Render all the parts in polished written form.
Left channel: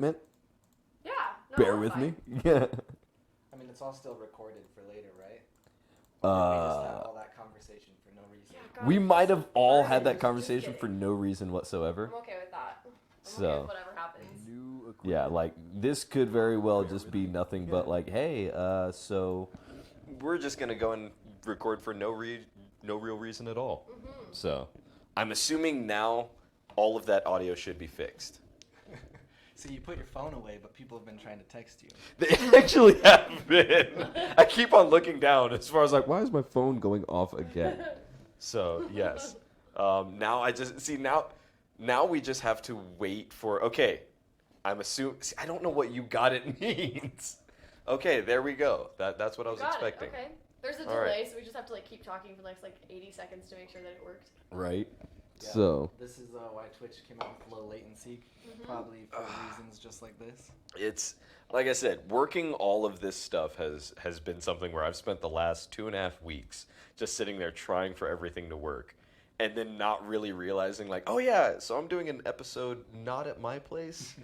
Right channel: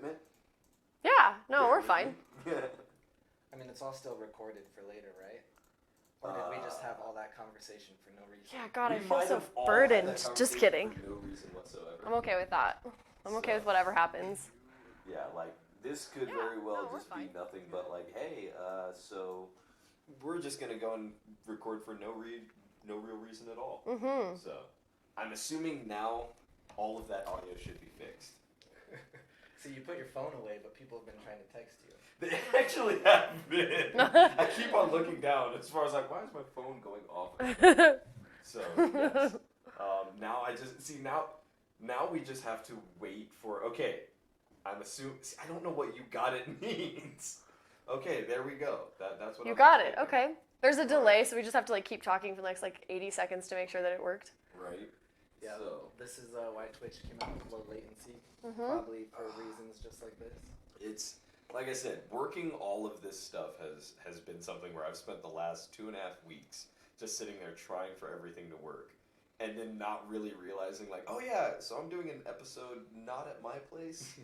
equipment. Yeah, no, Bear we're with fine. me. Yeah. I mean, it's all still recorded for later, right? Or did we just have all that conversation for no reason? Yeah, God, We I feel might so have all had burdened. that Just conversation kidding. for no reason whatsoever. I'm okay with that. I'm okay with whatever happens. Yeah, like this could very well just be nothing but like, hey, so we're just gonna go and record for no real reason at all. Mm-hmm. So I'm assuming now all of that audio should be fixed. So you put your phone away, but people have been trying to text you. They actually have been. I keep on looking down as far as like, why is my phone going off again? So yes. Now I just see now we just have to wait for. Okay, I'm assuming. I don't know what "you got it" means. Okay, there we go. That's what I was got expecting. it. Okay. There's a All delay, right. so we just have to like keep talking for the next like 80 seconds to make sure that it worked. Right. Yeah, So this is why Twitch came out with low latency, probably for reasons just like this. it's like I said, working all of this stuff has been something where I've spent the last 2.5 weeks just sitting there trying for everything to work, and then not really realizing like, oh yeah, so I'm doing an episode not at my place.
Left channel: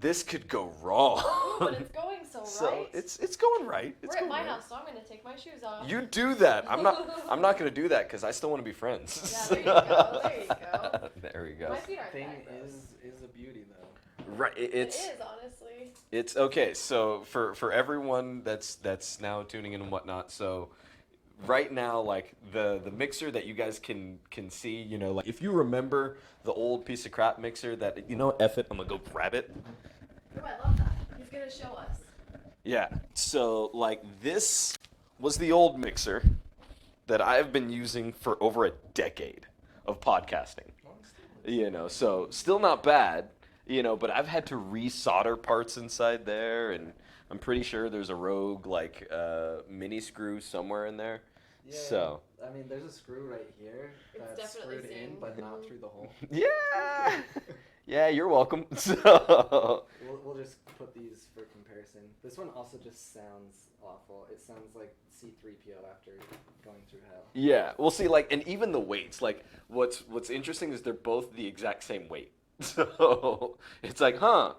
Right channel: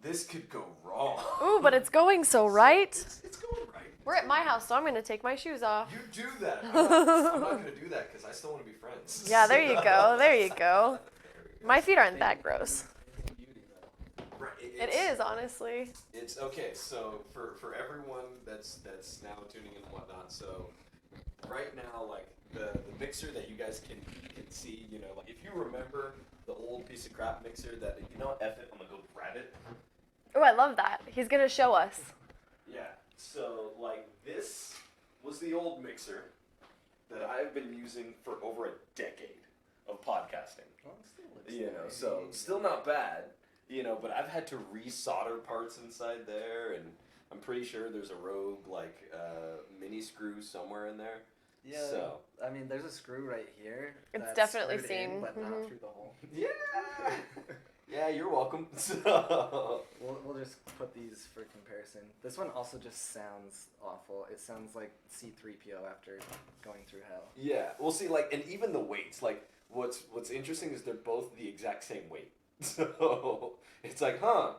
This could go wrong. Ooh, but it's going so right. It's going right. We're at my house, so I'm gonna take my shoes off. You do that. I'm not going to do that because I still want to be friends. Yeah, there you go. There you go. There we go. My feet aren't that Thing gross. is a beauty though. Right. It is, honestly. It's okay. So for everyone that's now tuning in and whatnot, so right now, like the mixer that you guys can see, you know, like if you remember the old piece of crap mixer that, you know, F it, I'm gonna go grab it. Oh, I love that. He's gonna show us. Yeah. So like this was the old mixer that I've been using for over a decade of podcasting. Well, it still looks You know, so still not bad, you know, but I've had to resolder parts inside there, and I'm pretty sure there's a rogue like mini screw somewhere in there. Yeah, So I mean, there's a screw right here. It's that's definitely screwed in, seen. but Mhm. not through the hole. yeah, yeah, you're welcome. So We'll just put these for comparison. This one also just sounds awful. It sounds like C-3PO after going through hell. yeah, we'll see. Like, and even the weights. Like, what's interesting is they're both the exact same weight. So it's like, huh?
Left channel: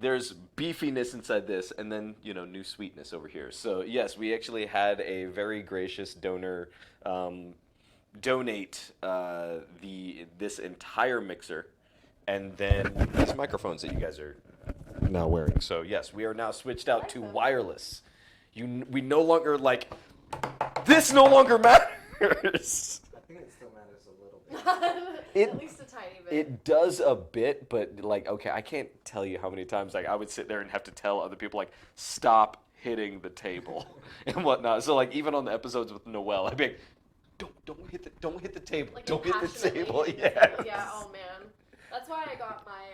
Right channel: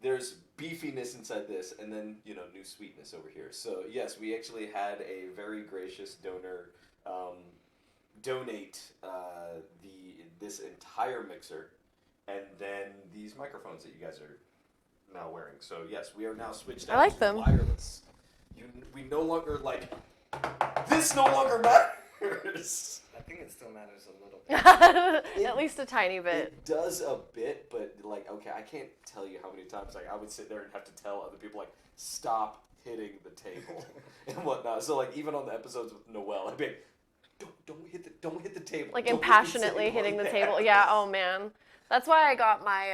There's beefiness inside this, and then, you know, new sweetness over here. So yes, we actually had a very gracious donor donate this entire mixer, and then these microphones that you guys are now wearing. So yes, we are now switched out like to them. wireless. We no longer like this. No longer matters. I think it still matters a little bit. At least a tiny bit. It does a bit, but like, okay, I can't tell you how many times like I would sit there and have to tell other people like, stop hitting the table and whatnot. So like even on the episodes with Noelle, I'd be like, don't hit the table. Like Don't hit the impassionately table." hitting the table. Yeah. Oh man. That's why I got my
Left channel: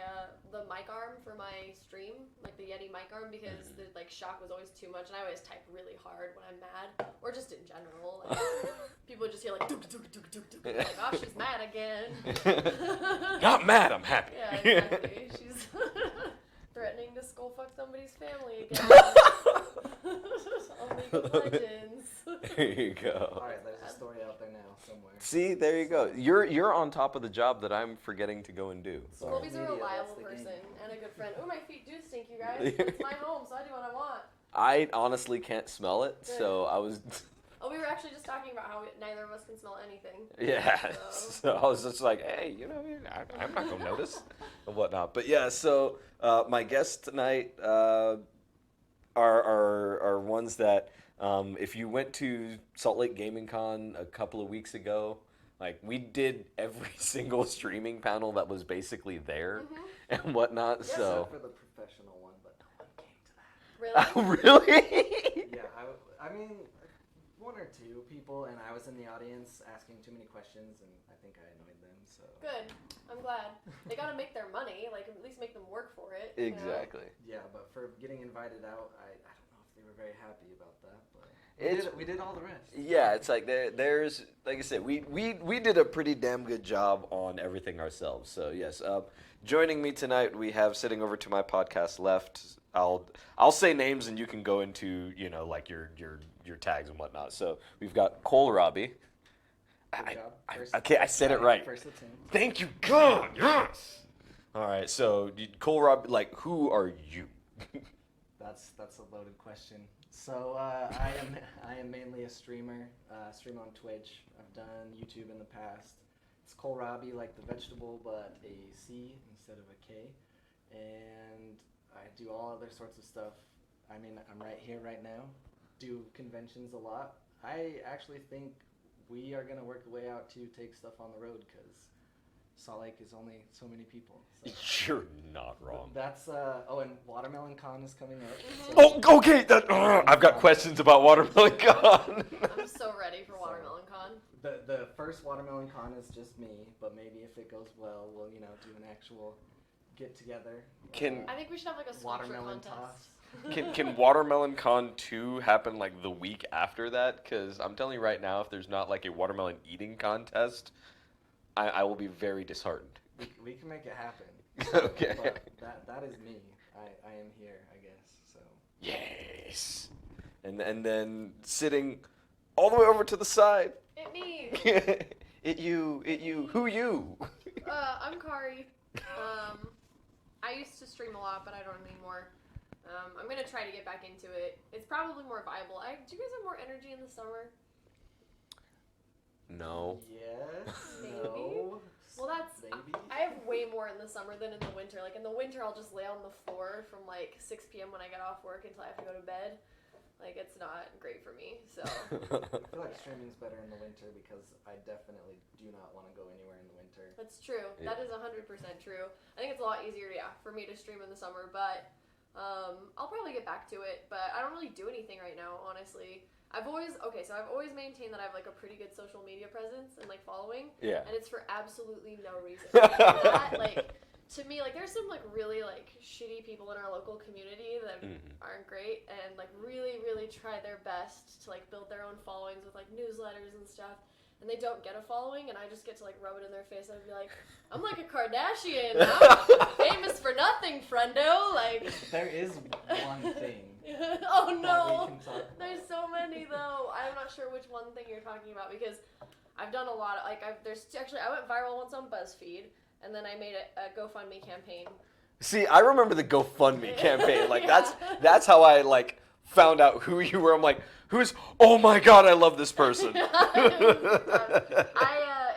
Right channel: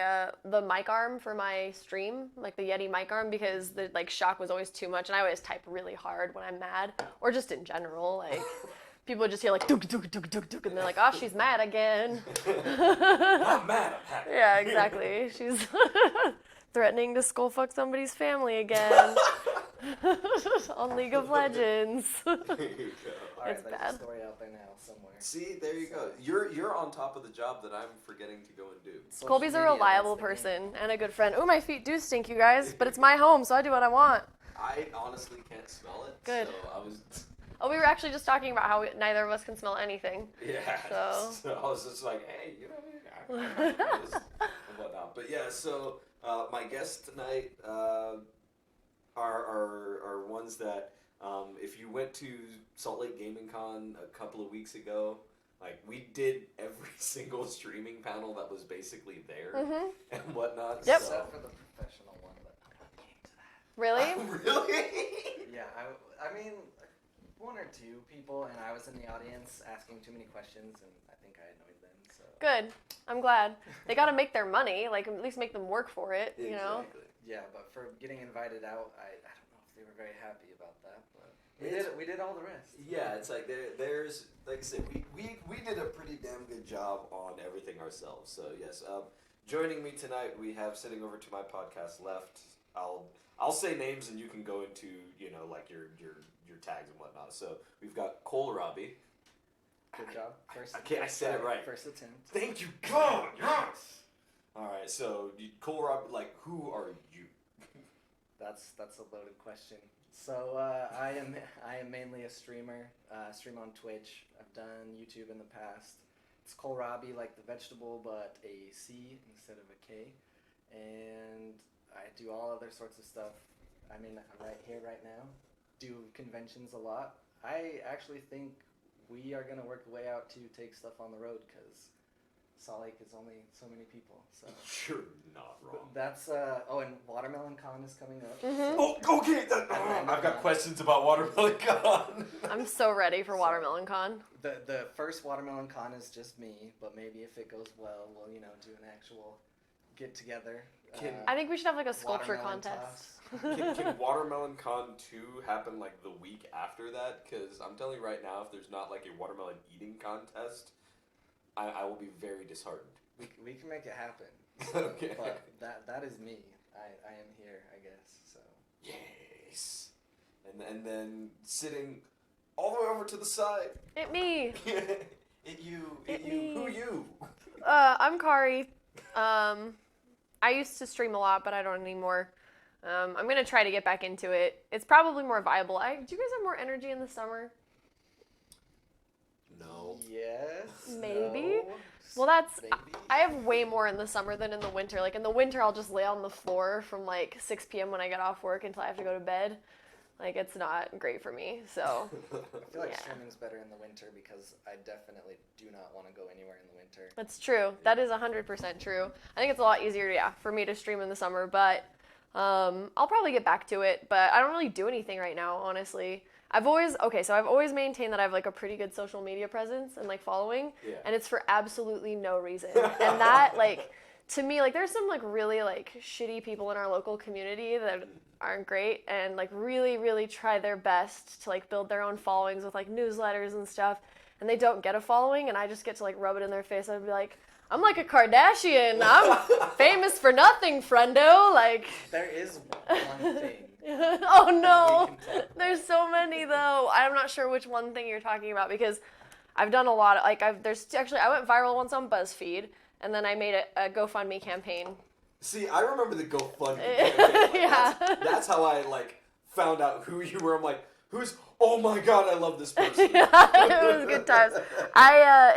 the mic arm for my stream, like the Yeti mic arm, because the like shock was always too much, and I always type really hard when I'm mad, or just in general. Like people would just hear like duk duk duk duk duk, and they're like, "Oh, she's mad again." Not mad, I'm happy. Yeah, exactly. She's threatening to skull fuck somebody's family again on League of Legends. There you go. All right, It's there's bad. a story out there now somewhere. See, there you go. You're on top of the job that I'm forgetting to go and do. Social Colby's a media, reliable that's the game. person and a good friend. Oh, my feet do stink, you guys, but it's my home, so I do what I want. I honestly can't smell it, Good. so I was. Oh, we were actually just talking about how neither of us can smell anything. Yeah. So- I was just like, hey, you know what I mean? I'm not gonna notice and whatnot. But yeah, so my guests tonight are ones that if you went to Salt Lake Gaming Con a couple of weeks ago, like we did every single streaming panel that was basically there and whatnot. Yep. So Except for the professional one, but I'm getting to that. Really? really? Yeah, I mean, one or two people, and I was in the audience asking too many questions, and I think I annoyed them. So Good. I'm glad. They got to make their money, like at least make them work for it. You know? Exactly. yeah, but for getting invited out, I don't know if they were very happy about that. But we did all the rest. Yeah, it's like there's like I said, we did a pretty damn good job on everything ourselves. So yes, joining me tonight we have sitting over to my podcast left. I'll say names and you can go into like your tags and whatnot. So we've got Cohlrabi. Good job. Okay, I said it right. First attempt. Thank you, God. Yes. All right, so Kohlrabi, like, who are you? That's a loaded question. So I am mainly a streamer. Stream on Twitch. I've done YouTube in the past. It's Cohlrabi, like the vegetable, but a C instead of a K. And I do all other sorts of stuff. I mean, I'm right here right now. Do conventions a lot. I actually think we are gonna work the way out to take stuff on the road because Salt Lake is only so many people. So. You're not wrong. That's and Watermelon Con is coming up. Mhm. So Oh, okay. I've got questions about Watermelon Con. I'm so ready for Watermelon Con. the first Watermelon Con is just me, but maybe if it goes well, we'll do an actual get together. I think we should have like a sculpture Watermelon contest. Can Watermelon Con 2 happen like the week after that? Because I'm telling you right now, if there's not like a watermelon eating contest, I will be very disheartened. We can make it happen. Okay. But that is me. I am here, I guess. So. Yes. And then sitting all the way over to the side. It me. It you. Who you? I'm Kari. I used to stream a lot, but I don't anymore. I'm gonna try to get back into it. It's probably more viable. Do you guys have more energy in the summer? No. Yes. Maybe. No, Well, that's. maybe. I have way more in the summer than in the winter. Like in the winter, I'll just lay on the floor from like 6 p.m. when I get off work until I have to go to bed. Like it's not great for me. So. I feel like Yeah. streaming's better in the winter because I definitely do not want to go anywhere in the winter. That's true. That is 100% true. I think it's a lot easier, for me to stream in the summer, but I'll probably get back to it. But I don't really do anything right now, honestly. I've always maintained that I have like a pretty good social media presence and like following, Yeah. and it's for absolutely no reason. And that like to me, like there's some like really like shitty people in our local community that aren't great and like really really try their best to like build their own followings with like newsletters and stuff, and they don't get a following, and I just get to like rub it in their face. I'd be like, I'm like a Kardashian. I'm famous for nothing, friendo. Like There is one thing. oh no, that we can talk about. there's so many though. I'm not sure which one thing you're talking about because I've done a lot of like I went viral once on BuzzFeed, and then I made a GoFundMe campaign. See, I remember the GoFundMe campaign. Like Yeah. that's how I like found out who you were. I'm like, who's? Oh my god, I love this person. It was good times.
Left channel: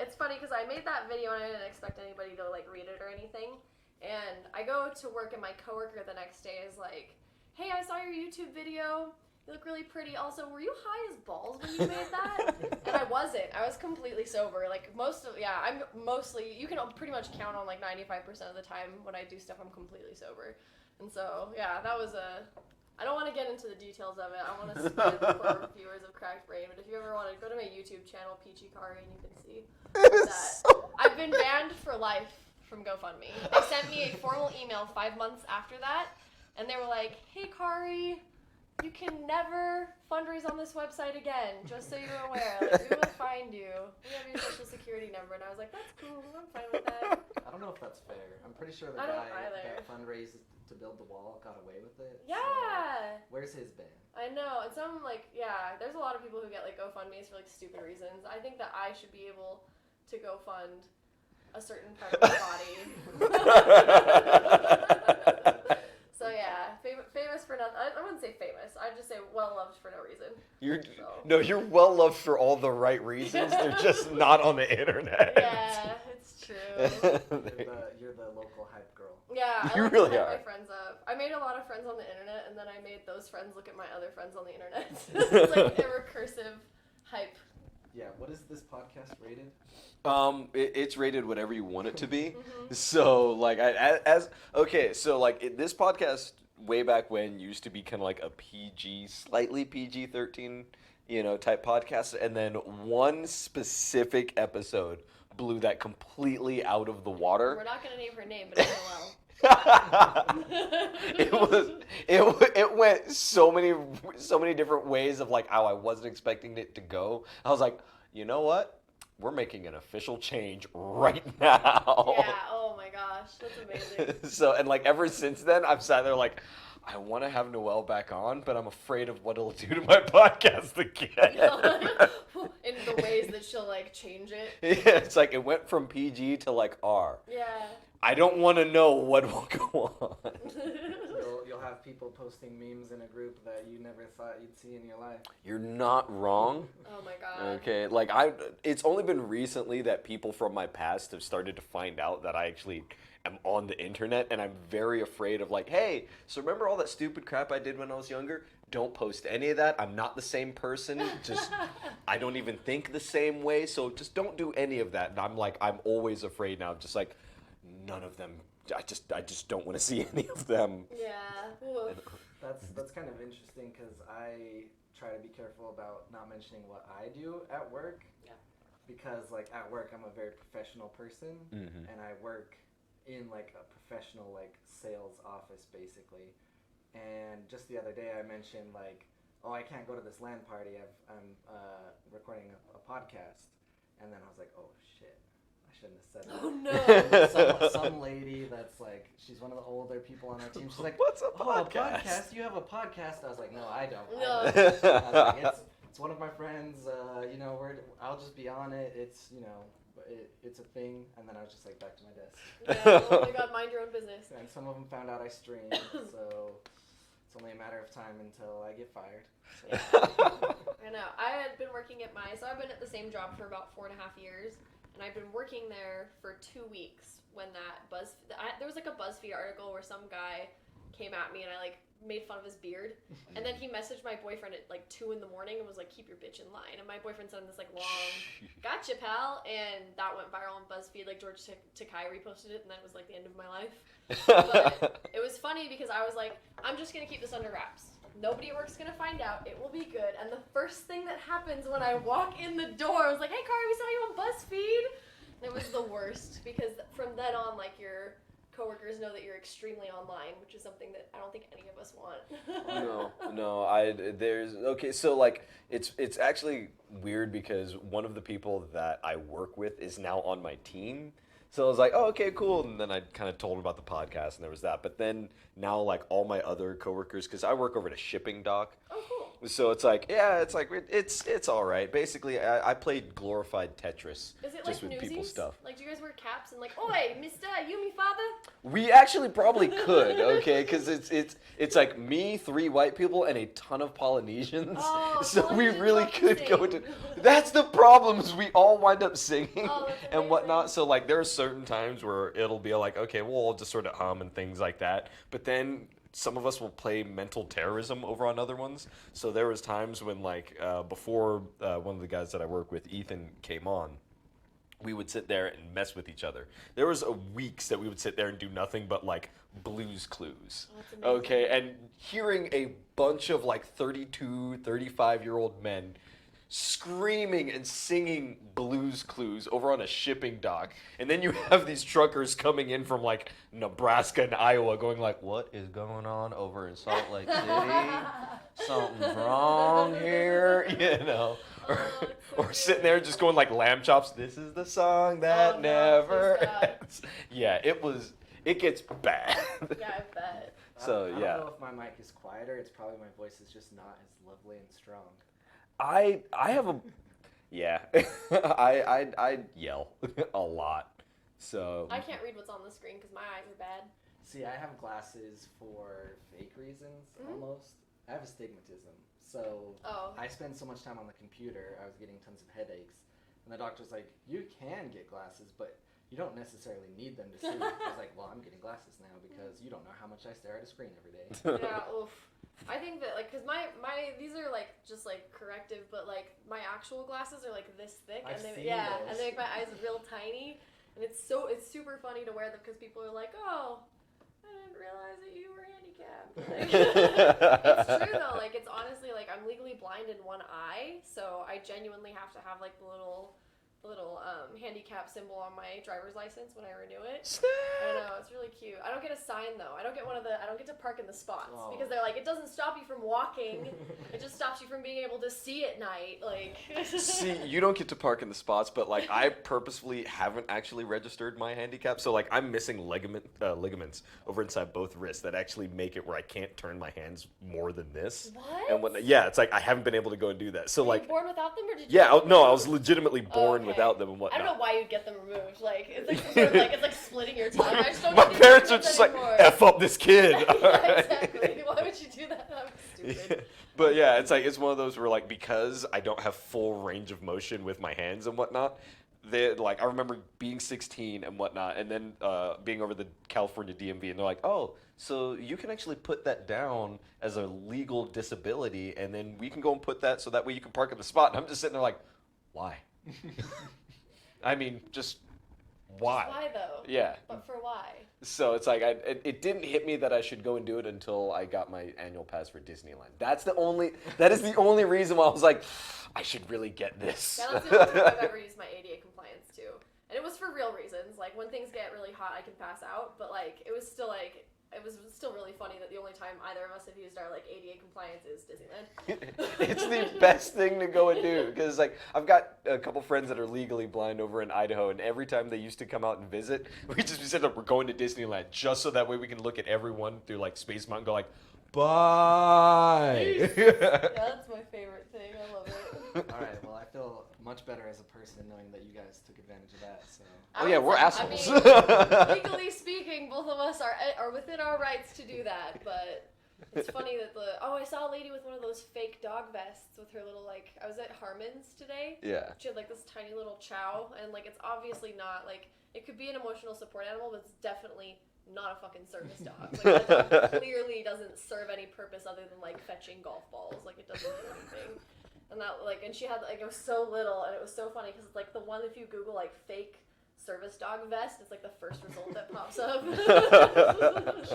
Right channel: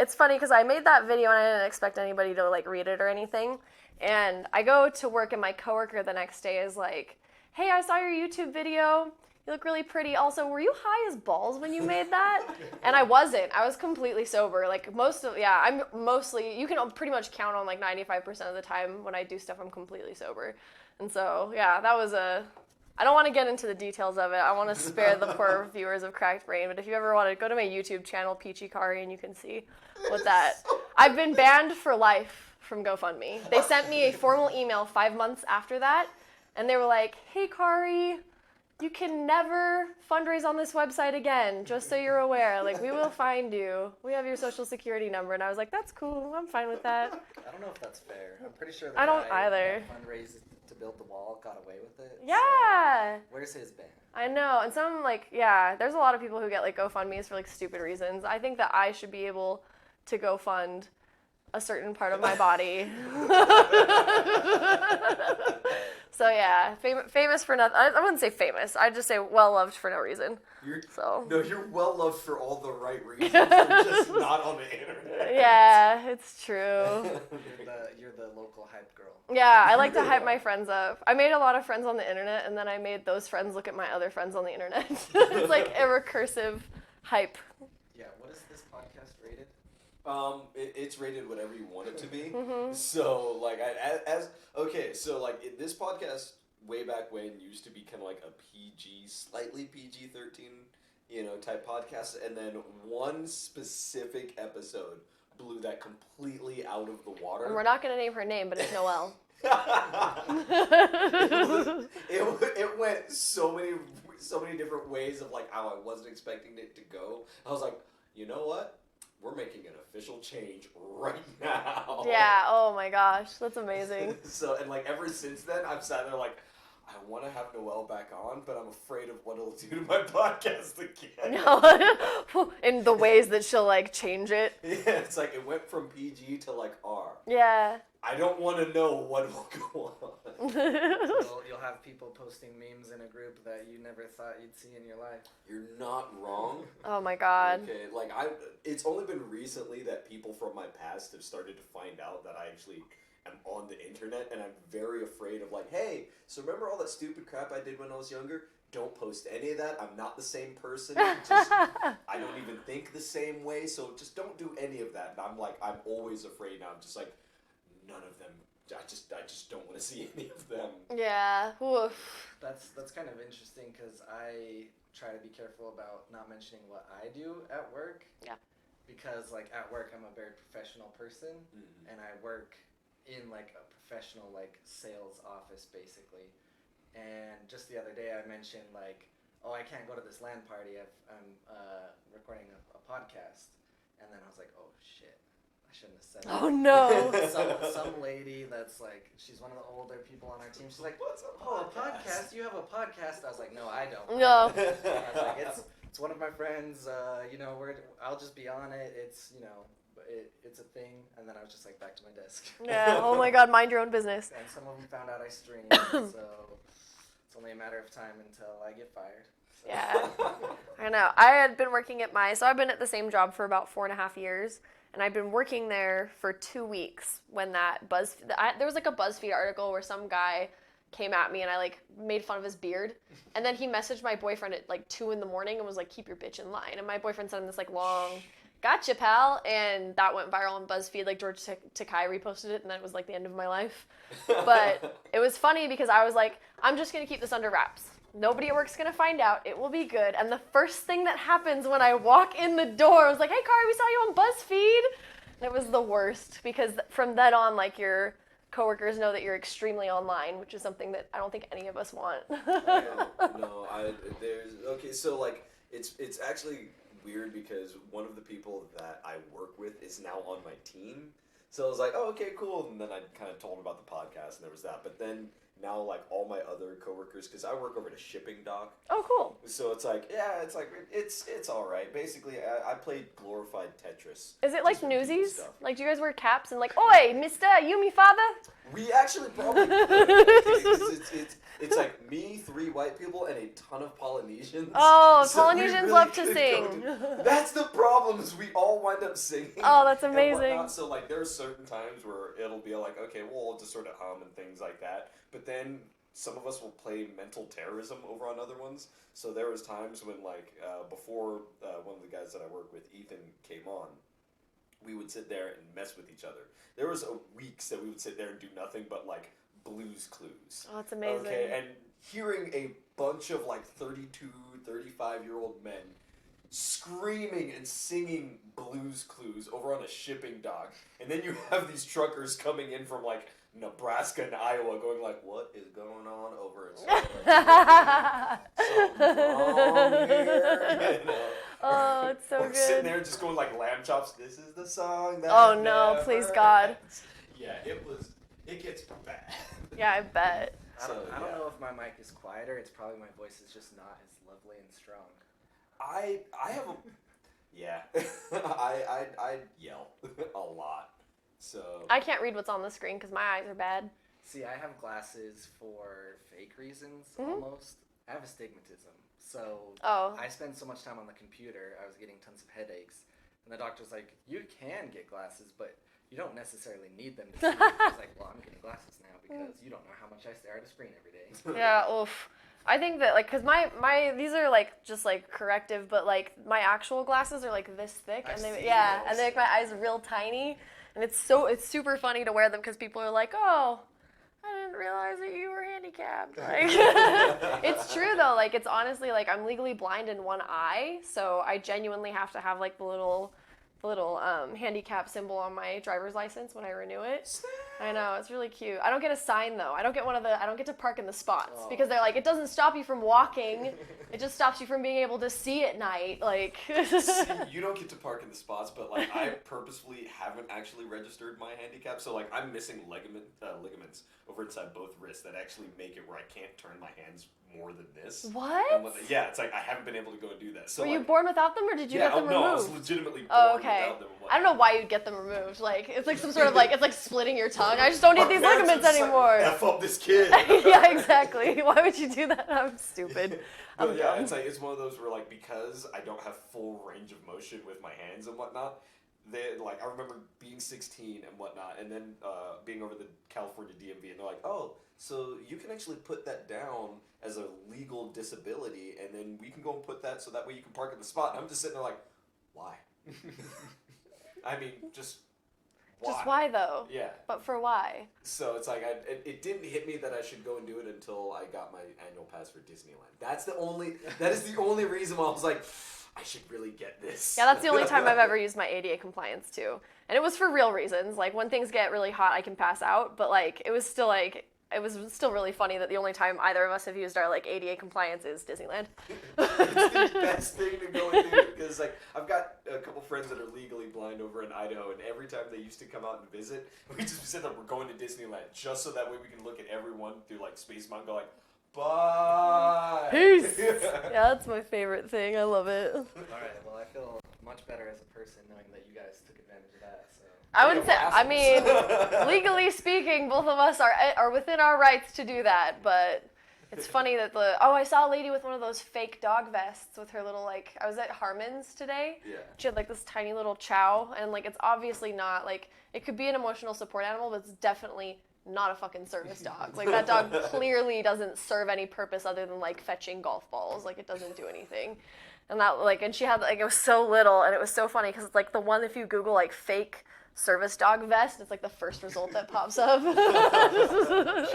It's funny because I made that video and I didn't expect anybody to like read it or anything. And I go to work and my coworker the next day is like, "Hey, I saw your YouTube video. You look really pretty. Also, were you high as balls when you made that?" And I wasn't. I was completely sober. Like I'm mostly, you can pretty much count on like 95% of the time when I do stuff, I'm completely sober. And so, yeah, that was I don't want to get into the details of it. I want to spare the poor viewers of Cracked Brain, but if you ever want to go to my YouTube channel, Peachy Kari, and you can see what that. I've been banned for life from GoFundMe. They sent me a formal email 5 months after that, and they were like, "Hey, Kari, you can never fundraise on this website again, just so you're aware. Like, we will find you. We have your social security number." And I was like, "That's cool. I'm fine with that." I don't know if that's fair. I'm pretty sure the I don't guy either. that fundraised to build the wall got away with it. Yeah. So where's his ban? I know, and some there's a lot of people who get like GoFundMe's for like stupid reasons. I think that I should be able to go fund a certain part of my body. So yeah, famous for nothing. I wouldn't say famous. I'd just say well loved for no reason. You're well loved for all the right reasons. You're just not on the internet. Yeah, it's true. You're the local hype girl. Yeah, I You like to really hype are. my friends up. I made a lot of friends on the internet, and then I made those friends look at my other friends on the internet. It's like a recursive hype. Yeah, what is this podcast rated? It's rated whatever you want it to be. Mm-hmm. So like this podcast way back when used to be kind of like a PG, slightly PG-13, type podcast, and then one specific episode blew that completely out of the water. We're not gonna name her name, but it's Noelle. it went so many different ways of like how I wasn't expecting it to go. I was like, you know what? We're making an official change right now. Yeah, oh my gosh, that's amazing. So, and like ever since then, I've sat there like, I want to have Noelle back on, but I'm afraid of what it'll do to my podcast again. In the ways that she'll like change it. Yeah, it's like it went from PG to like R. Yeah. I don't want to know what will go on. You'll have people posting memes in a group that you never thought you'd see in your life. You're not wrong. Oh my god. Okay, like it's only been recently that people from my past have started to find out that I actually am on the internet, and I'm very afraid of like, hey, so remember all that stupid crap I did when I was younger? Don't post any of that. I'm not the same person. Just I don't even think the same way, so just don't do any of that. And I'm always afraid now. Just like none of them. I just don't want to see any of them. Yeah. Oof. That's kind of interesting because I try to be careful about not mentioning what I do at work. Yeah. Because like at work I'm a very professional person, and I work in like a professional like sales office basically. And just the other day I mentioned like, oh, I can't go to this LAN party. I'm recording a podcast, and then I was like, oh shit. I shouldn't have said that. Oh no. Some lady that's like, she's one of the older people on our team. She's like, what's a oh, podcast? a podcast? You have a podcast? I was like, no, I don't. No. I was like, it's one of my friends. I'll just be on it. It's it's a thing. And then I was just like back to my desk. Yeah. Oh my god. Mind your own business. And some of them found out I stream, so it's only a matter of time until I get fired. So. Yeah. I know. I had been working so I've been at the same job for about 4.5 years. And I've been working there for 2 weeks when that there was like a BuzzFeed article where some guy came at me and I like made fun of his beard. And then he messaged my boyfriend at like 2 a.m. and was like, keep your bitch in line. And my boyfriend sent him this like long, gotcha pal. And that went viral on BuzzFeed. Like George Takai reposted it and that was like the end of my life. But it was funny because I was like, I'm just going to keep this under wraps. Nobody at work's gonna find out. It will be good. And the first thing that happens when I walk in the door, I was like, hey, Kari, we saw you on BuzzFeed. And it was the worst because from then on, like, your coworkers know that you're extremely online, which is something that I don't think any of us want. Okay, so, like, it's actually weird because one of the people that I work with is now on my team. So I was like, oh, okay, cool. And then I kind of told him about the podcast, and there was that. But then now, like, all my other coworkers, because I work over at a shipping dock. Oh, cool. So it's like, yeah, it's all right. Basically, I played glorified Tetris. Is it like just with people Newsies? stuff. Like, do you guys wear caps and like, oi, mister, you me father? We actually probably could, okay? Because it's like me, 3 white people, and a ton of Polynesians. Oh, so Polynesians we really love to could sing. That's the problem, is we all wind up singing. Oh, that's and amazing. whatnot. So like there are certain times where it'll be like, okay, well, I'll just sort of hum and things like that. But then some of us will play mental terrorism over on other ones. So there was times when like before one of the guys that I work with, Ethan, came on, we would sit there and mess with each other. There was weeks that we would sit there and do nothing but like Blues Clues. Oh, that's amazing. Okay, and hearing a bunch of like 32, 35-year-old men screaming and singing Blues Clues over on a shipping dock. And then you have these truckers coming in from like Nebraska and Iowa going like, what is going on over in Salt Lake City? Something's wrong here, you know. Oh, it's so or good. sitting there just going like lamb chops, this is the song that Oh, no, never please, God. Yeah, it gets bad. Yeah, I bet. I don't know if my mic is quieter. It's probably my voice is just not as lovely and strong. I have a yeah. I yell a lot. So I can't read what's on the screen because my eyes are bad. See, I have glasses for fake reasons almost. I have astigmatism. So I spend so much time on the computer, I was getting tons of headaches. And the doctor was like, you can get glasses, but you don't necessarily need them to see. I was like, well, I'm getting glasses now because you don't know how much I stare at a screen every day. Yeah, oof. I think that, like, because my these are, like, just, like, corrective, but, like, my actual glasses are, like, this thick. I've and seen and those. they make my eyes real tiny. And it's super funny to wear them because people are like, oh, I didn't realize that you were handicapped. Like, it's true, though. Like, it's honestly, like, I'm legally blind in one eye, so I genuinely have to have, like, the little the little handicap symbol on my driver's license when I renew it. I know, it's really cute. I don't get a sign though. I don't get to park in the spots because they're like, it doesn't stop you from walking. It just stops you from being able to see at night. Like, see, you don't get to park in the spots, but like I purposefully haven't actually registered my handicap, so like I'm missing ligaments over inside both wrists that actually make it where I can't turn my hands more than this. What? And yeah, it's like I haven't been able to go and do that. So Were like, you born without them, or did you? yeah, get them no, removed? I was legitimately born okay. without them and whatnot. I don't know why you'd get them removed. Like, it's like some sort of like, it's like splitting your tongue. I just don't My get these parents are ligaments just anymore. like, F up this kid. Yeah, exactly. Why would you do that? I'm stupid. But yeah, it's like, it's one of those where like, because I don't have full range of motion with my hands and whatnot, like, I remember being 16 and whatnot, and then being over the California DMV, and they're like, oh, so you can actually put that down as a legal disability, and then we can go and put that so that way you can park in the spot. And I'm just sitting there like, why? I mean, just why? Just why though? Yeah. But for why? So it's like, it didn't hit me that I should go and do it until I got my annual pass for Disneyland. That is the only reason why I was like, I should really get this. Yeah, that's the only time I've ever used my ADA compliance too. And it was for real reasons. Like, when things get really hot, I can pass out. But like, it was still really funny that the only time either of us have used our like ADA compliance is Disneyland. It's the best thing to go and do, because like I've got a couple friends that are legally blind over in Idaho, and every time they used to come out and visit, we just be saying, we're going to Disneyland just so that way we can look at everyone through like Space Mountain and go like, bye. Peace. Yeah, that's my favorite thing. I love it. All right. Well, I feel much better as a person knowing that you guys took advantage of that. So. I mean, legally speaking, both of us are within our rights to do that, but it's funny that I saw a lady with one of those fake dog vests with her little, like, I was at Harmon's today. Yeah. She had like this tiny little chow, and like, it's obviously not, like, it could be an emotional support animal, but it's definitely not a fucking service dog. Like, that dog clearly doesn't serve any purpose other than like fetching golf balls. Like, it doesn't do anything. And that, like, and she had, like, it was so little, and it was so funny because it's like the one, if you Google like fake service dog vest, it's like the first result that pops up. She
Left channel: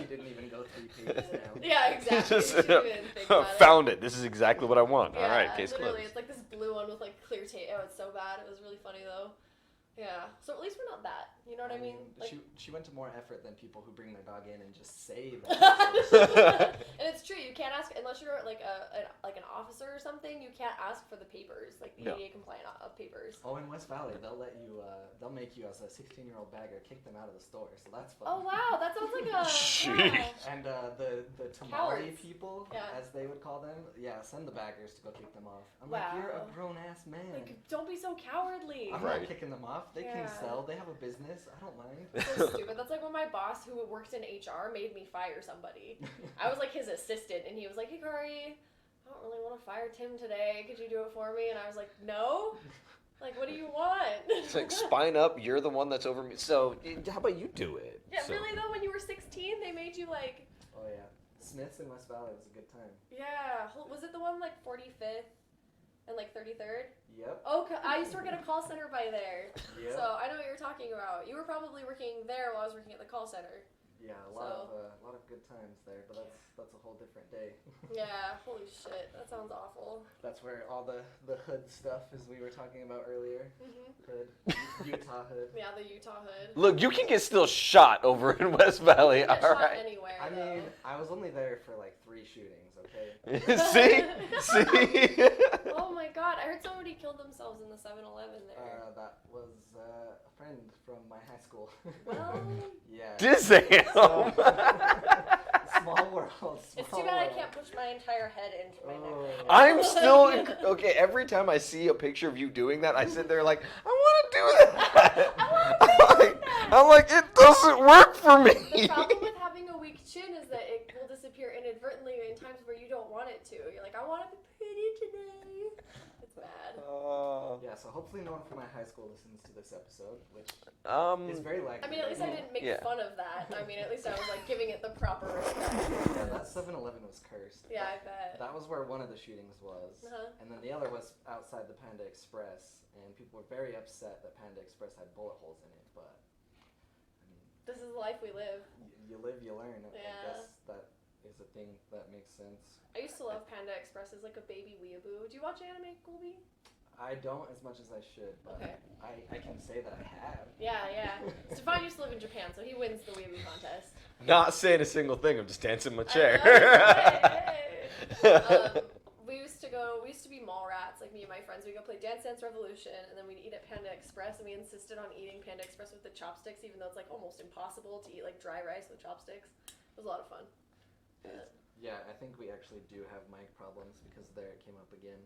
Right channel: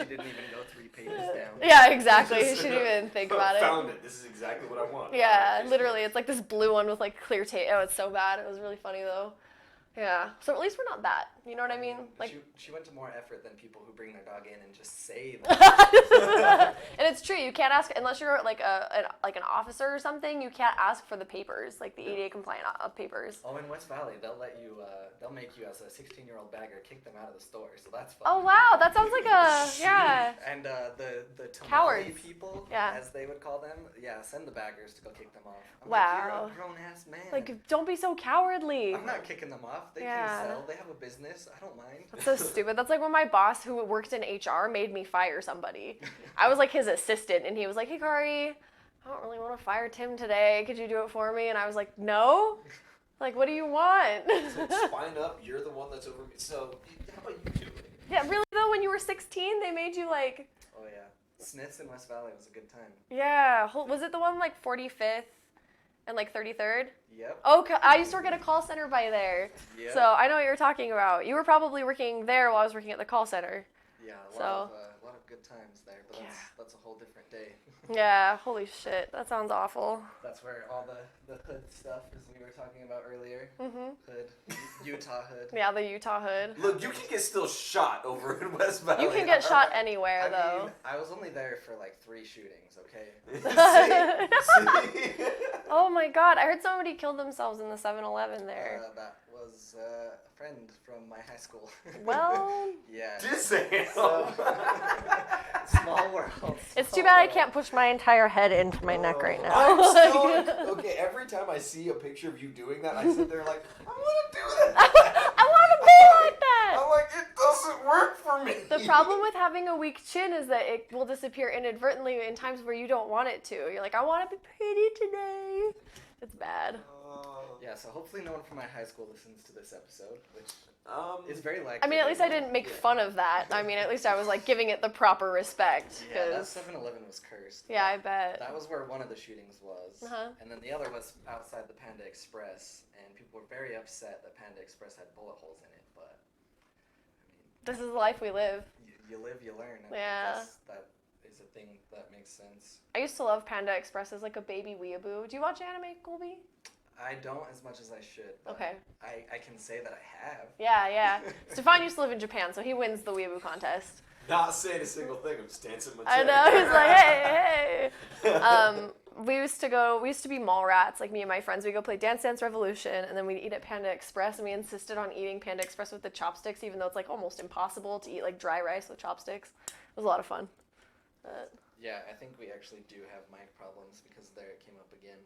didn't even go 3 pages down. Yeah, exactly. She didn't even think about it. Found it. This is exactly what I want. Yeah, All right, literally, it's like this blue one with like clear tape. Oh, it's so bad. It was really funny though. Yeah, so at least we're not that. You know what I mean? Like, she went to more effort than people who bring their dog in and just say that. and it's true. You can't ask unless you're like an officer or something. You can't ask for the papers, like the ADA compliant papers. Oh, in West Valley, they'll let you. They'll make you as a 16-year-old bagger kick them out of the store. So that's fun. Oh wow, that sounds like a yeah. And the tamale Cowards. people, Yeah. as they would call them, send the baggers to go kick them off. I'm Wow. like, you're a grown-ass man. Like, don't be so cowardly. I'm not kicking them off. They can sell. They have a business. I don't mind. That's so stupid. That's like when my boss, who worked in HR, made me fire somebody. I was like his assistant, and he was like, "Hey, Kari, I don't really want to fire Tim today. Could you do it for me?" And I was like, "No." Like, what do you want? It's like, spine up. You're the one that's over me. So how about you do it? Yeah, really though. When you were 16, they made you like. Oh yeah, Smiths in West Valley was a good time. Yeah, was it the one like 45th and like 33rd? Yep. Oh, I used to work at a call center by there. Yep. So I know what you're talking about. You were probably working there while I was working at the call center. Yeah, a lot of good times there, but that's a whole different day. Yeah, holy shit, that sounds awful. That's where all the hood stuff, as we were talking about earlier. Hood, Utah hood. Yeah, the Utah hood. Look, you can get still shot over in West Valley. You can get all shot right. anywhere, I though. mean, I was only there for like 3 shootings, okay? See? Oh my god, I heard somebody killed themselves in the 7-Eleven there. That was a friend from my high school. Well, yeah. Disney. Small world. it's too bad I can't push my entire head into my neck right now. I'm still okay. Every time I see a picture of you doing that, I sit there like, I want to do that. I want to be like that. I'm like, it doesn't work for me. The problem with having a weak chin is that it will disappear inadvertently in times where you don't want it to. You're like, I want to be pretty today. It's bad. Yeah, so hopefully no one from my high school listens to this episode, which is very likely. I mean, at least I didn't make fun of that. I mean, at least I was like giving it the proper respect. Yeah, that 7-Eleven was cursed. Yeah, I bet. That was where one of the shootings was. And then the other was outside the Panda Express, and people were very upset that Panda Express had bullet holes in it, but, I mean... This is the life we live. You live, you learn. Yeah. I guess that is a thing that makes sense. I used to love Panda Express as like a baby weeaboo. Do you watch anime, Colby? I don't as much as I should. But Okay. I can say that I have. Yeah. Stefan used to live in Japan, so he wins the weeaboo contest. Not saying a single thing. I'm just dancing in my I chair. know. He's like, hey. We used to be mall rats, like me and my friends. We'd go play Dance Dance Revolution, and then we'd eat at Panda Express, and we insisted on eating Panda Express with the chopsticks, even though it's like almost impossible to eat like dry rice with chopsticks. It was a lot of fun. Yeah, I think we actually do have mic problems because there it came up again.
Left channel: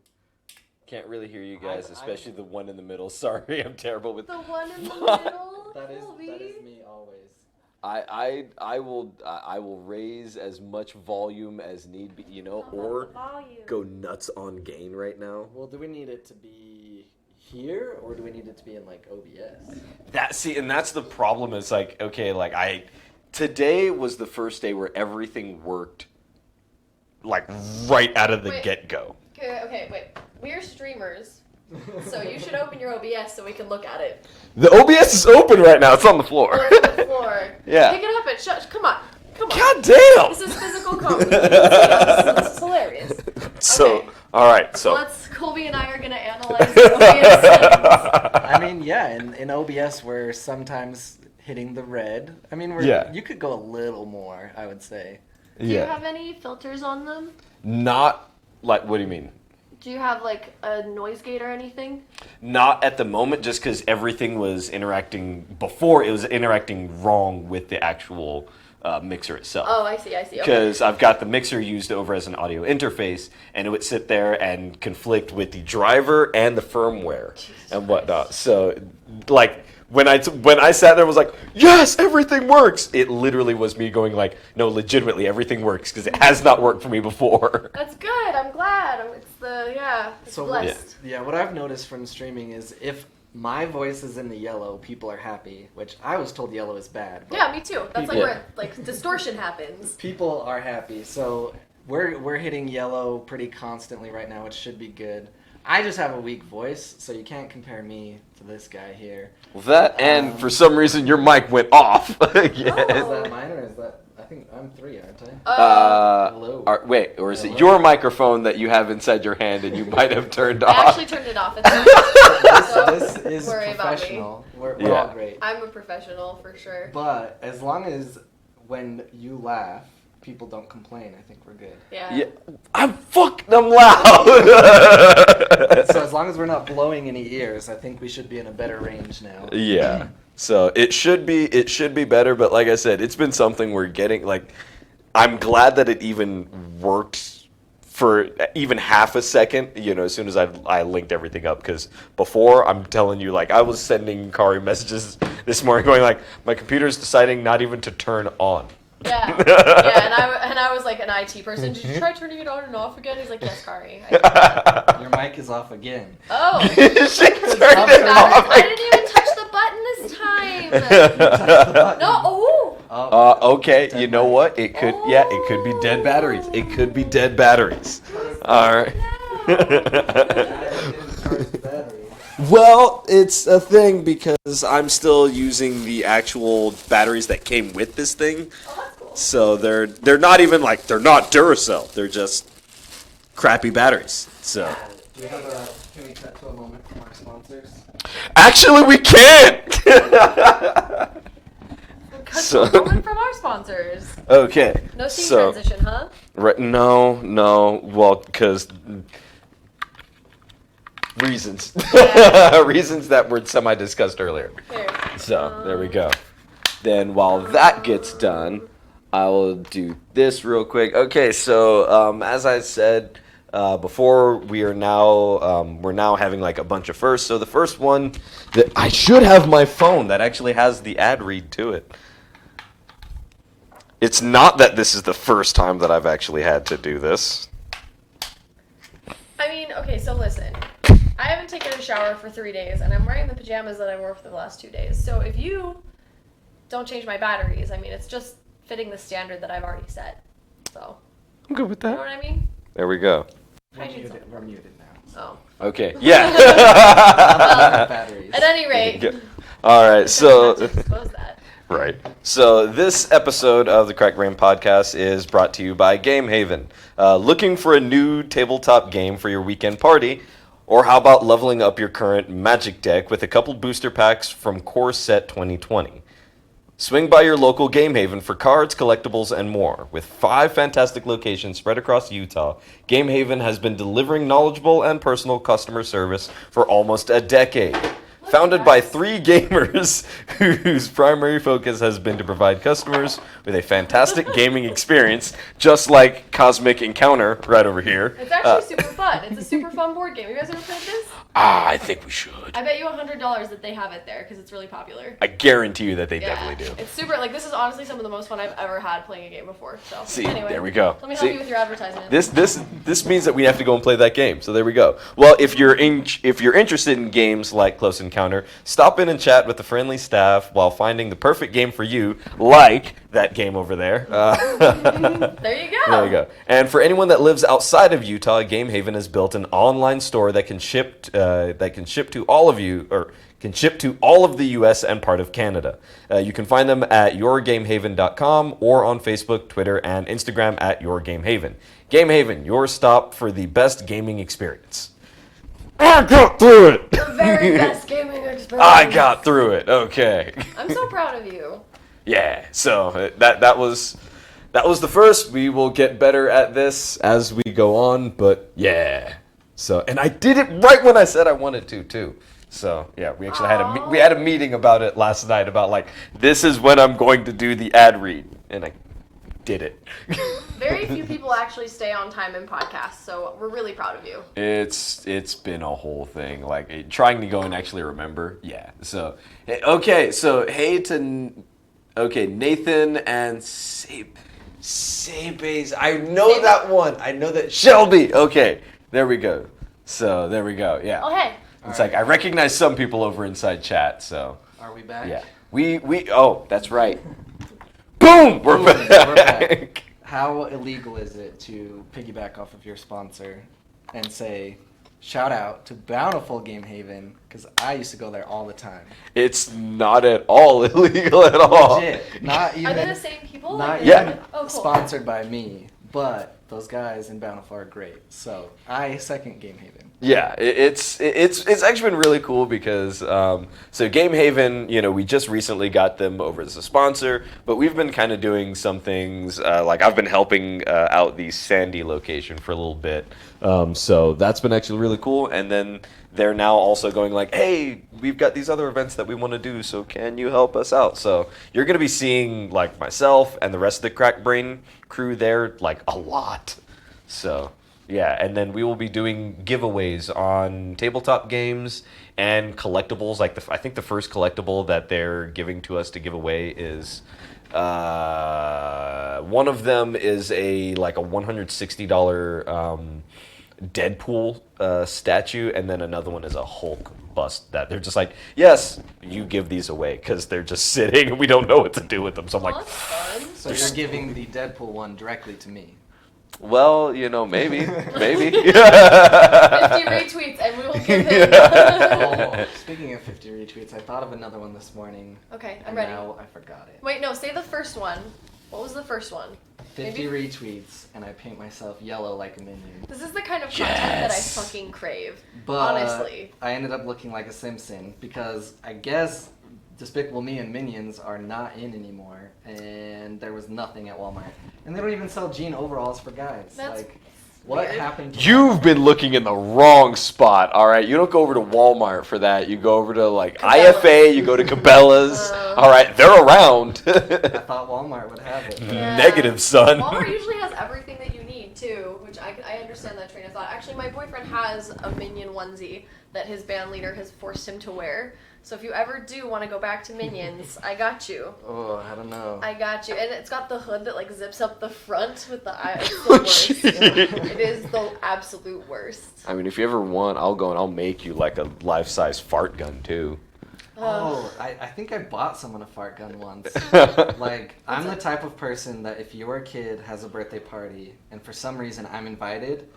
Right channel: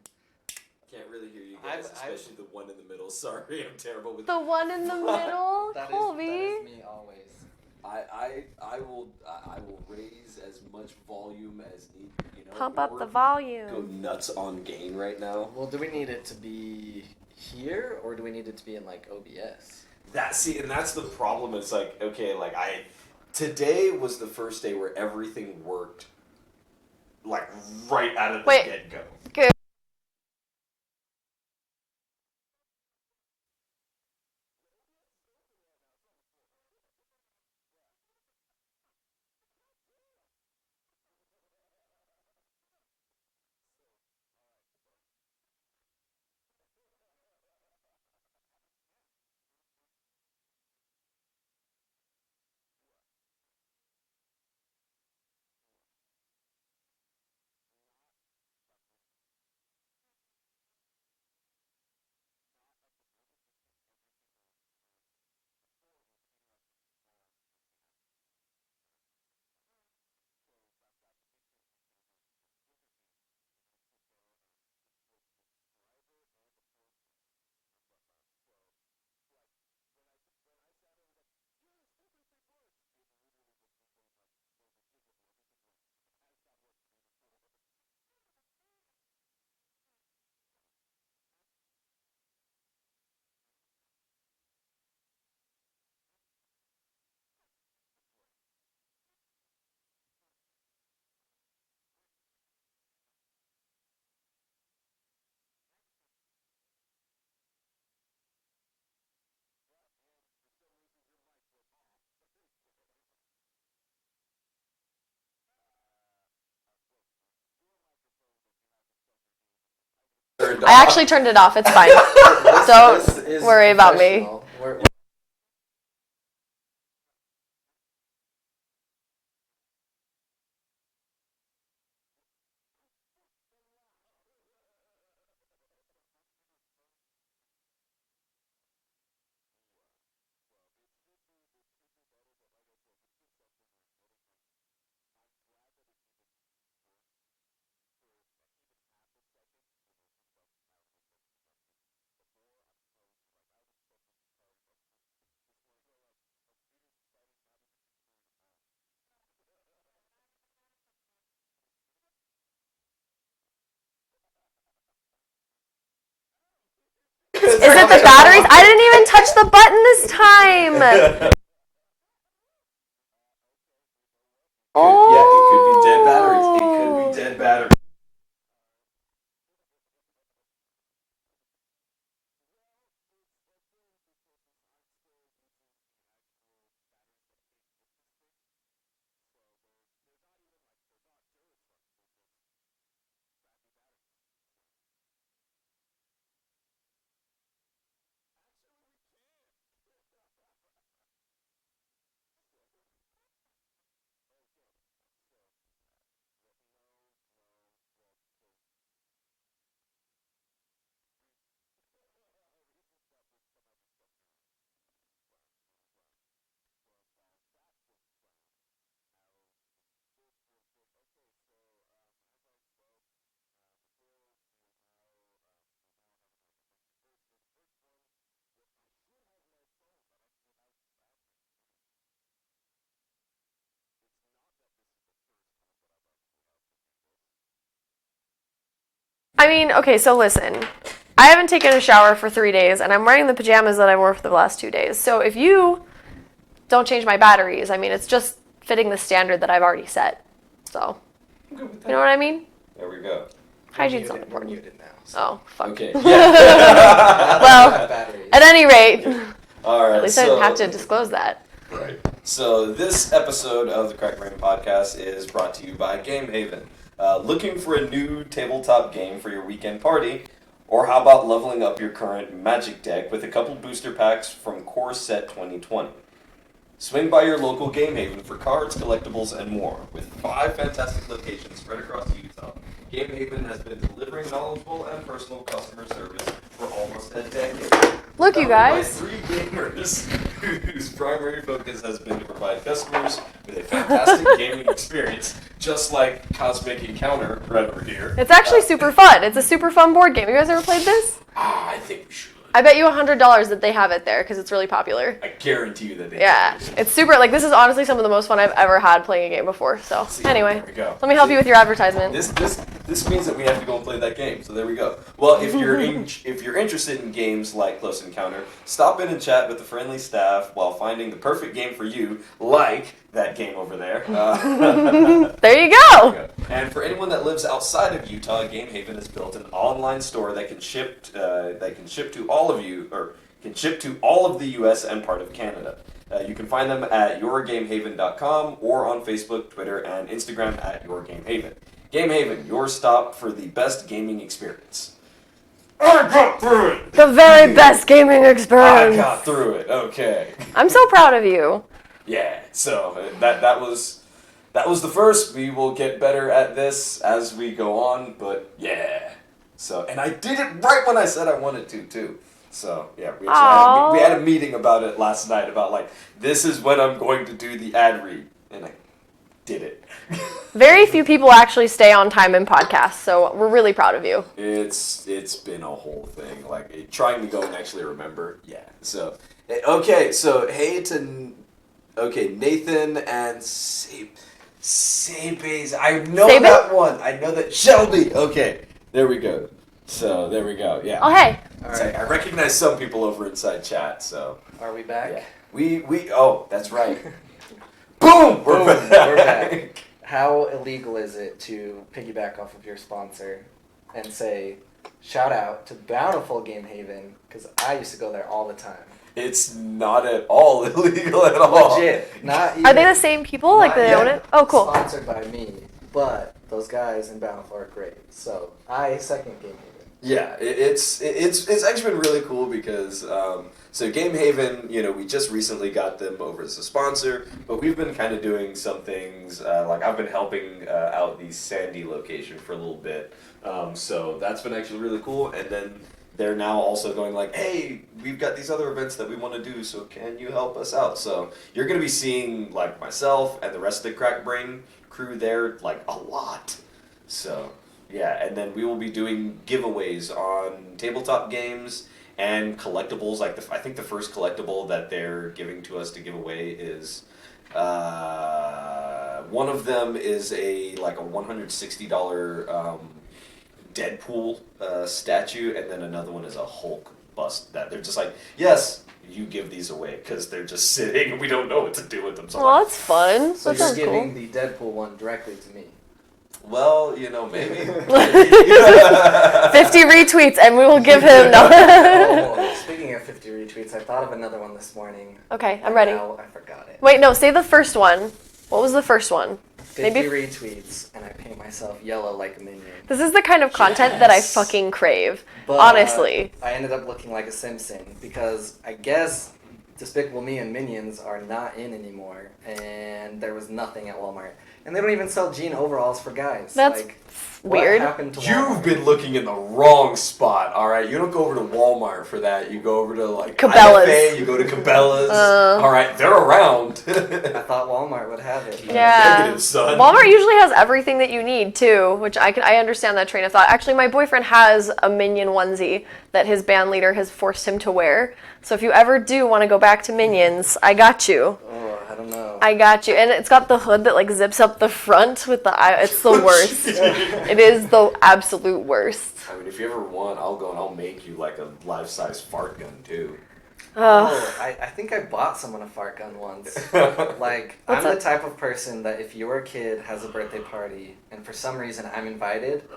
Can't really hear you guys, especially the one in the middle. Sorry, I'm terrible with The one in the middle, That Colby. is me always. I will raise as much volume as need be, you know, Pump or up the volume. go nuts on gain right now. Well, do we need it to be here or do we need it to be in like OBS? And that's the problem. It's like, okay, like today was the first day where everything worked like right out of the get-go. Okay, wait. We're streamers, so you should open your OBS so we can look at it. The OBS is open right now. It's on the floor. Oh, it's on the floor. Yeah. Pick it up and shush. Come on. God damn! This is physical comedy. This is hilarious. So, Okay. all right. So, Colby and I are gonna analyze the OBS settings. I mean, yeah, in OBS we're sometimes hitting the red. I mean, you could go a little more, I would say. Do you have any filters on them? Not like. What do you mean? Do you have like a noise gate or anything? Not at the moment, just because everything was interacting before. It was interacting wrong with the actual mixer itself. Oh, I see. Because I've got the mixer used over as an audio interface, and it would sit there and conflict with the driver and the firmware and whatnot. So, like, when I sat there and was like, yes, everything works, it literally was me going like, no, legitimately, everything works, because it has not worked for me before. That's good. I'm glad. It's blessed. Yeah, what I've noticed from streaming is if my voice is in the yellow, people are happy, which I was told yellow is bad. But Yeah, me too. That's like where distortion happens. people are happy, so we're hitting yellow pretty constantly right now, which should be good. I just have a weak voice, so you can't compare me to this guy here. Well, that and for some reason your mic went off. Is Oh. that mine or is that? I think I'm 3, aren't I? Hello. Or is it your microphone that you have inside your hand and you might have turned off? I actually turned it off. It's fine. This is worry about me. professional. We're all great. I'm a professional for sure. But as long as when you laugh, people don't complain, I think we're good. Yeah. I'm loud. So as long as we're not blowing any ears, I think we should be in a better range now. Yeah. So it should be better, but like I said, it's been something we're getting I'm glad that it even worked for even half a second, you know, as soon as I linked everything up, because before, I'm telling you, like, I was sending Kari messages this morning going like, my computer's deciding not even to turn on. Yeah, and I was like an IT person. Did you try turning it on and off again? He's like, yes, Kari. Your mic is off again. Oh. She Is it the batteries? I didn't even touch the button this time. No. Okay, you know what? It could, it could be dead batteries. It could be dead batteries. All right. Well, it's a thing because I'm still using the actual batteries that came with this thing. So they're not even they're not Duracell. They're just crappy batteries. So. Do you have can we cut to a moment from our sponsors? Actually, we can't. Cut to a moment from our sponsors. Okay. No scene transition, huh? Right? No. Well, because reasons. Reasons that were semi-discussed earlier. Here. So there we go. Then while that gets done, I will do this real quick. Okay, so as I said before, we're now having like a bunch of firsts. So the first one that I should have my phone that actually has the ad read to it. It's not that this is the first time that I've actually had to do this. I mean, okay, so listen. I haven't taken a shower for 3 days, and I'm wearing the pajamas that I wore for the last 2 days. So if you don't change my batteries, I mean, it's just fitting the standard that I've already set. So, I'm good with that. you know what I mean? There we go. Hygiene's not We're important. muted now. So. Oh. Okay. Yeah. Well, Batteries. at any rate, Yeah. All right. at least I didn't So. have to disclose that. Right. So this episode of the Crack Brain Podcast is brought to you by Game Haven. Looking for a new tabletop game for your weekend party? Or how about leveling up your current Magic deck with a couple booster packs from Core Set 2020? Swing by your local Game Haven for cards, collectibles, and more. With 5 fantastic locations spread across Utah, Game Haven has been delivering knowledgeable and personal customer service for almost a decade. Look, you Founded by guys. 3 gamers whose primary focus has been to provide customers with a fantastic gaming experience, just like Cosmic Encounter right over here. It's actually super fun. It's a super fun board game. You guys ever played this? I think we should. I bet you $100 that they have it there because it's really popular. I guarantee you that they Yeah, definitely do. it's super. Like, this is honestly some of the most fun I've ever had playing a game before. So See, anyway, there we go. let me help See? you with your advertisement. This means that we have to go and play that game. So there we go. Well, if you're if you're interested in games like Close Encounter, stop in and chat with the friendly staff while finding the perfect game for you, like that game over there. There you go. There we go. And for anyone that lives outside of Utah, Game Haven has built an online store that can ship to all of you, or can ship to all of the U.S. and part of Canada. You can find them at yourgamehaven.com or on Facebook, Twitter, and Instagram at yourgamehaven. Game Haven, your stop for the best gaming experience. I got through it. The very best gaming experience. I got through it. Okay. I'm so proud of you. Yeah. So that was the first. We will get better at this as we go on. But yeah. So, and I did it right when I said I wanted to too. So yeah, we actually had a meeting about it last night about like, this is when I'm going to do the ad read, and I did it. Very few people actually stay on time in podcasts, so we're really proud of you. It's been a whole thing, like trying to go and actually remember. Yeah. So okay. So Nathan and Sabes. I know Sabe? that one. I know that Shelby. Okay. There we go. So there we go. Yeah. Oh, hey. It's like I recognize some people over inside chat. So Are we back? yeah. We oh, that's right. Boom. We're back. We're back. How illegal is it to piggyback off of your sponsor and say, shout out to Bountiful Game Haven, because I used to go there all the time. It's not at all illegal at all. Legit. Not even. Are they the same people? Like Not they own it? Oh, cool. Sponsored by me, but those guys in Bountiful are great. So I second Game Haven. Yeah, it's actually been really cool because so Game Haven, we just recently got them over as a sponsor, but we've been kind of doing some things like I've been helping out the Sandy location for a little bit, so that's been actually really cool. And then they're now also going like, hey, we've got these other events that we want to do, so can you help us out? So you're gonna be seeing like myself and the rest of the Crack Brain crew there like a lot. So. Yeah, and then we will be doing giveaways on tabletop games and collectibles. Like I think the first collectible that they're giving to us to give away is one of them is a $160 Deadpool statue, and then another one is a Hulk bust that they're just like, yes, you give these away because they're just sitting and we don't know what to do with them. So I'm Oh, like, that's fun. So That you're sounds giving cool. the Deadpool one directly to me. well, maybe. 50 retweets and we will give him. Oh, speaking of 50 retweets, I thought of another one this morning. Okay, I'm and ready. Now I forgot it. Wait, no, say the first one. What was the first one? 50 maybe- retweets, and I paint myself yellow like a minion. This is the kind of content that I Yes. fucking crave. But, Honestly. I ended up looking like a Simpson because I guess Despicable Me and Minions are not in anymore, and there was nothing at Walmart. And they don't even sell jean overalls for guys. That's like, what weird. happened to You've Walmart? been looking in the wrong spot, all right? You don't go over to Walmart for that. You go over to, like, Cabela's. IFA, you go to Cabela's. All right, they're around. I thought Walmart would have it. Yeah. Negative, son. Walmart usually has everything that you need too, which I understand that train of thought. Actually, my boyfriend has a Minion onesie that his band leader has forced him to wear. So if you ever do want to go back to Minions, I got you. Oh, I don't know. I got you. And it's got the hood that like zips up the front with the eye. It's the worst. It is the absolute worst. I mean, if you ever want, I'll go and I'll make you, like, a life-size fart gun, too. Oh, I think I bought someone a fart gun once. Like, What's I'm up? the type of person that if your kid has a birthday party and for some reason I'm invited,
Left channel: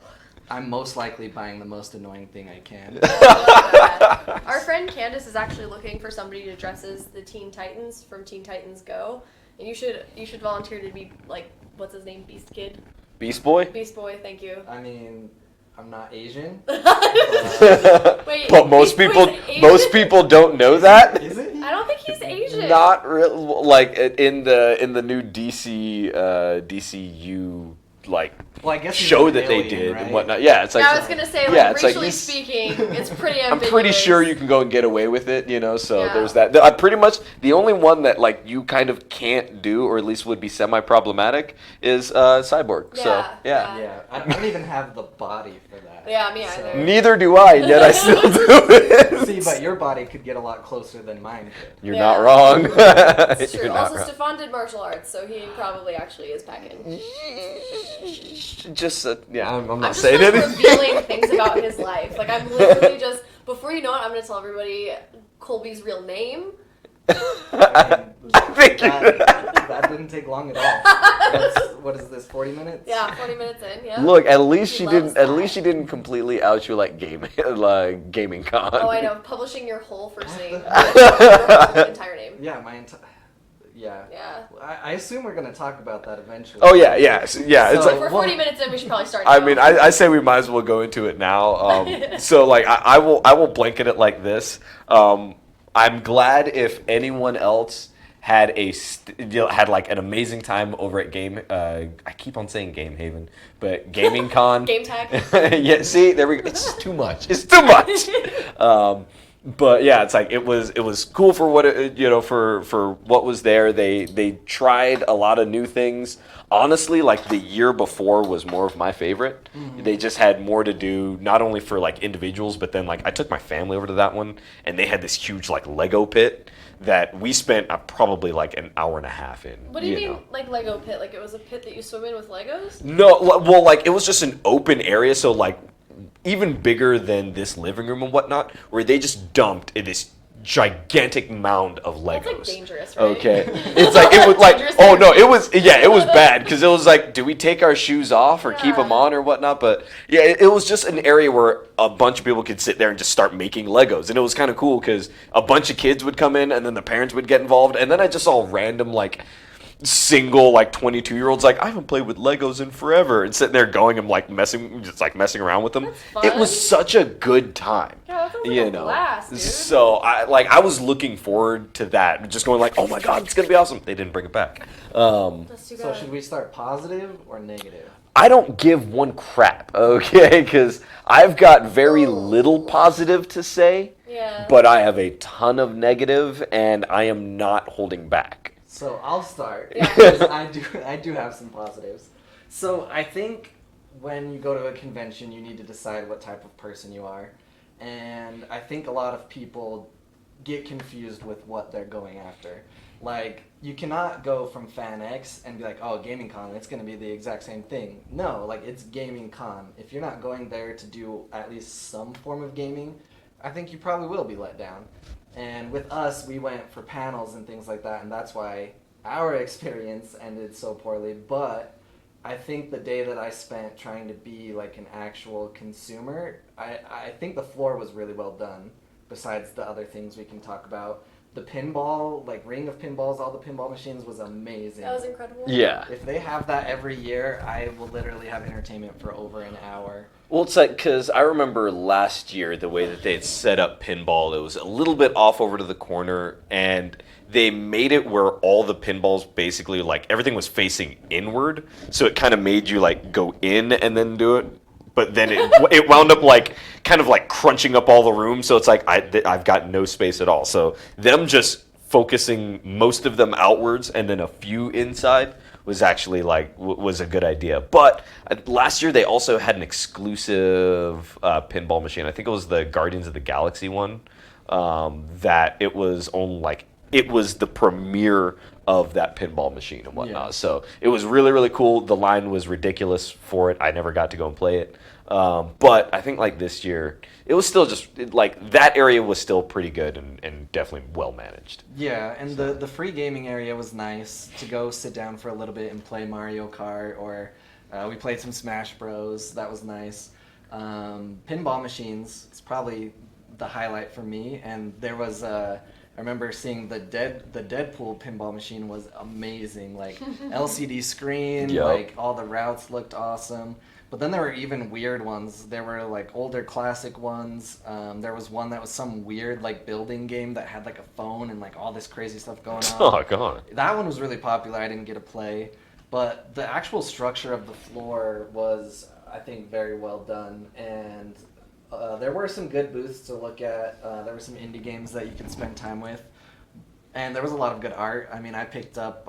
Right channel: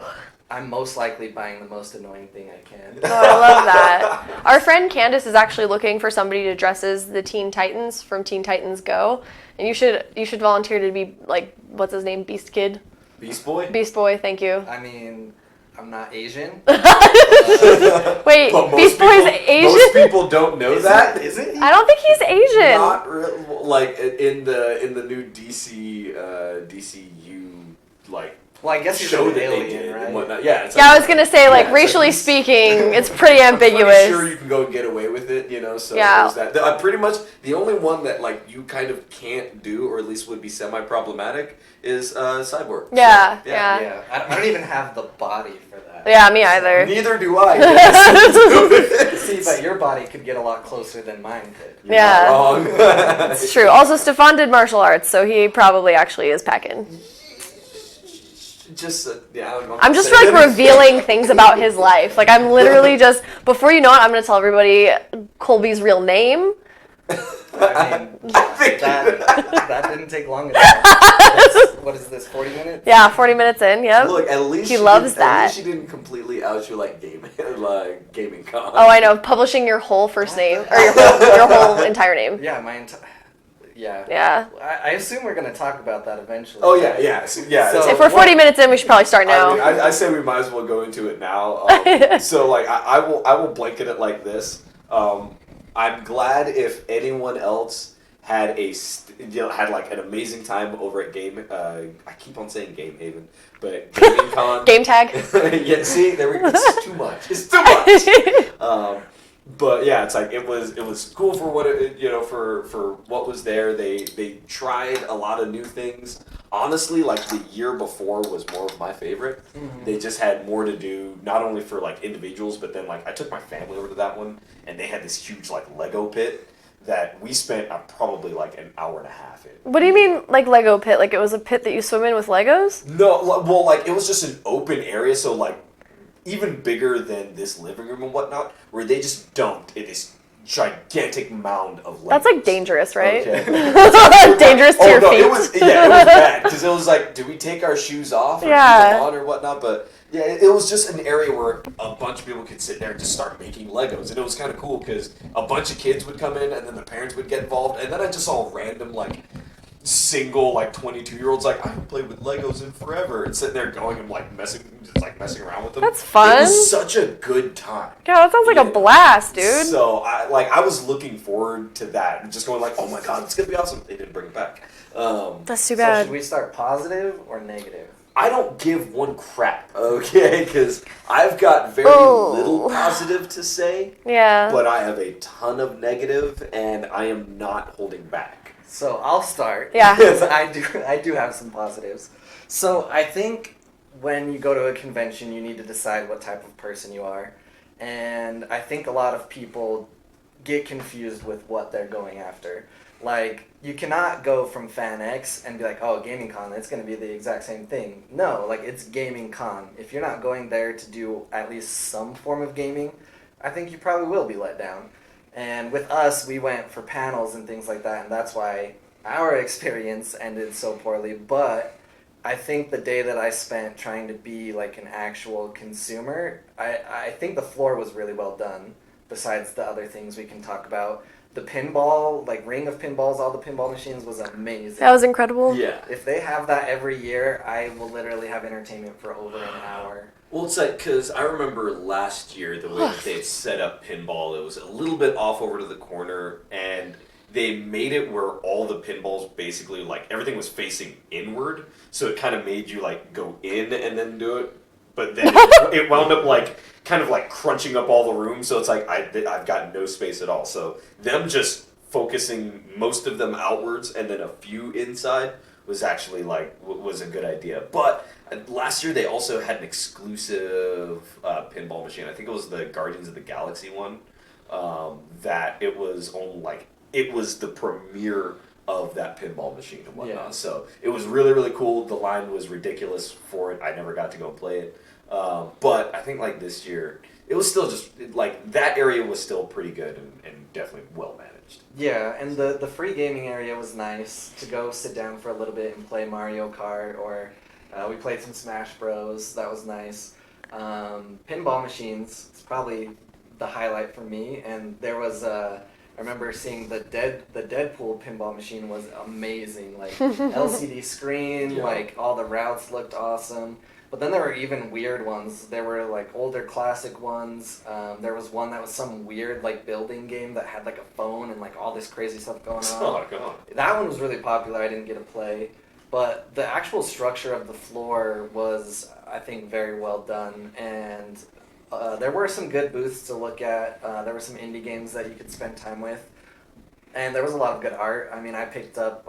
I'm most likely buying the most annoying thing I can. Oh, I love that. Our friend Candace is actually looking for somebody to dress as the Teen Titans from Teen Titans Go. And you should volunteer to be like, what's his name? Beast Kid? Beast Boy? Beast Boy, thank you. I mean, I'm not Asian. Wait, But Beast Boy's Asian? most people don't know that. Isn't he? I don't think he's Asian. Not really. Like in the new DCU like Well, I guess he's show an that they alien, did right? and whatnot. Yeah, it's Yeah, like, I was gonna say, yeah, like, it's racially this- speaking, it's pretty I'm ambiguous. pretty sure you can go and get away with it, you know. So Yeah. there's that. Pretty much the only one that like you kind of can't do, or at least would be semi-problematic, is Cyborg. Yeah, So, yeah. Yeah, I don't even have the body for that. Yeah, me either. Neither do I. Yet I still do it. See, but your body could get a lot closer than mine could. You're Yeah. not wrong. It's true. Also, Stefan did martial arts, so he probably actually is packing. Just yeah. I'm I'm not just saying like anything. revealing things about his life. Like I'm literally just before you know it, I'm gonna tell everybody Colby's real name. I mean, that didn't take long at all. What is this, 40 minutes? Yeah, 40 minutes in. Yep. Look, at least He she loves didn't, At that. least she didn't completely out you like gaming con. Oh, I know. Publishing your whole first name or your whole entire name. Yeah, my entire. Yeah. Yeah. I assume we're gonna talk about that eventually. Oh yeah, yeah, it's So- If we're 40 minutes in, we should probably start now. I mean, I say we might as well go into it now. So like, I will blanket it like this. I'm glad if anyone else had had like an amazing time over at I keep on saying Game Haven, but Gaming Con. Game tag. Yeah, see, there we go. It's too much. It's too much. But yeah, it's like it was cool for what for what was there. They tried a lot of new things. Honestly, like the year before was more of my favorite. Mm-hmm. They just had more to do, not only for like individuals, but then like I took my family over to that one, and they had this huge like Lego pit that we spent probably like an hour and a half in. What do you mean, know? like Lego pit? Like it was a pit that you swim in with Legos? No, well, like it was just an open area, so like even bigger than this living room and whatnot, where they just dumped in this gigantic mound of Legos. That's like dangerous, right? Okay. It's like, it was Dangerous to like, oh your no, feet. it was bad because it was like, do we take our shoes off or keep Yeah. them on or whatnot? But yeah, it was just an area where a bunch of people could sit there and just start making Legos, and it was kind of cool because a bunch of kids would come in and then the parents would get involved, and then I just saw random like single like 22-year-olds like, I haven't played with Legos in forever, and sitting there going and like messing around with them. That's fun. It was such a good time. Yeah, that sounds like You a know. blast, dude. So I was looking forward to that, just going like, oh my god, it's gonna be awesome. They didn't bring it back. That's too So bad. should we start positive or negative? I don't give one crap, okay? Because I've got very Oh. little positive to say, Yeah. but I have a ton of negative, and I am not holding back. So I'll start. Yeah. Because I do have some positives. So I think when you go to a convention, you need to decide what type of person you are, and I think a lot of people get confused with what they're going after. Like, you cannot go from Fan X and be like, oh, Gaming Con, it's going to be the exact same thing. No, like, it's Gaming Con. If you're not going there to do at least some form of gaming, I think you probably will be let down. And with us, we went for panels and things like that, and that's why our experience ended so poorly. But I think the day that I spent trying to be like an actual consumer, I think the floor was really well done, besides the other things we can talk about. The pinball, like ring of pinballs, all the pinball machines was amazing. That was incredible. Yeah. If they have that every year, I will literally have entertainment for over an hour. Well, it's like, because I remember last year the way that they had set up pinball, it was a little bit off over to the corner, and they made it where all the pinballs basically, like, everything was facing inward, so it kind of made you, like, go in and then do it, but then it wound up, like, kind of, like, crunching up all the room, so it's like, I've got no space at all. So them just focusing most of them outwards and then a few inside was actually, like, was a good idea. But last year they also had an exclusive pinball machine. I think it was the Guardians of the Galaxy one, that it was on, like, it was the premiere of that pinball machine and whatnot. Yeah. So it was really, really cool. The line was ridiculous for it. I never got to go and play it. But I think like this year, it was still just like that area was still pretty good and definitely well managed. Yeah, and the free gaming area was nice to go sit down for a little bit and play Mario Kart, or we played some Smash Bros. That was nice. Pinball machines, it's probably the highlight for me. And there was I remember seeing the Deadpool pinball machine was amazing. Like LCD screen, Yep. like all the routes looked awesome. But then there were even weird ones. There were like older classic ones. There was one that was some weird like building game that had like a phone and like all this crazy stuff going on. Oh god. That one was really popular. I didn't get to play, but the actual structure of the floor was, I think, very well done. And there were some good booths to look at. There were some indie games that you could spend time with. And there was a lot of good art. I mean, I picked up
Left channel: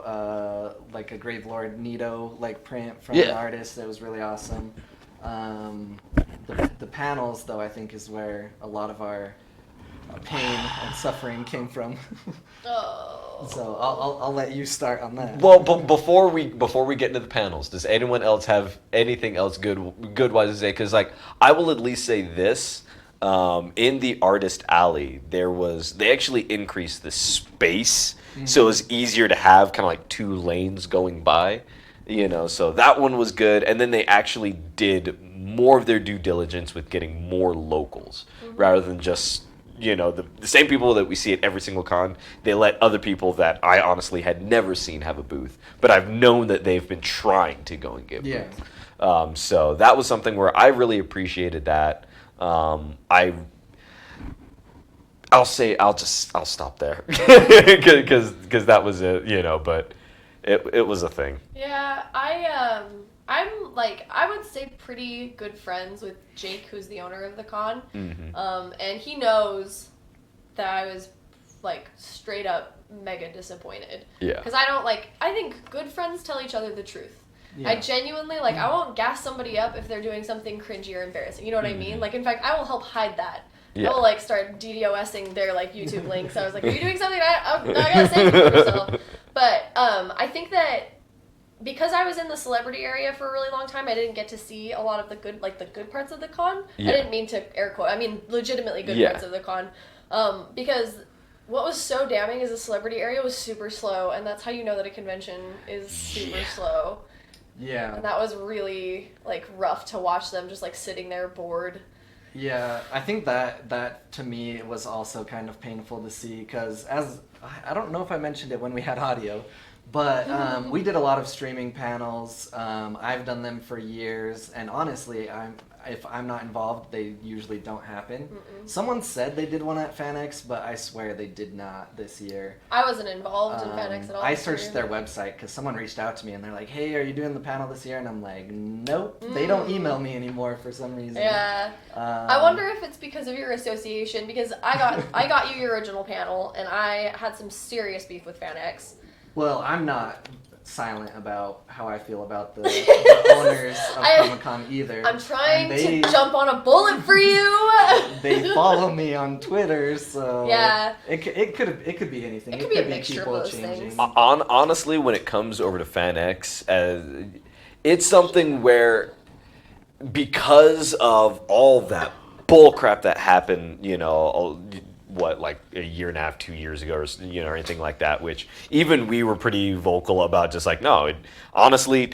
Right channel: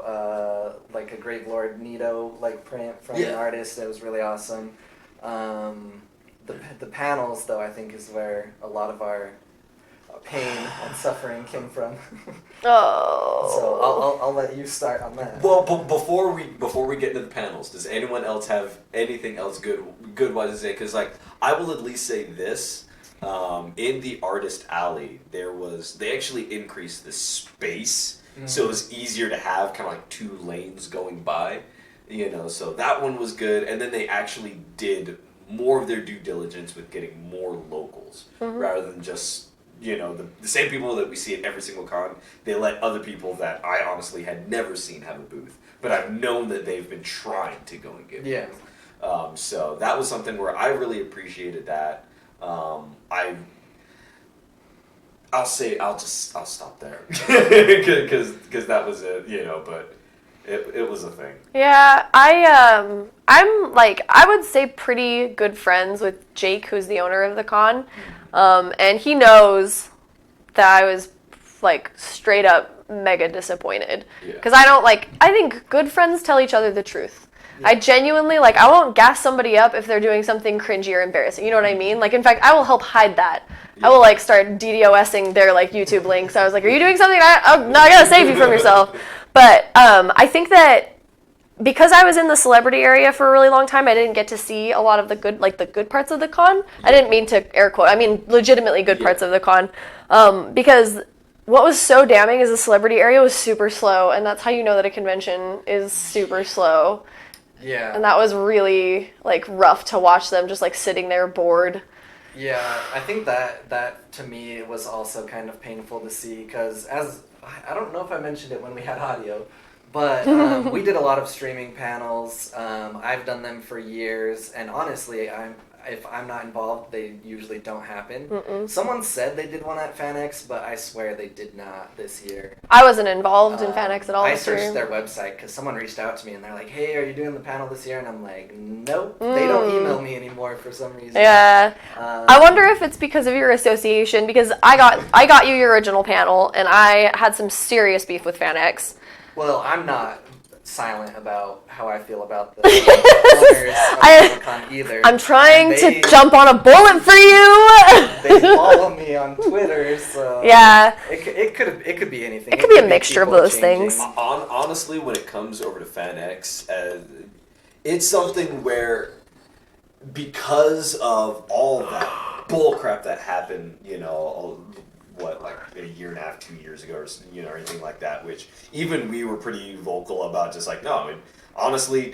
like a Grave Lord Nito like print from an artist. It was really awesome. The panels, though, I think is where a lot of our pain and suffering came from. Oh. So I'll let you start on that. Well, before we get into the panels, does anyone else have anything else good wise to say? Because like I will at least say this. In the artist alley, they actually increased the space, so it was easier to have kind of like 2 lanes going by, so that one was good. And then they actually did more of their due diligence with getting more locals rather than just, the same people that we see at every single con. They let other people that I honestly had never seen have a booth, but I've known that they've been trying to go and get booths. So that was something where I really appreciated that. I'll stop there because that was it, but it was a thing. Yeah, I'm like, I would say pretty good friends with Jake, who's the owner of the con. And he knows that I was like straight up mega disappointed. Yeah. Because I think good friends tell each other the truth. Yeah. I genuinely, like, I won't gas somebody up if they're doing something cringy or embarrassing. You know what I mean? Like, in fact, I will help hide that. Yeah. I will, like, start DDoSing their, like, YouTube links. I was like, are you doing something? No, I gotta save you from yourself. But I think that because I was in the celebrity area for a really long time, I didn't get to see a lot of the good parts of the con. Yeah. I didn't mean to air quote. I mean, legitimately good parts of the con. Because what was so damning is the celebrity area was super slow, and that's how you know that a convention is super slow. Yeah. And that was really, like, rough to watch them just, like, sitting there bored. Yeah, I think that to me was also kind of painful to see because I don't know if I mentioned it when we had audio, but we did a lot of streaming panels. I've done them for years, and honestly, if I'm not involved, they usually don't happen. Someone said they did one at FanX, but I swear they did not this year. I wasn't involved in FanX at all. I searched their website because someone reached out to me and they're like, hey, are you doing the panel this year? And I'm like, nope, they don't email me anymore for some reason. Yeah. I wonder if it's because of your association, because I got you your original panel, and I had some serious beef with FanX. Well, I'm not silent about how I feel about the owners of Comic-Con either. I'm trying to jump on a bullet for you. They follow me on Twitter, so yeah, it could be anything. It could be a mixture of those things. Honestly, when it comes over to FanX, it's something where because of all that bull crap that happened, like a year and a half, 2 years ago, or anything like that, which even we were pretty vocal about, just like, no, honestly,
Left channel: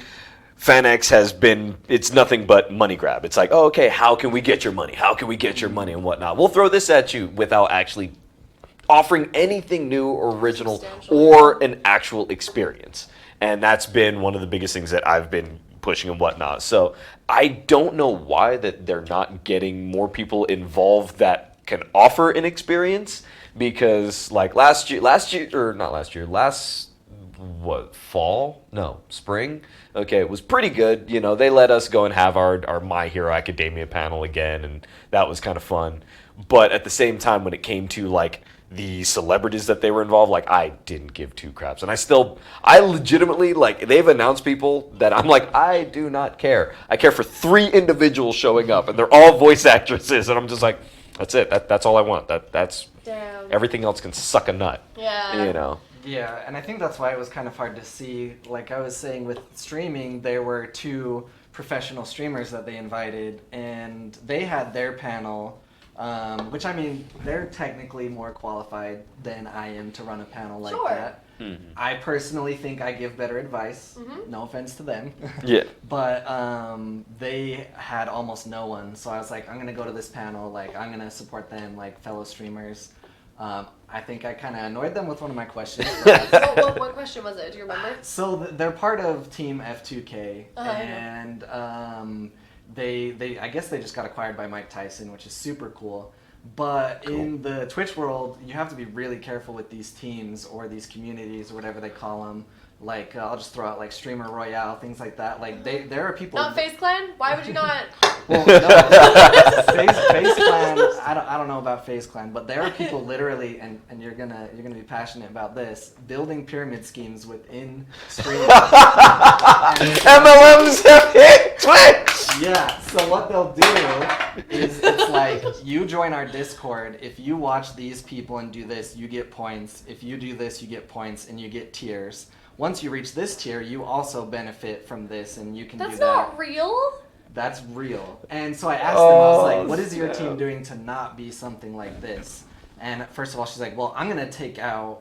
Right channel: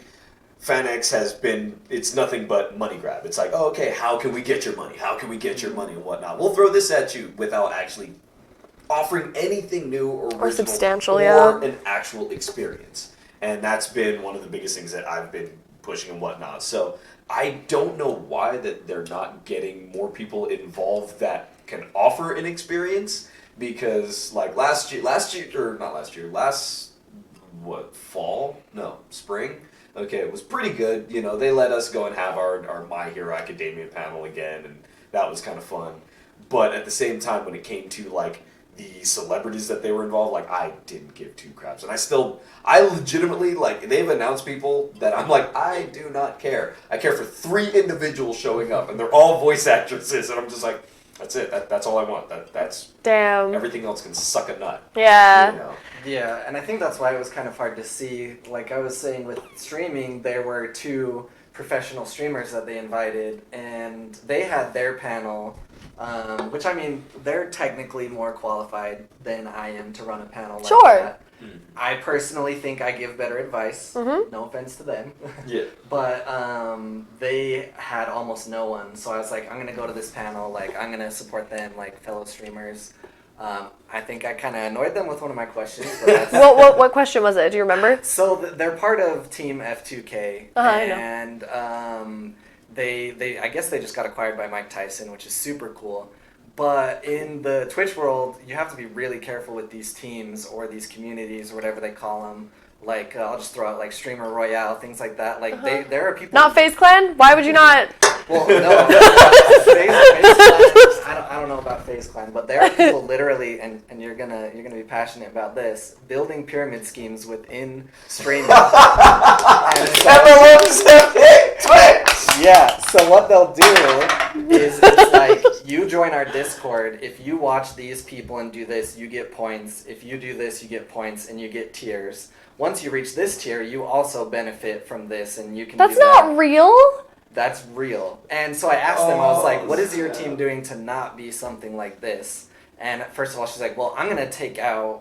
FanX it's nothing but money grab. It's like, oh, okay, how can we get your money? How can we get your money and whatnot? We'll throw this at you without actually offering anything new or original or an actual experience. And that's been one of the biggest things that I've been pushing and whatnot. So I don't know why that they're not getting more people involved that can offer an experience, because like spring, okay, it was pretty good. They let us go and have our My Hero Academia panel again, and that was kind of fun. But at the same time, when it came to like the celebrities that they were involved, like, I didn't give 2 craps, and I legitimately, like, they've announced people that I'm like, I do not care. I care for 3 individuals showing up, and they're all voice actresses, and I'm just like, that's it. That's all I want. That's damn. Everything else can suck a nut. Yeah. Yeah, and I think that's why it was kind of hard to see. Like I was saying, with streaming, there were 2 professional streamers that they invited, and they had their panel, which, I mean, they're technically more qualified than I am to run a panel like that. I personally think I give better advice. No offense to them. Yeah. But they had almost no one, so I was like, I'm gonna go to this panel. Like, I'm gonna support them, like fellow streamers. I think I kind of annoyed them with one of my questions. What question was it? Do you remember? So they're part of Team F2K, I and they I guess they just got acquired by Mike Tyson, which is super cool. But in the Twitch world, you have to be really careful with these teams or these communities or whatever they call them. Like, I'll just throw out, like, Streamer Royale, things like that. Like, there are people... Not FaZe Clan? Why would you not? Well, no. FaZe Clan, I don't know about FaZe Clan, but there are people literally, and you're gonna be passionate about this, building pyramid schemes within streaming. MLMs have hit Twitch! Yeah, so what they'll do is it's like, you join our Discord, if you watch these people and do this, you get points. If you do this, you get points, and you get tiers. Once you reach this tier, you also benefit from this, and you can That's do that. not real? That's real. And so I asked them, I was like, what is your team doing to not be something like this? And first of all, she's like, well, I'm going to take out...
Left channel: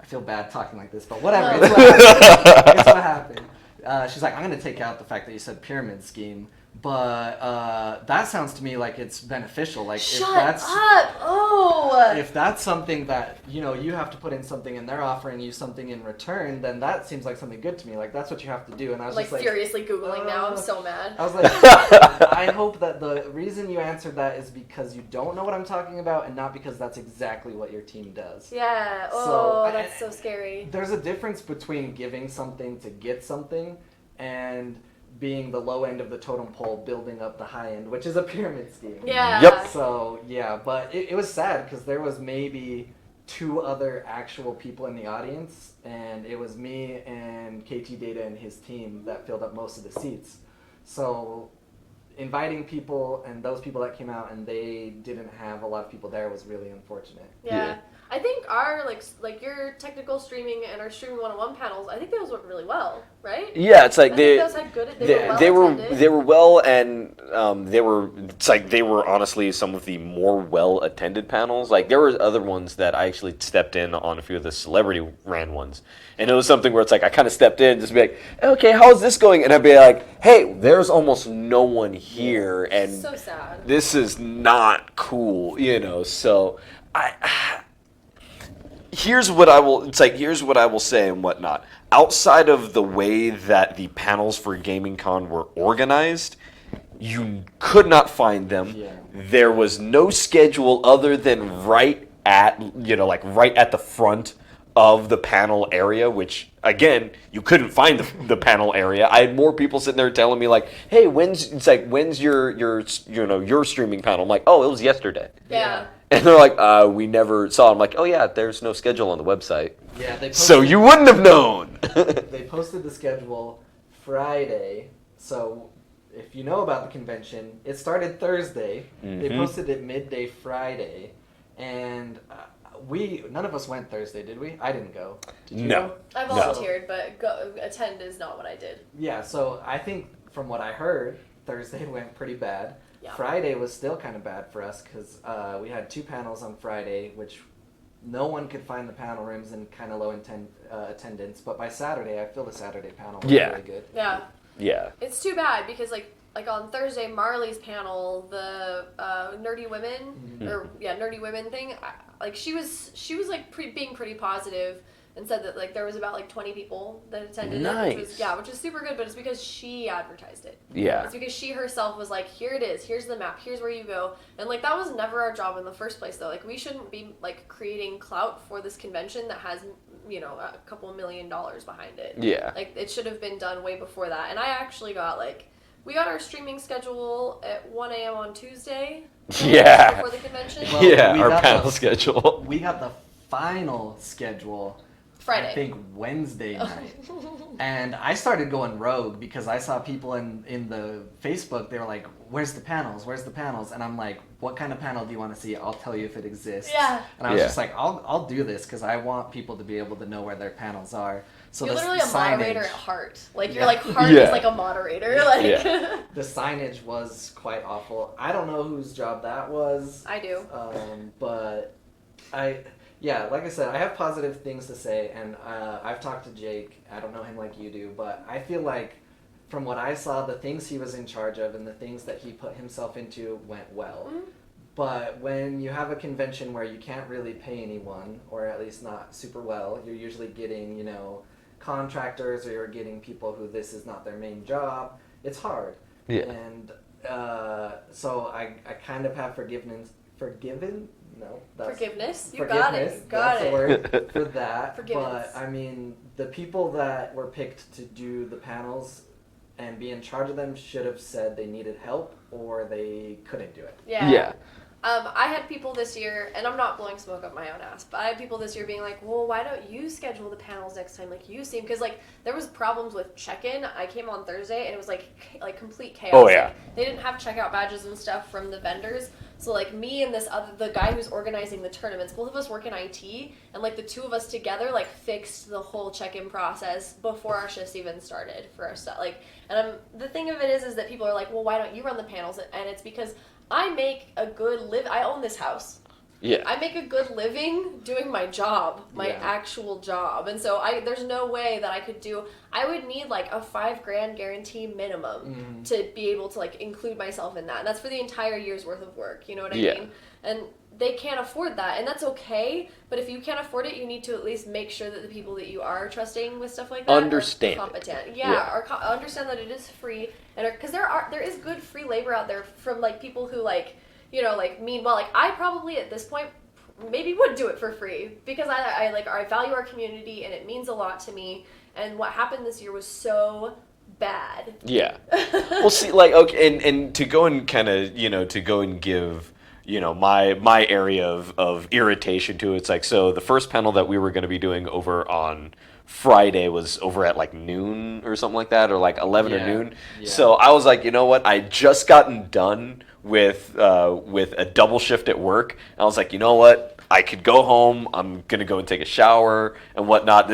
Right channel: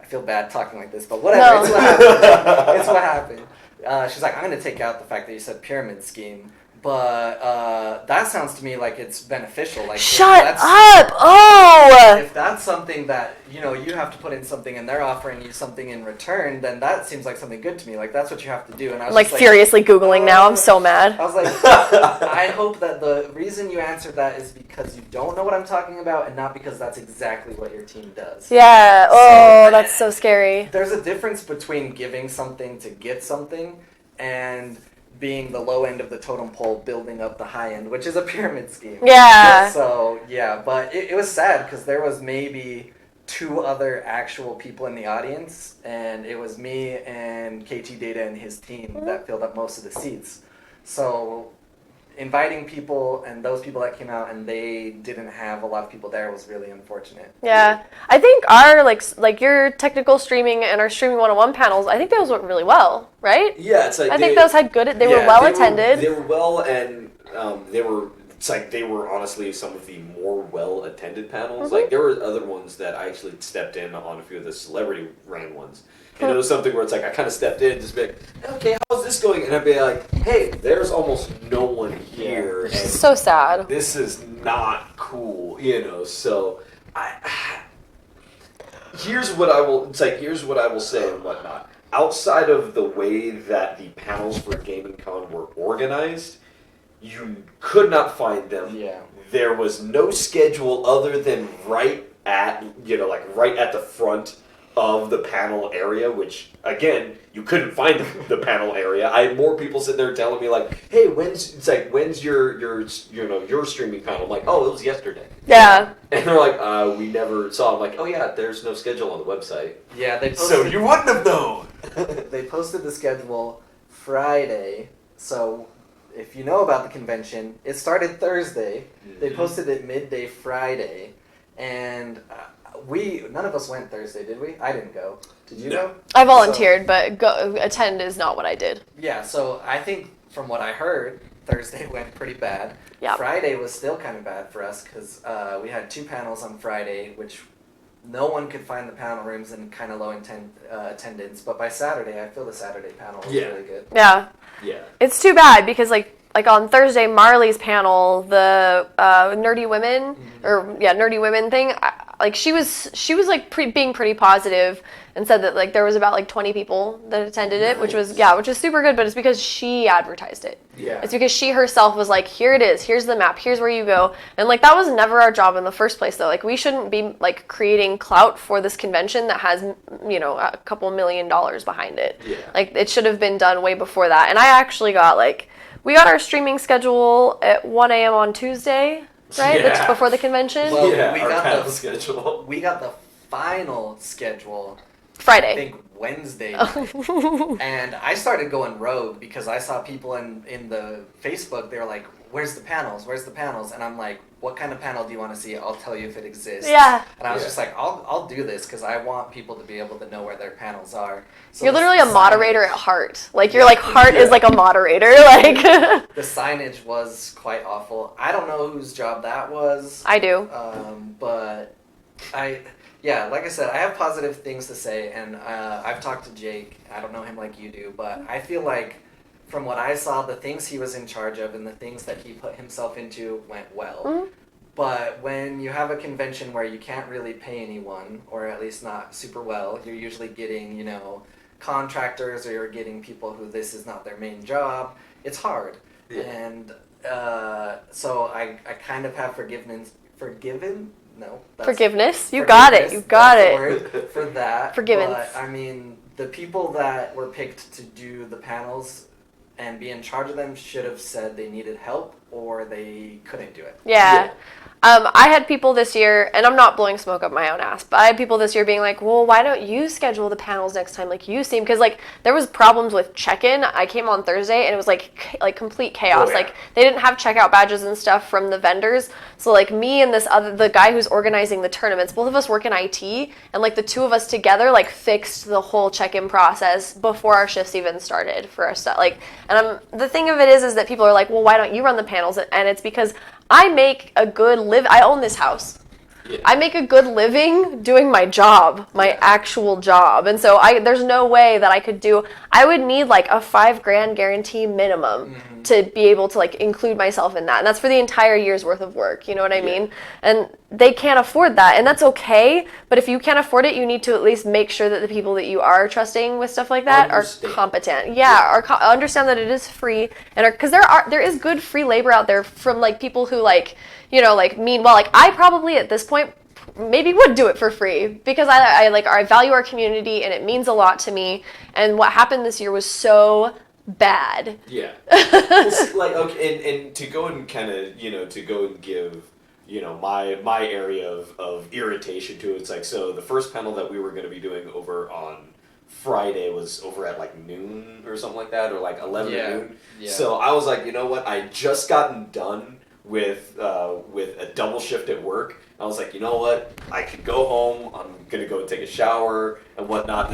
I feel bad talking like this, but whatever. No. It's what happened. It's what happened. She's like, I'm going to take out the fact that you said pyramid scheme. But that sounds to me like it's beneficial. Like, Shut up! Oh! If that's something that, you have to put in something and they're offering you something in return, then that seems like something good to me. Like, that's what you have to do. And I was Like, just furiously Googling now. I'm so mad. I was like, I hope that the reason you answered that is because you don't know what I'm talking about and not because that's exactly what your team does. Yeah. Oh, that's so scary. There's a difference between giving something to get something and being the low end of the totem pole, building up the high end, which is a pyramid scheme. Yeah. Yep. So, yeah, but it was sad because there was maybe 2 other actual people in the audience, and it was me and KT Data and his team that filled up most of the seats. So inviting people and those people that came out and they didn't have a lot of people there was really unfortunate. Yeah. I think our, like your technical streaming and our Streaming 101 panels, I think those went really well, right? Yeah, it's like I think those had good, they were well attended. They were well, and they were honestly some of the more well attended panels. Mm-hmm. Like, there were other ones that I actually stepped in on a few of the celebrity ran ones. And it was something where it's like, I kind of stepped in just to be like, okay, how's this going? And I'd be like, hey, there's almost no one here. And so sad. This is not cool, so here's what I will say and whatnot. Outside of the way that the panels for Gaming Con were organized, you could not find them. Yeah. There was no schedule other than right at the front of the panel area, which again, you couldn't find the panel area. I had more people sitting there telling me like, "Hey, when's your streaming panel?" I'm like, "Oh, it was yesterday." Yeah. And they're like, "We never saw it." I'm like, "Oh yeah, there's no schedule on the website." Yeah, So you wouldn't have known. They posted the schedule Friday, so if you know about the convention, it started Thursday. Mm-hmm. They posted it midday Friday, and none of us went Thursday, did we? I didn't go. Did you go? I volunteered, but attend is not what I did. Yeah, so I think from what I heard, Thursday went pretty bad. Yep. Friday was still kind of bad for us because we had 2 panels on Friday, which no one could find the panel rooms and kind of low attendance. But by Saturday, I feel the Saturday panel was really good. Yeah. Yeah. It's too bad because like on Thursday, Marley's panel, the nerdy women nerdy women thing. She was like being pretty positive and said that like there was about like 20 people that attended it, which was super good. But it's because she advertised it. Yeah. It's because she herself was like, here it is, here's the map, here's where you go, and like that was never our job in the first place though. Like we shouldn't be like creating clout for this convention that has a couple $1 million behind it. Yeah. Like it should have been done way before that. And I actually got we got our streaming schedule at 1 a.m. on Tuesday. Right? Yeah. Just before the convention? Well, our panel schedule. We got the final schedule Friday. I think Wednesday night. And I started going rogue because I saw people in the Facebook, they were like, where's the panels? Where's the panels? And I'm like, what kind of panel do you want to see? I'll tell you if it exists. Yeah. And I was just like, I'll do this because I want people to be able to know where their panels are. So you're literally a moderator at heart. Like your heart Yeah. is like a moderator. Like the signage was quite awful. I don't know whose job that was. I do. But like I said, I have positive things to say, and I've talked to Jake. I don't know him like you do, but I feel like from what I saw, the things he was in charge of and the things that he put himself into went well. Mm-hmm. But when you have a convention where you can't really pay anyone, or at least not super well, you're usually getting, contractors, or you're getting people who this is not their main job. It's hard. Yeah. And So I kind of have forgiven? No. Forgiveness. You got it. You got that's it. the word for that. Forgiveness. But I mean, the people that were picked to do the panels and be in charge of them should have said they needed help or they couldn't do it. Yeah. I had people this year, and I'm not blowing smoke up my own ass, but I had people this year being like, well, why don't you schedule the panels next time like you seem? Because, like, there was problems with check-in. I came on Thursday, and it was, like complete chaos. Oh, yeah. Like, they didn't have checkout badges and stuff from the vendors. So, like, me and the guy who's organizing the tournaments, both of us work in IT, and, like, the two of us together, like, fixed the whole check-in process before our shifts even started for us. Like, and the thing of it is that people are like, well, why don't you run the panels? And it's because I make a good I own this house. Yeah. I make a good living doing my job, my actual job. And so there's no way that I would need like a $5,000 guarantee minimum to be able to like include myself in that. And that's for the entire year's worth of work. You know what I mean? And they can't afford that. And that's okay. But if you can't afford it, you need to at least make sure that the people that you are trusting with stuff like that are competent. Understand that it is free. And because there is good free labor out there from like people who like, you know, like mean well. Like I probably at this point maybe would do it for free because I value our community and it means a lot to me. And what happened this year was so bad. Yeah. Well, see, like, okay, and to go and kind of, you know, to go and give, you know, my area of irritation to it, it's like, so the first panel that we were going to be doing over on Friday was over at like noon or something like that, or like 11 or noon. Yeah. So I was like, you know what? I just gotten done with a double shift at work. And I was like, you know what? I could go home. I'm gonna go and take a shower and whatnot.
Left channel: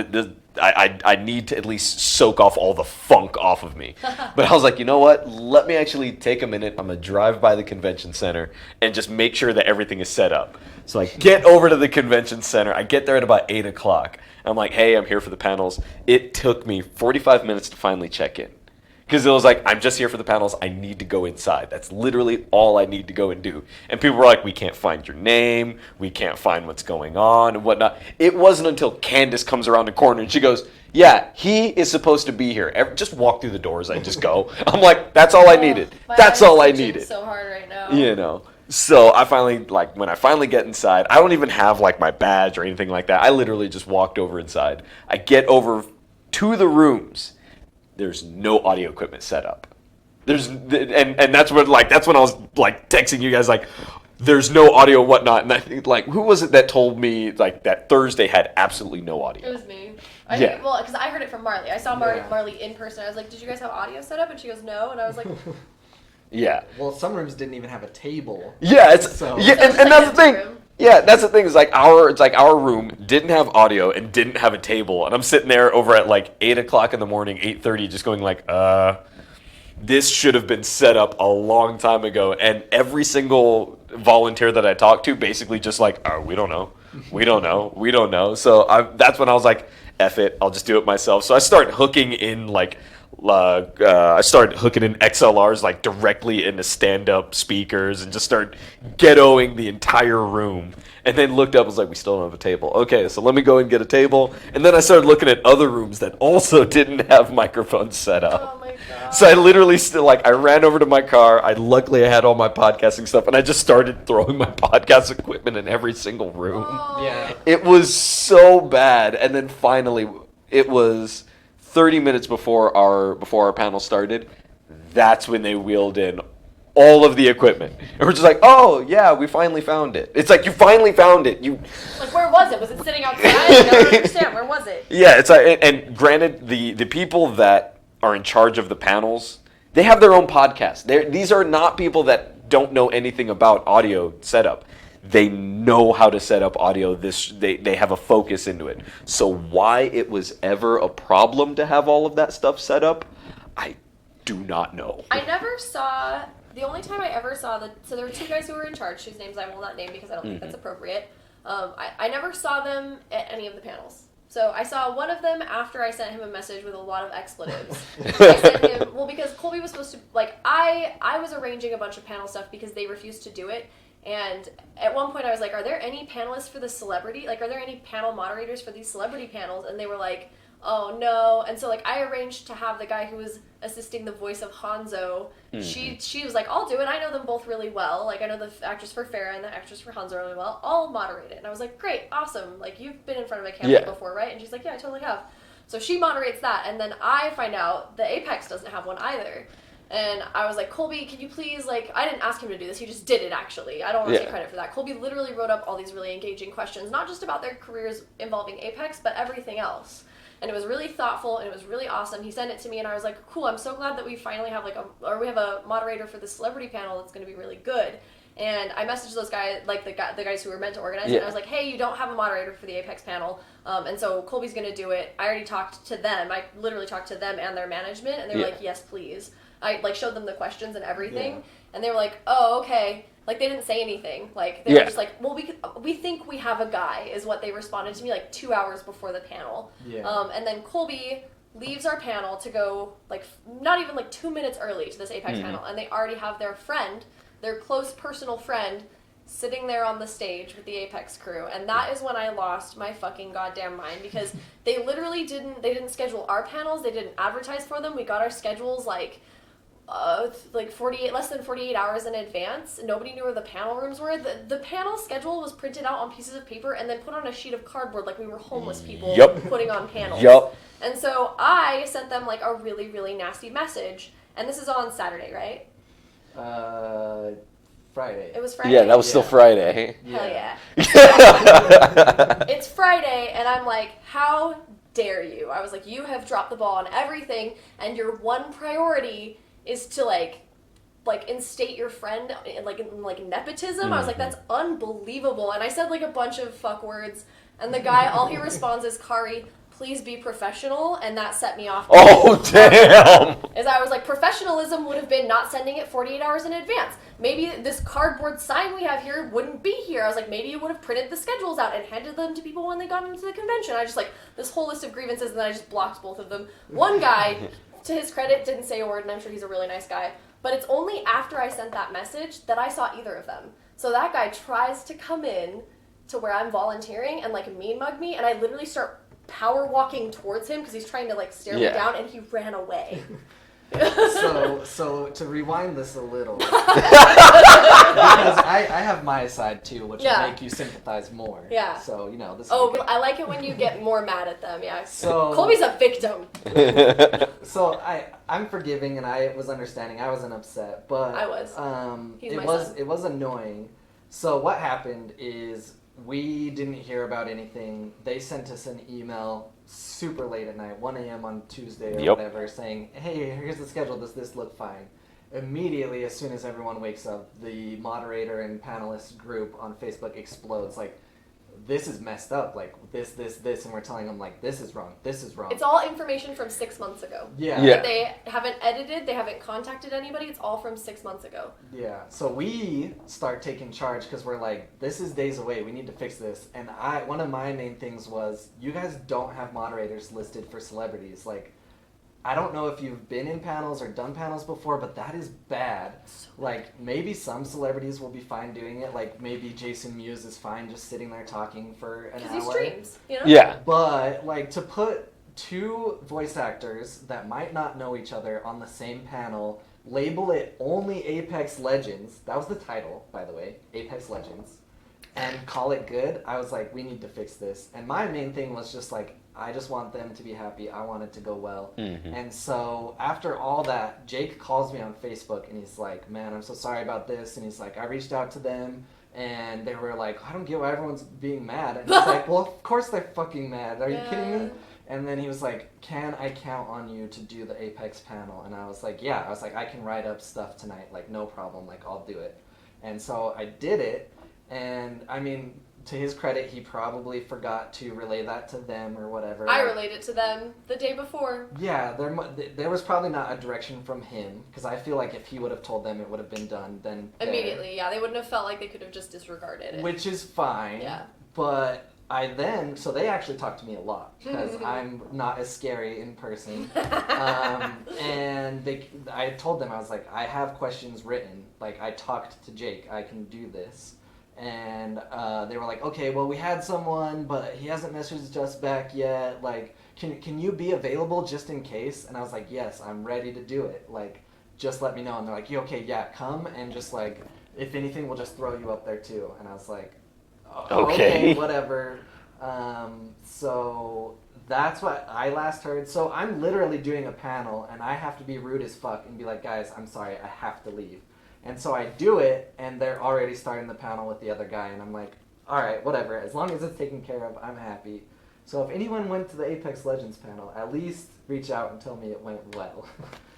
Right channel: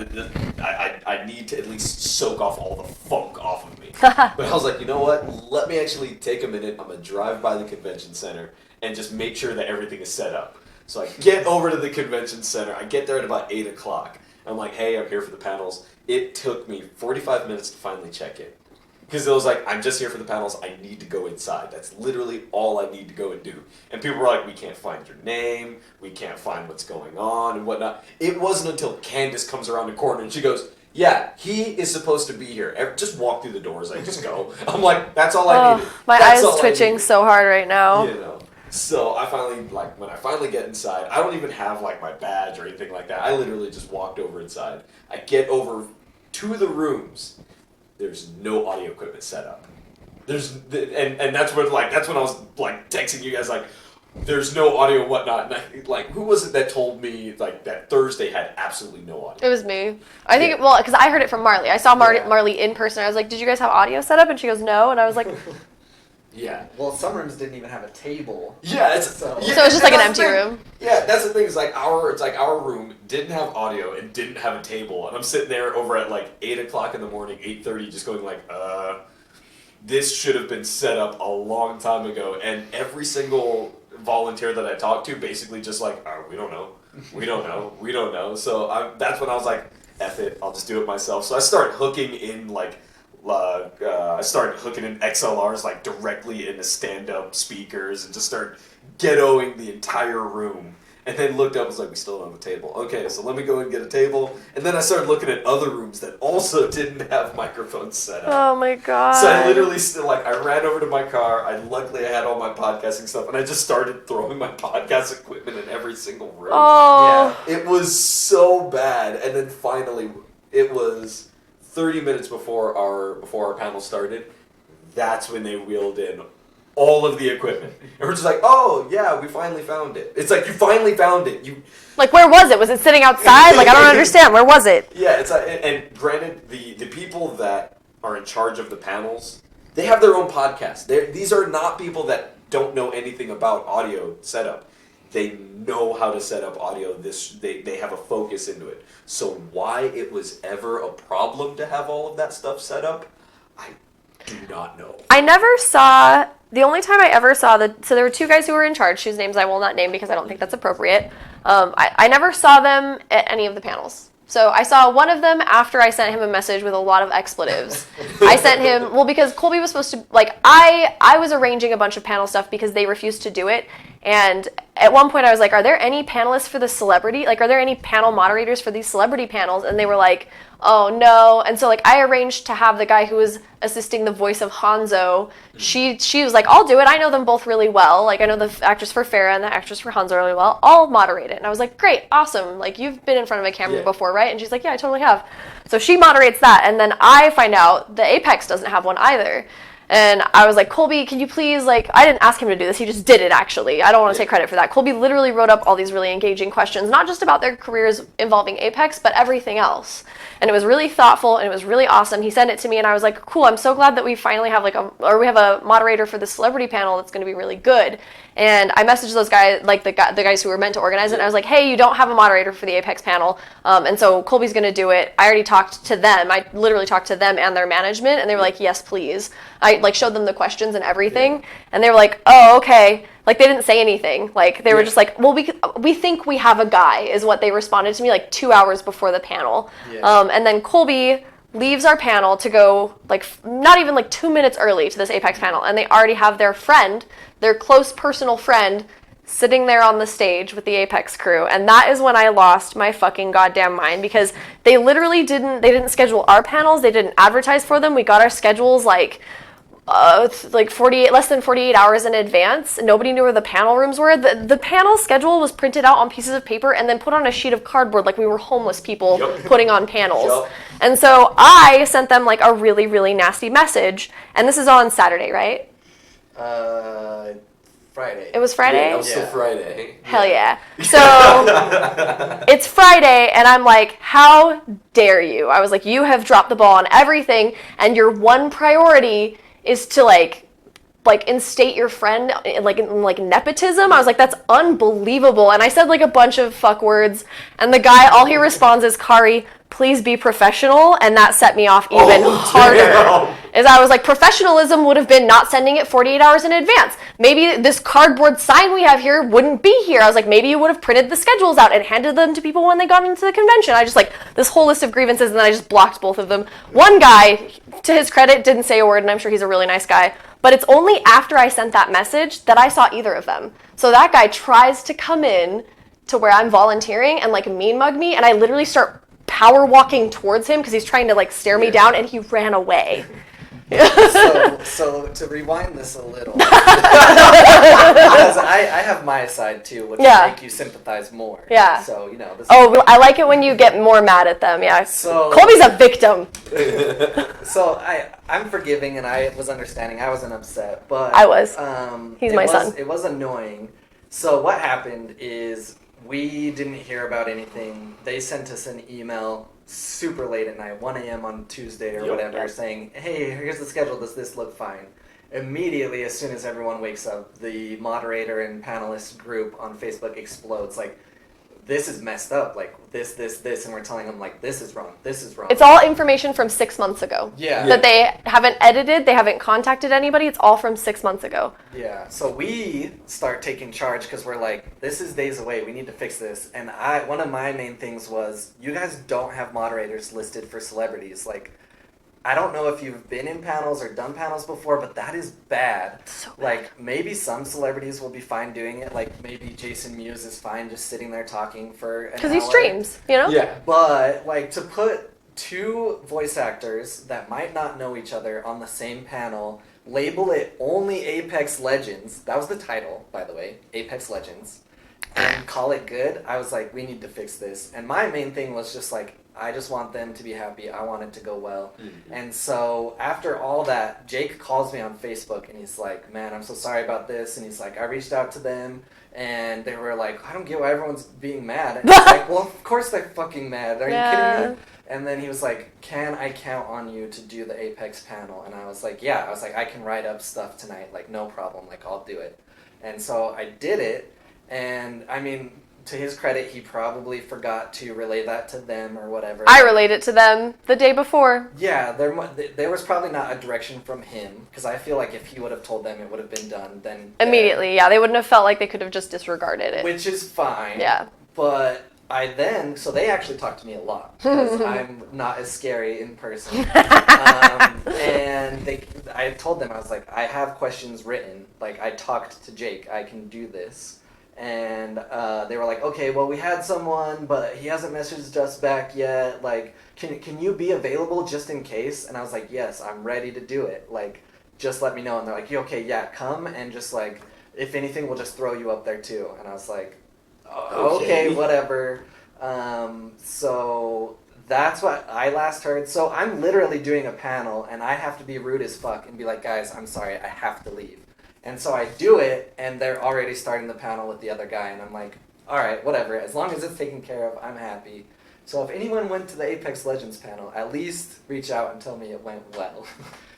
I need to at least soak off all the funk off of me. But I was like, you know what? Let me actually take a minute. I'm gonna drive by the convention center and just make sure that everything is set up. So I get over to the convention center. I get there at about 8 o'clock. I'm like, hey, I'm here for the panels. It took me 45 minutes to finally check in. Because it was like, I'm just here for the panels. I need to go inside. That's literally all I need to go and do. And people were like, we can't find your name. We can't find what's going on and whatnot. It wasn't until Candace comes around the corner and she goes, yeah, he is supposed to be here. Just walk through the doors. I just go. I'm like, that's all I needed. That's all I needed. My eyes twitching so hard right now. You know. So I finally, like, when I finally get inside, I don't even have, like, my badge or anything like that. I literally just walked over inside. I get over to the rooms. There's no audio equipment set up. And that's when I was like texting you guys like, there's no audio and whatnot. And I think like, who was it that told me like that Thursday had absolutely no audio? It was me. I think because I heard it from Marley. I saw Marley in person. I was like, did you guys have audio set up? And she goes, no. And I was like, yeah. Well, some rooms didn't even have a table. Yeah, so it's just like an empty room. Yeah, that's the thing. Is like our room didn't have audio and didn't have a table, and I'm sitting there over at like 8 o'clock in the morning, 8:30, just going like, this should have been set up a long time ago. And every single volunteer that I talked to, basically just like, we don't know, we don't know, we don't know. So that's when I was like, F it, I'll just do it myself. So I start hooking in like. I started hooking in XLRs like directly into stand-up speakers and just start ghettoing the entire room. And then looked up and was like, we still don't have a table. Okay, so let me go and get a table. And then I started looking at other rooms that also didn't have microphones set up. Oh my god. So I literally I ran over to my car. Luckily I had all my podcasting stuff, and I just started throwing my podcast equipment in every single room. Oh. Yeah. It was so bad. And then finally it was 30 minutes before our panel started, that's when they wheeled in all of the equipment. And we're just like, oh, yeah, we finally found it. It's like, you finally found it. Like, where was it? Was it sitting outside? Like, I don't understand. Where was it? Yeah, it's like, and granted, the people that are in charge of the panels, they have their own podcast. These are not people that don't know anything about audio setup. They know how to set up audio. They have a focus into it. So why it was ever a problem to have all of that stuff set up, I do not know. I never saw, the only time I ever saw so there were two guys who were in charge, whose names I will not name because I don't think that's appropriate. I never saw them at any of the panels. So I saw one of them after I sent him a message with a lot of expletives. I sent him, because Colby was supposed to, like, I was arranging a bunch of panel stuff because they refused to do it. And at one point I was like, are there any panelists for the celebrity? Like, are there any panel moderators for these celebrity panels? And they were like, oh, no. And so, like, I arranged to have the guy who was assisting the voice of Hanzo. She was like, I'll do it. I know them both really well. Like, I know the actress for Farrah and the actress for Hanzo really well. I'll moderate it. And I was like, great, awesome. Like, you've been in front of a camera before, right? And she's like, yeah, I totally have. So she moderates that. And then I find out the Apex doesn't have one either. And I was like, Colby, can you please, like, I didn't ask him to do this. He just did it, actually. I don't want to take credit for that. Colby literally wrote up all these really engaging questions, not just about their careers involving Apex, but everything else. And it was really thoughtful, and it was really awesome. He sent it to me, and I was like, cool, I'm so glad that we finally have, we have a moderator for the celebrity panel that's going to be really good. And I messaged those guys, like the guys who were meant to organize it, and I was like, hey, you don't have a moderator for the Apex panel, and so Colby's going to do it. I already talked to them. I literally talked to them and their management, and they were like, yes, please. I, like, showed them the questions and everything, and they were like, oh, okay. Like, they didn't say anything. Like, they were just like, well, we think we have a guy, is what they responded to me, like, 2 hours before the panel. And then Colby leaves our panel to go, like, not even, like, 2 minutes early to this Apex panel, and they already have their friend, their close personal friend, sitting there on the stage with the Apex crew. And that is when I lost my fucking goddamn mind, because they literally didn't schedule our panels, they didn't advertise for them. We got our schedules, like 48, less than 48 hours in advance. Nobody knew where the panel rooms were. The panel schedule was printed out on pieces of paper and then put on a sheet of cardboard, like we were homeless people putting on panels. And so I sent them, like, a really, really nasty message. And this is on Saturday, right? Friday. It was Friday? Yeah, that was still Friday. Hell yeah. So it's Friday, and I'm like, how dare you? I was like, you have dropped the ball on everything, and your one priority is to, like instate your friend, like nepotism. I was like, that's unbelievable. And I said, like, a bunch of fuck words, and the guy, all he responds is, Kari, please be professional, and that set me off even harder. Is I was like, professionalism would have been not sending it 48 hours in advance. Maybe this cardboard sign we have here wouldn't be here. I was like, maybe you would have printed the schedules out and handed them to people when they got into the convention. I just, like, this whole list of grievances, and then I just blocked both of them. One guy, to his credit, didn't say a word, and I'm sure he's a really nice guy. But it's only after I sent that message that I saw either of them. So that guy tries to come in to where I'm volunteering and, like, mean mug me, and I literally start power walking towards him because he's trying to, like, stare me down, and he ran away. So to rewind this a little, because I have my side too, which will make you sympathize more. Yeah. So, you know. I like it when you get more mad at them. Yeah. So Colby's a victim. So I'm forgiving, and I was understanding. I wasn't upset, but I was. He's my son. It was annoying. So what happened is we didn't hear about anything. They sent us an email super late at night, 1 a.m. on Tuesday or whatever, saying, hey, here's the schedule, does this look fine? Immediately, as soon as everyone wakes up, the moderator and panelist group on Facebook explodes, like, this is messed up, like, this, and we're telling them, like, this is wrong. It's all information from 6 months ago. That they haven't edited, they haven't contacted anybody, it's all from 6 months ago. Yeah, so we start taking charge because we're like, this is days away, we need to fix this. And one of my main things was, you guys don't have moderators listed for celebrities. Like, I don't know if you've been in panels or done panels before, but that is bad. So bad. Like, maybe some celebrities will be fine doing it. Like, maybe Jason Mewes is fine just sitting there talking for an hour. Because he streams, you know? Yeah. But, like, to put two voice actors that might not know each other on the same panel, label it only Apex Legends, that was the title, by the way, Apex Legends, and call it good, I was like, we need to fix this. And my main thing was just like, I just want them to be happy. I want it to go well. Mm-hmm. And so after all that, Jake calls me on Facebook, and he's like, man, I'm so sorry about this. And he's like, I reached out to them, and they were like, I don't get why everyone's being mad. And he's like, well, of course they're fucking mad. Are you kidding me? And then he was like, can I count on you to do the Apex panel? And I was like, yeah. I was like, I can write up stuff tonight. Like, no problem. Like, I'll do it. And so I did it. And, I mean, to his credit, he probably forgot to relay that to them or whatever. I relayed it to them the day before. Yeah, there was probably not a direction from him, because I feel like if he would have told them, it would have been done then. Immediately, yeah. They wouldn't have felt like they could have just disregarded it. Which is fine. Yeah. But So they actually talked to me a lot because I'm not as scary in person. And I told them, I was like, I have questions written. Like, I talked to Jake, I can do this. And they were like, okay, well, we had someone, but he hasn't messaged us back yet. Like, can you be available just in case? And I was like, yes, I'm ready to do it. Like, just let me know. And they're like, okay, yeah, come, and just like, if anything, we'll just throw you up there too. And I was like, okay, whatever. So that's what I last heard. So I'm literally doing a panel, and I have to be rude as fuck and be like, guys, I'm sorry, I have to leave. And so I do it, and they're already starting the panel with the other guy, and I'm like, all right, whatever. As long as it's taken care of, I'm happy. So if anyone went to the Apex Legends panel, at least reach out and tell me it went well.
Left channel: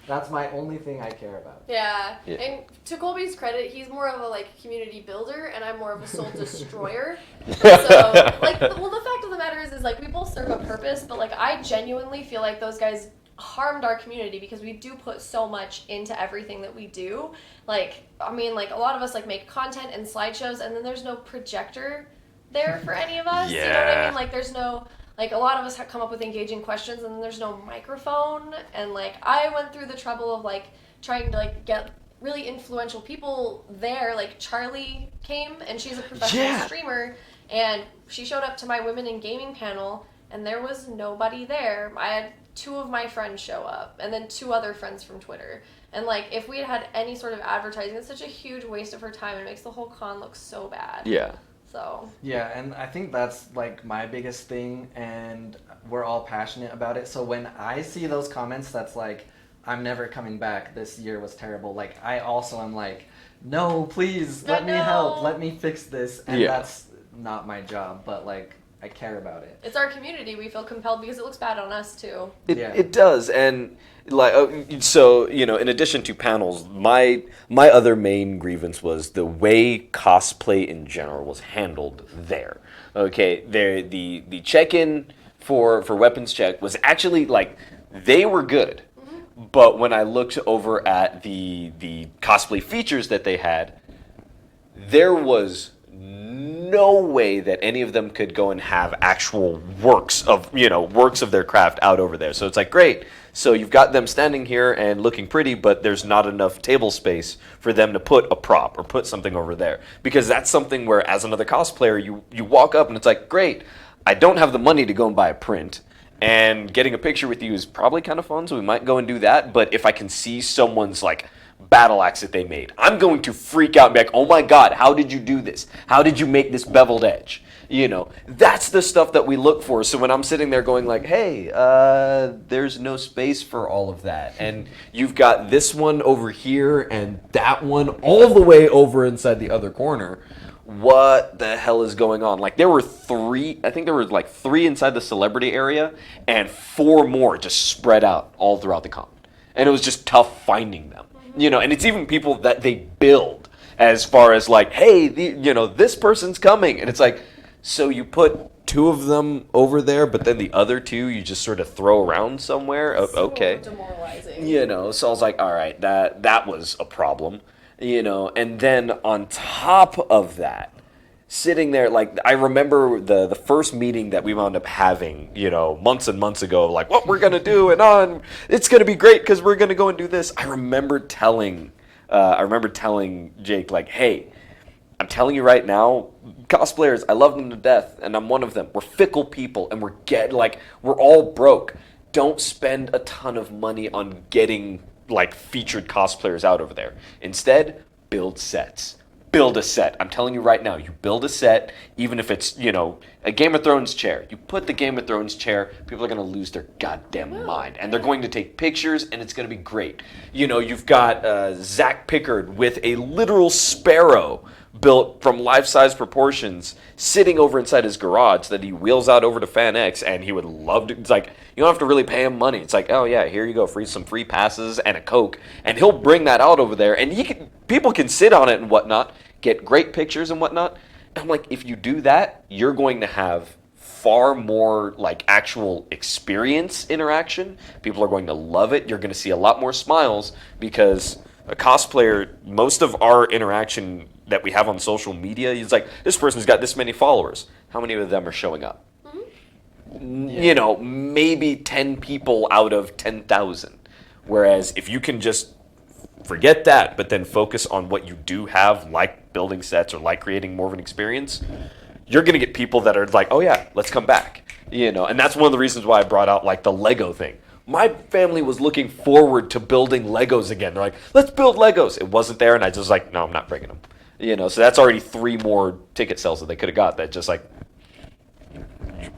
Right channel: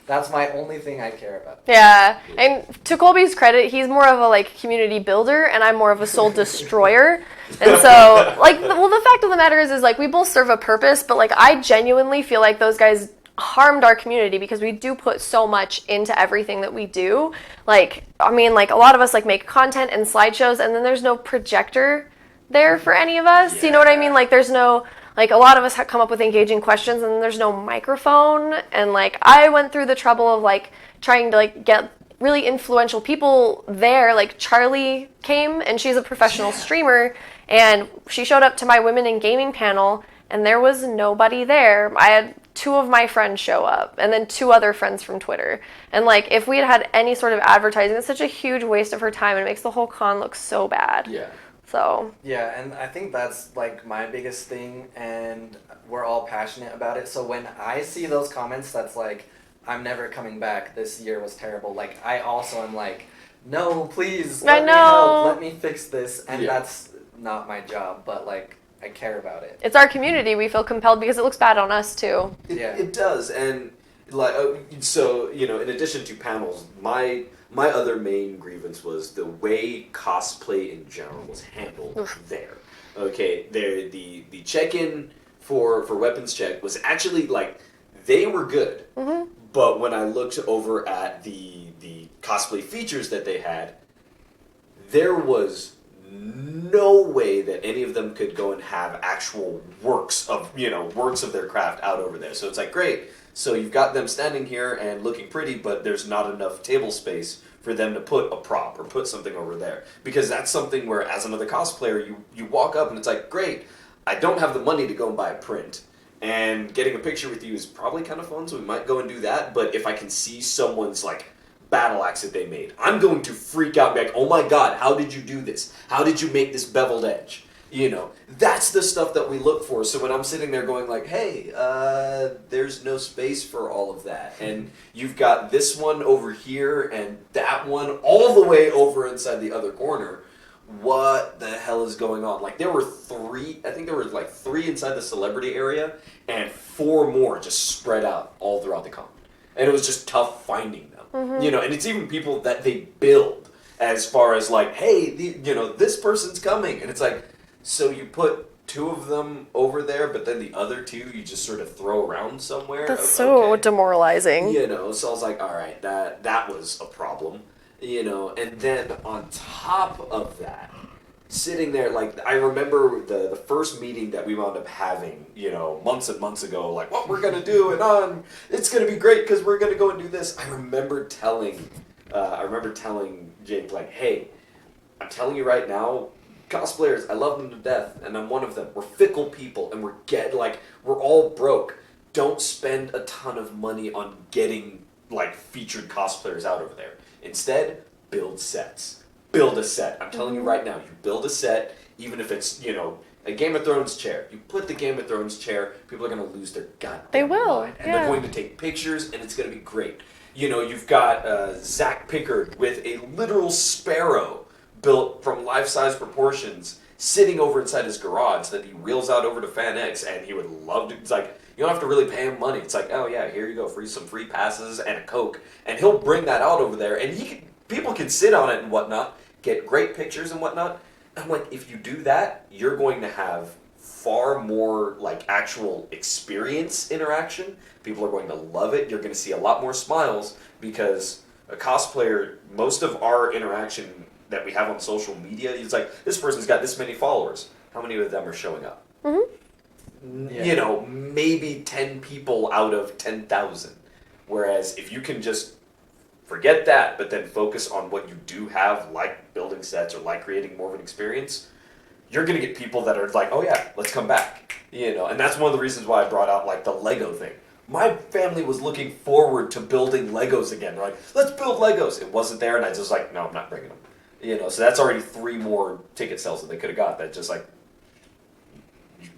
That's my only thing I care about. Yeah, and to Colby's credit, he's more of a like community builder, and I'm more of a soul destroyer. And so, like, the fact of the matter is like we both serve a purpose, but like I genuinely feel like those guys harmed our community because we do put so much into everything that we do. Like, I mean, like a lot of us like make content and slideshows, and then there's no projector there for any of us. Yeah. You know what I mean? Like, there's no. Like, a lot of us have come up with engaging questions, and there's no microphone. And, like, I went through the trouble of, like, trying to, like, get really influential people there. Like, Charlie came, and she's a professional streamer, and she showed up to my Women in Gaming panel, and there was nobody there. I had 2 of my friends show up, and then 2 other friends from Twitter. And, like, if we had had any sort of advertising, it's such a huge waste of her time, and it makes the whole con look so bad. Yeah. So. Yeah, and I think that's like my biggest thing, and we're all passionate about it. So when I see those comments that's like, I'm never coming back, this year was terrible, like I also am like, no, please, let me help, let me fix this. And that's not my job, but like I care about it. It's our community. We feel compelled because it looks bad on us too. It does, and like so, you know, in addition to panels, my other main grievance was the way cosplay in general was handled there. Okay, the check-in for weapons check was actually like they were good, but when I looked over at the cosplay features that they had, there was no way that any of them could go and have actual works of their craft out over there. So it's like, great. So you've got them standing here and looking pretty, but there's not enough table space for them to put a prop or put something over there. Because that's something where, as another cosplayer, you walk up and it's like, great, I don't have the money to go and buy a print. And getting a picture with you is probably kind of fun, so we might go and do that. But if I can see someone's, like, battle axe that they made, I'm going to freak out and be like, oh my god, how did you do this? How did you make this beveled edge? You know, that's the stuff that we look for. So when I'm sitting there going like, hey, there's no space for all of that. And you've got this one over here and that one all the way over inside the other corner. What the hell is going on? Like, there were 3, I think there were like 3 inside the celebrity area and 4 more just spread out all throughout the con. And it was just tough finding them. You know, and it's even people that they build as far as like, hey, this person's coming. And it's like, so you put 2 of them over there, but then the other 2 you just sort of throw around somewhere. That's so demoralizing. You know, so I was like, all right, that was a problem. You know, and then on top of that, sitting there, like, I remember the first meeting that we wound up having, you know, months and months ago, like, what we're going to do, and it's going to be great because we're going to go and do this. I remember telling Jake, like, hey, I'm telling you right now, cosplayers, I love them to death, and I'm one of them. We're fickle people, and we're all broke. Don't spend a ton of money on getting, like, featured cosplayers out over there. Instead, build sets. Build a set. I'm telling you right now, you build a set, even if it's, you know, a Game of Thrones chair. You put the Game of Thrones chair, people are going to lose their goddamn mind. And they're going to take pictures, and it's going to be great. You know, you've got Zach Pickard with a literal sparrow built from life-size proportions sitting over inside his garage that he wheels out over to FanX, and he would love to. It's like, you don't have to really pay him money. It's like, oh yeah, here you go, some free passes and a Coke, and he'll bring that out over there, and people can sit on it and whatnot, get great pictures and whatnot. And I'm like, if you do that, you're going to have far more like actual experience interaction. People are going to love it. You're going to see a lot more smiles because a cosplayer, most of our interaction that we have on social media is like, this person's got this many followers. how many of them are showing up? Mm-hmm. You know, maybe 10 people out of 10,000. Whereas if you can just forget that, but then focus on what you do have, like building sets or like creating more of an experience, you're going to get people that are like, oh yeah, let's come back. You know, and that's one of the reasons why I brought out like the Lego thing. My family was looking forward to building Legos again. They're like, let's build Legos. It wasn't there, and I just was like, no, I'm not bringing them. You know, so that's already 3 more ticket sales that they could have got. That just like,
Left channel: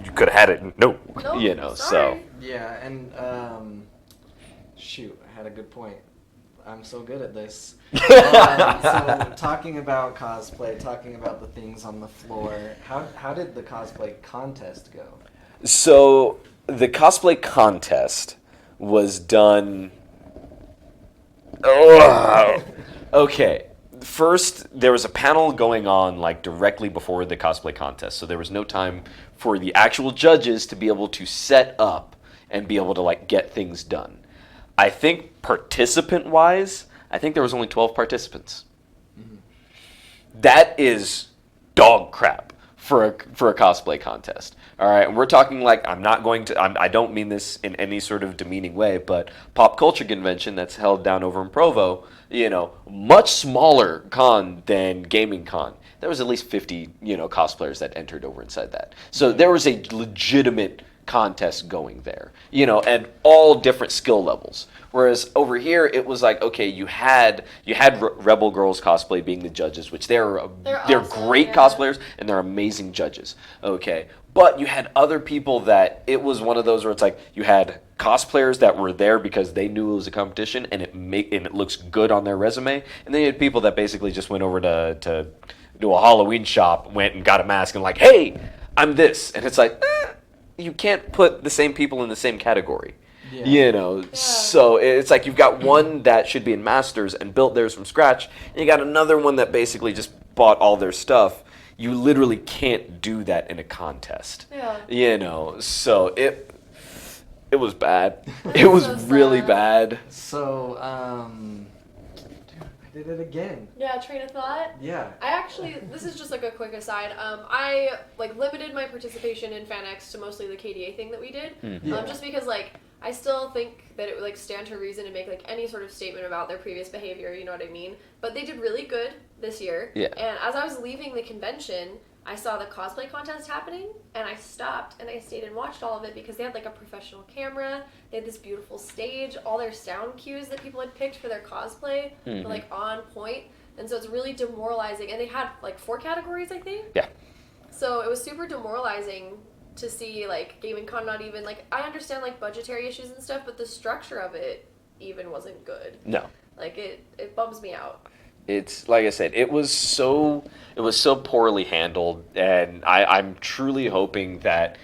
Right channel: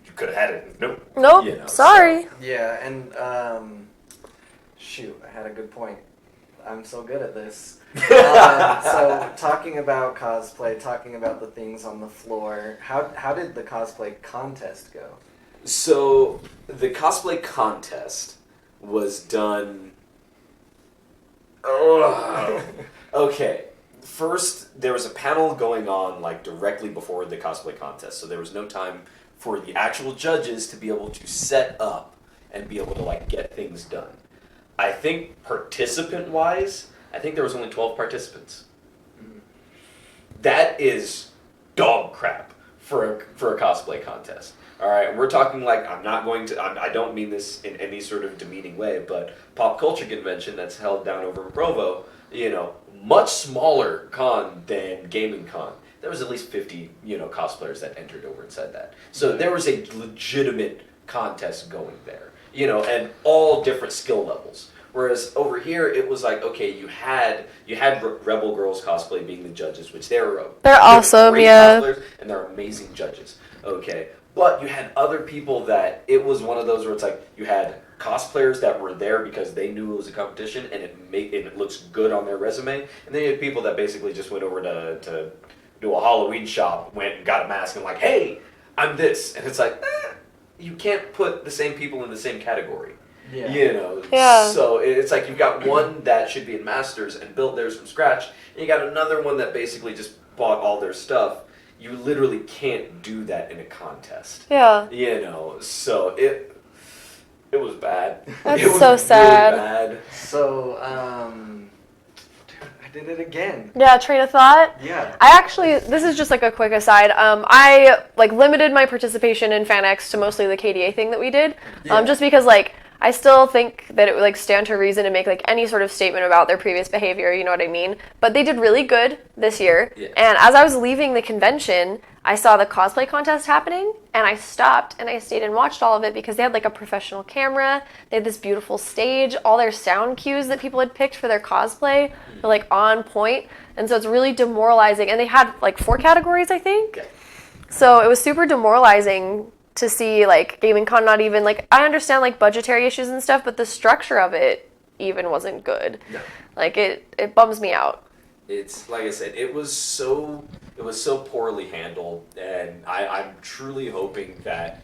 you could have had it. Nope. Nope. You know, Sorry. So. Yeah, and shoot, I had a good point. I'm so good at this. So talking about cosplay, talking about the things on the floor, how did the cosplay contest go? So the cosplay contest was done. Okay. First, there was a panel going on like directly before the cosplay contest, so there was no time for the actual judges to be able to set up and be able to like get things done. I think participant-wise, I think there was only 12 participants. That is dog crap for a cosplay contest. All right, we're talking like I don't mean this in any sort of demeaning way, but pop culture convention that's held down over in Provo, you know, much smaller con than gaming con. There was at least 50, you know, cosplayers that entered over inside that. So there was a legitimate contest going there, you know, and all different skill levels. Whereas over here, it was like, okay, you had Rebel Girls cosplay being the judges, which they're awesome, great yeah. cosplayers and they're amazing judges. Okay, but you had other people that it was one of those where it's like you had cosplayers that were there because they knew it was a competition and it looks good on their resume, and then you had people that basically just went over to do a Halloween shop, went and got a mask and like, hey, I'm this, and it's like, you can't put the same people in the same category. Yeah. You know, Yeah. so it's like you've got one that should be in Masters and built theirs from scratch, and you got another one that basically just bought all their stuff. You literally can't do that in a contest. Yeah. You know, so it was bad. That's it was so really sad. bad. So, dude, I did it again. Yeah, train of thought. Yeah. I actually, this is just like a quick aside. I like limited my participation in FanX to mostly the KDA thing that we did, Yeah. just because like I still think that it would like stand to reason to make like any sort of statement about their previous behavior. You know what I mean? But they did really good this year. Yeah. And as I was leaving the convention, I saw the cosplay contest happening, and I stopped and I stayed and watched all of it because they had like a professional camera. They had this beautiful stage. All their sound cues that people had picked for their cosplay were like on point. And so it's really demoralizing. And they had like 4 categories, I think. Yeah. So it was super demoralizing to see like Gaming Con not even like, I understand like budgetary issues and stuff, but the structure of it even wasn't good. No. Like it bums me out. It's like I said, it was so poorly handled, and I'm truly hoping that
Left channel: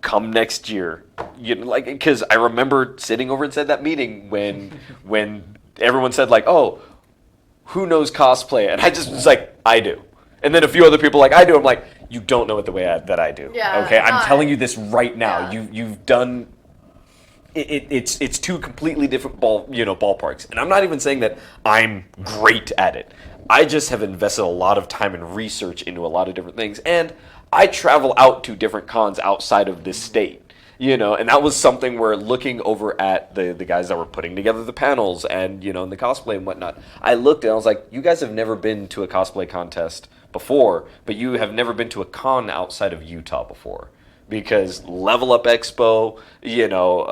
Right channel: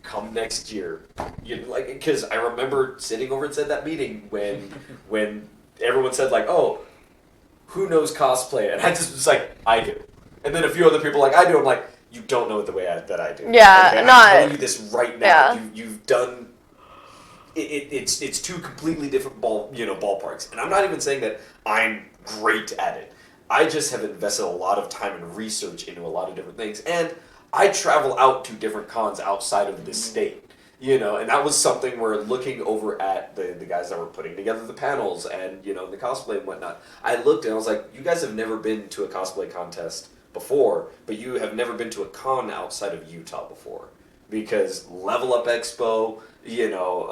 come next year, you know, like, because I remember sitting over inside that meeting when everyone said like, oh, who knows cosplay, and I just was like, I do, and then a few other people like, I do. I'm like, you don't know it the way that I do. Yeah, Okay, I'm telling you this right now. Yeah. You've done. It's 2 completely different ballparks, and I'm not even saying that I'm great at it. I just have invested a lot of time and research into a lot of different things, and I travel out to different cons outside of this state, you know, and that was something where looking over at the guys that were putting together the panels and, you know, and the cosplay and whatnot, I looked and I was like, you guys have never been to a cosplay contest before, but you have never been to a con outside of Utah before, because Level Up Expo, you know,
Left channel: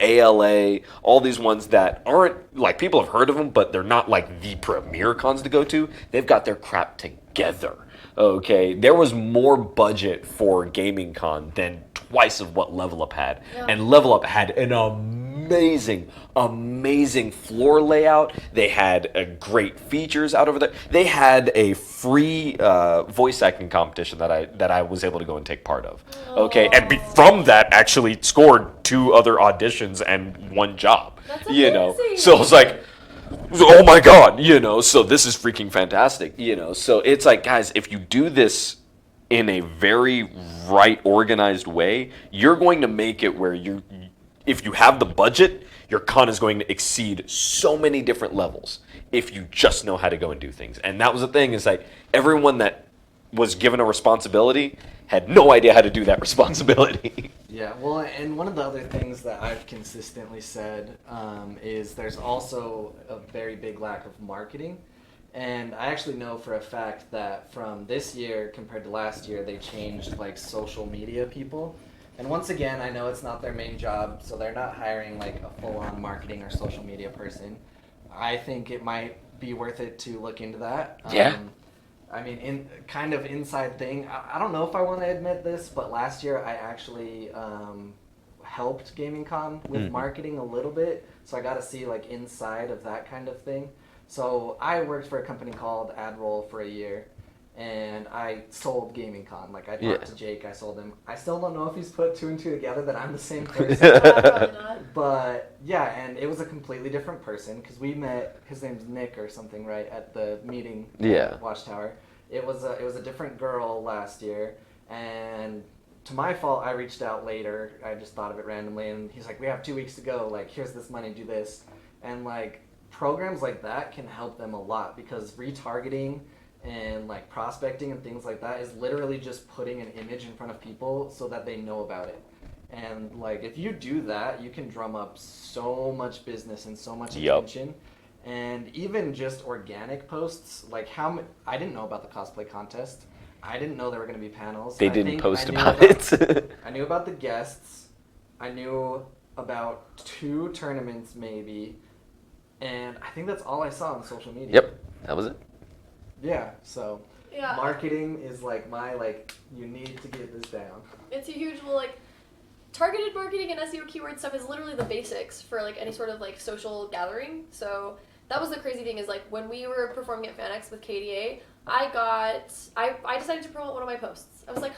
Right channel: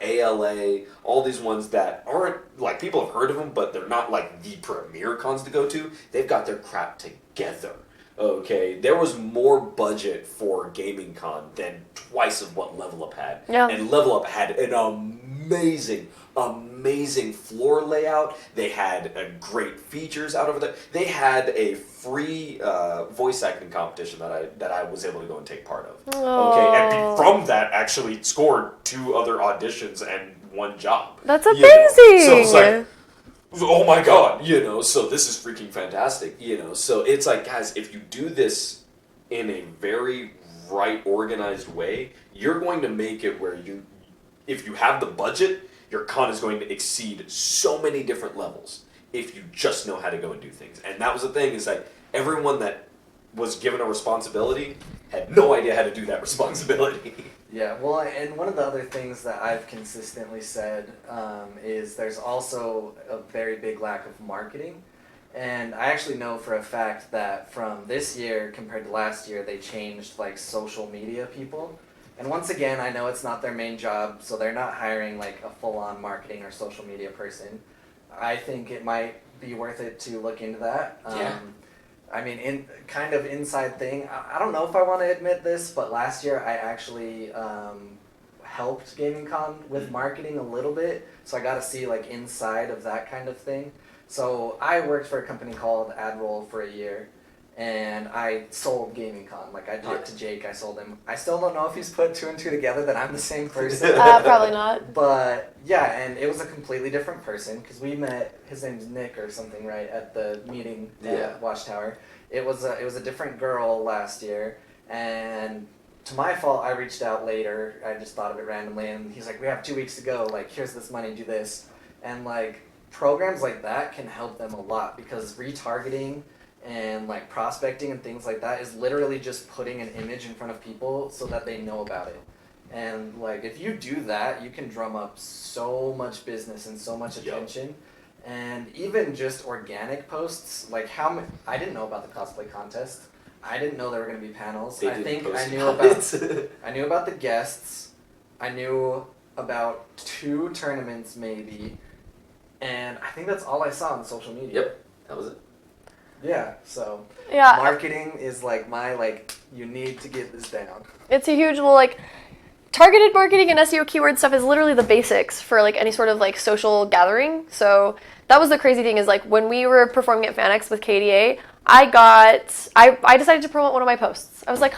ALA, all these ones that aren't, like, people have heard of them, but they're not like the premier cons to go to. They've got their crap together. Okay, there was more budget for Gaming Con than twice of what Level Up had. Yeah. And Level Up had an amazing floor layout. They had great features out over there. They had a free voice acting competition that I was able to go and take part of. Okay, and from that actually scored 2 other auditions and 1 job. That's you know. amazing. So it was like, oh my god, you know, so this is freaking fantastic, you know. So it's like, guys, if you do this in a very right organized way, you're going to make it where if you have the budget, your con is going to exceed so many different levels if you just know how to go and do things. And that was the thing, is like everyone that was given a responsibility had no idea how to do that responsibility. Yeah, well, and one of the other things that I've consistently said is there's also a very big lack of marketing. And I actually know for a fact that from this year compared to last year, they changed like social media people. And once again, I know it's not their main job, so they're not hiring like a full-on marketing or social media person. I think it might be worth it to look into that. Yeah. I mean, in kind of inside thing. I don't know if I want to admit this, but last year I actually helped Gaming Con with marketing a little bit, so I got to see like inside of that kind of thing. So I worked for a company called AdRoll for a year, and I sold Gaming Con. Like I talked to Jake, I sold him. I still don't know if he's put 2 and 2 together that I'm the same person. Probably not. But yeah, and it was a completely different person because we met. His name's Nick or something, right, at the meeting at Watchtower. It was a different girl last year, and to my fault, I reached out later. I just thought of it randomly, and he's like, "We have 2 weeks to go. Like, here's this money. Do this." And like programs like that can help them a lot because retargeting and like prospecting and things like that is literally just putting an image in front of people so that they know about it. And like if you do that, you can drum up so much business and so much attention. And even just organic posts, like I didn't know about the cosplay contest. I didn't know there were going to be panels. They didn't post about it. I knew about the guests. I knew about 2 tournaments maybe. And I think that's all I saw on social media. Yep, that was it. Yeah, so Yeah. marketing is like you need to get this down. It's a huge, targeted marketing and SEO keyword stuff is literally the basics for like any sort of like social gathering. So that was the crazy thing is like when we were performing at FanX with KDA, I decided to promote one of my posts. I was like,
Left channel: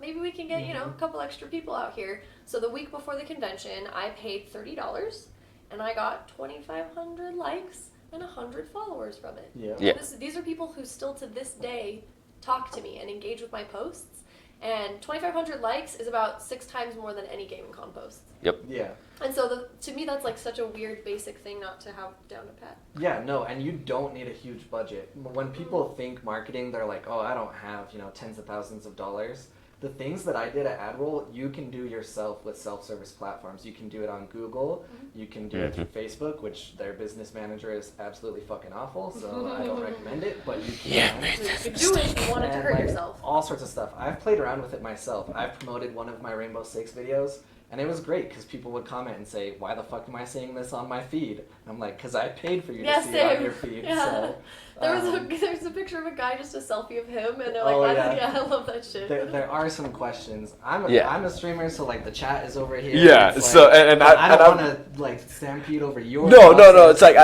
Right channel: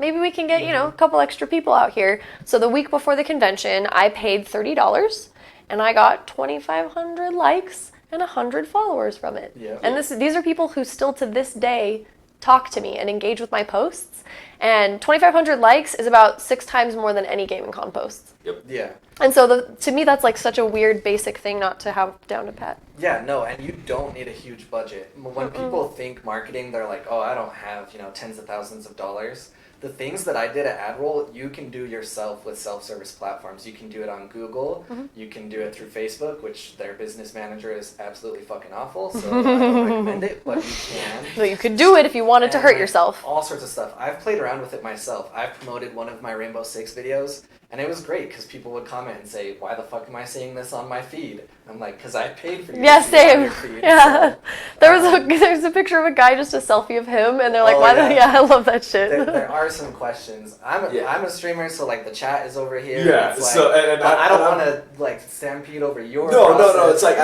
maybe we can get, a couple extra people out here. So the week before the convention, I paid $30 and I got 2,500 likes and 100 followers from it. Yeah. And these are people who still to this day talk to me and engage with my posts. And 2,500 likes is about 6 times more than any Gaming Con posts. Yep. Yeah. And so to me, that's like such a weird basic thing not to have down to pat. Yeah, no, and you don't need a huge budget. When people think marketing, they're like, oh, I don't have, tens of thousands of dollars. The things that I did at AdRoll, you can do yourself with self-service platforms. You can do it on Google. You can do it through Facebook, which their business manager is absolutely fucking awful, so I don't recommend it, but you can. So you could do it if you wanted to hurt yourself. All sorts of stuff. I've played around with it myself. I've promoted one of my Rainbow Six videos, and it was great because people would comment and say, why the fuck am I seeing this on my feed? I'm like, because I paid for you to see it on your feed. Yeah. So, There's a picture of a guy, just a selfie of him, and they're like, I love that shit. there are some questions. I'm a streamer, so like the chat is over here. Yeah, like, so and I don't want to like stampede over your. No. It's like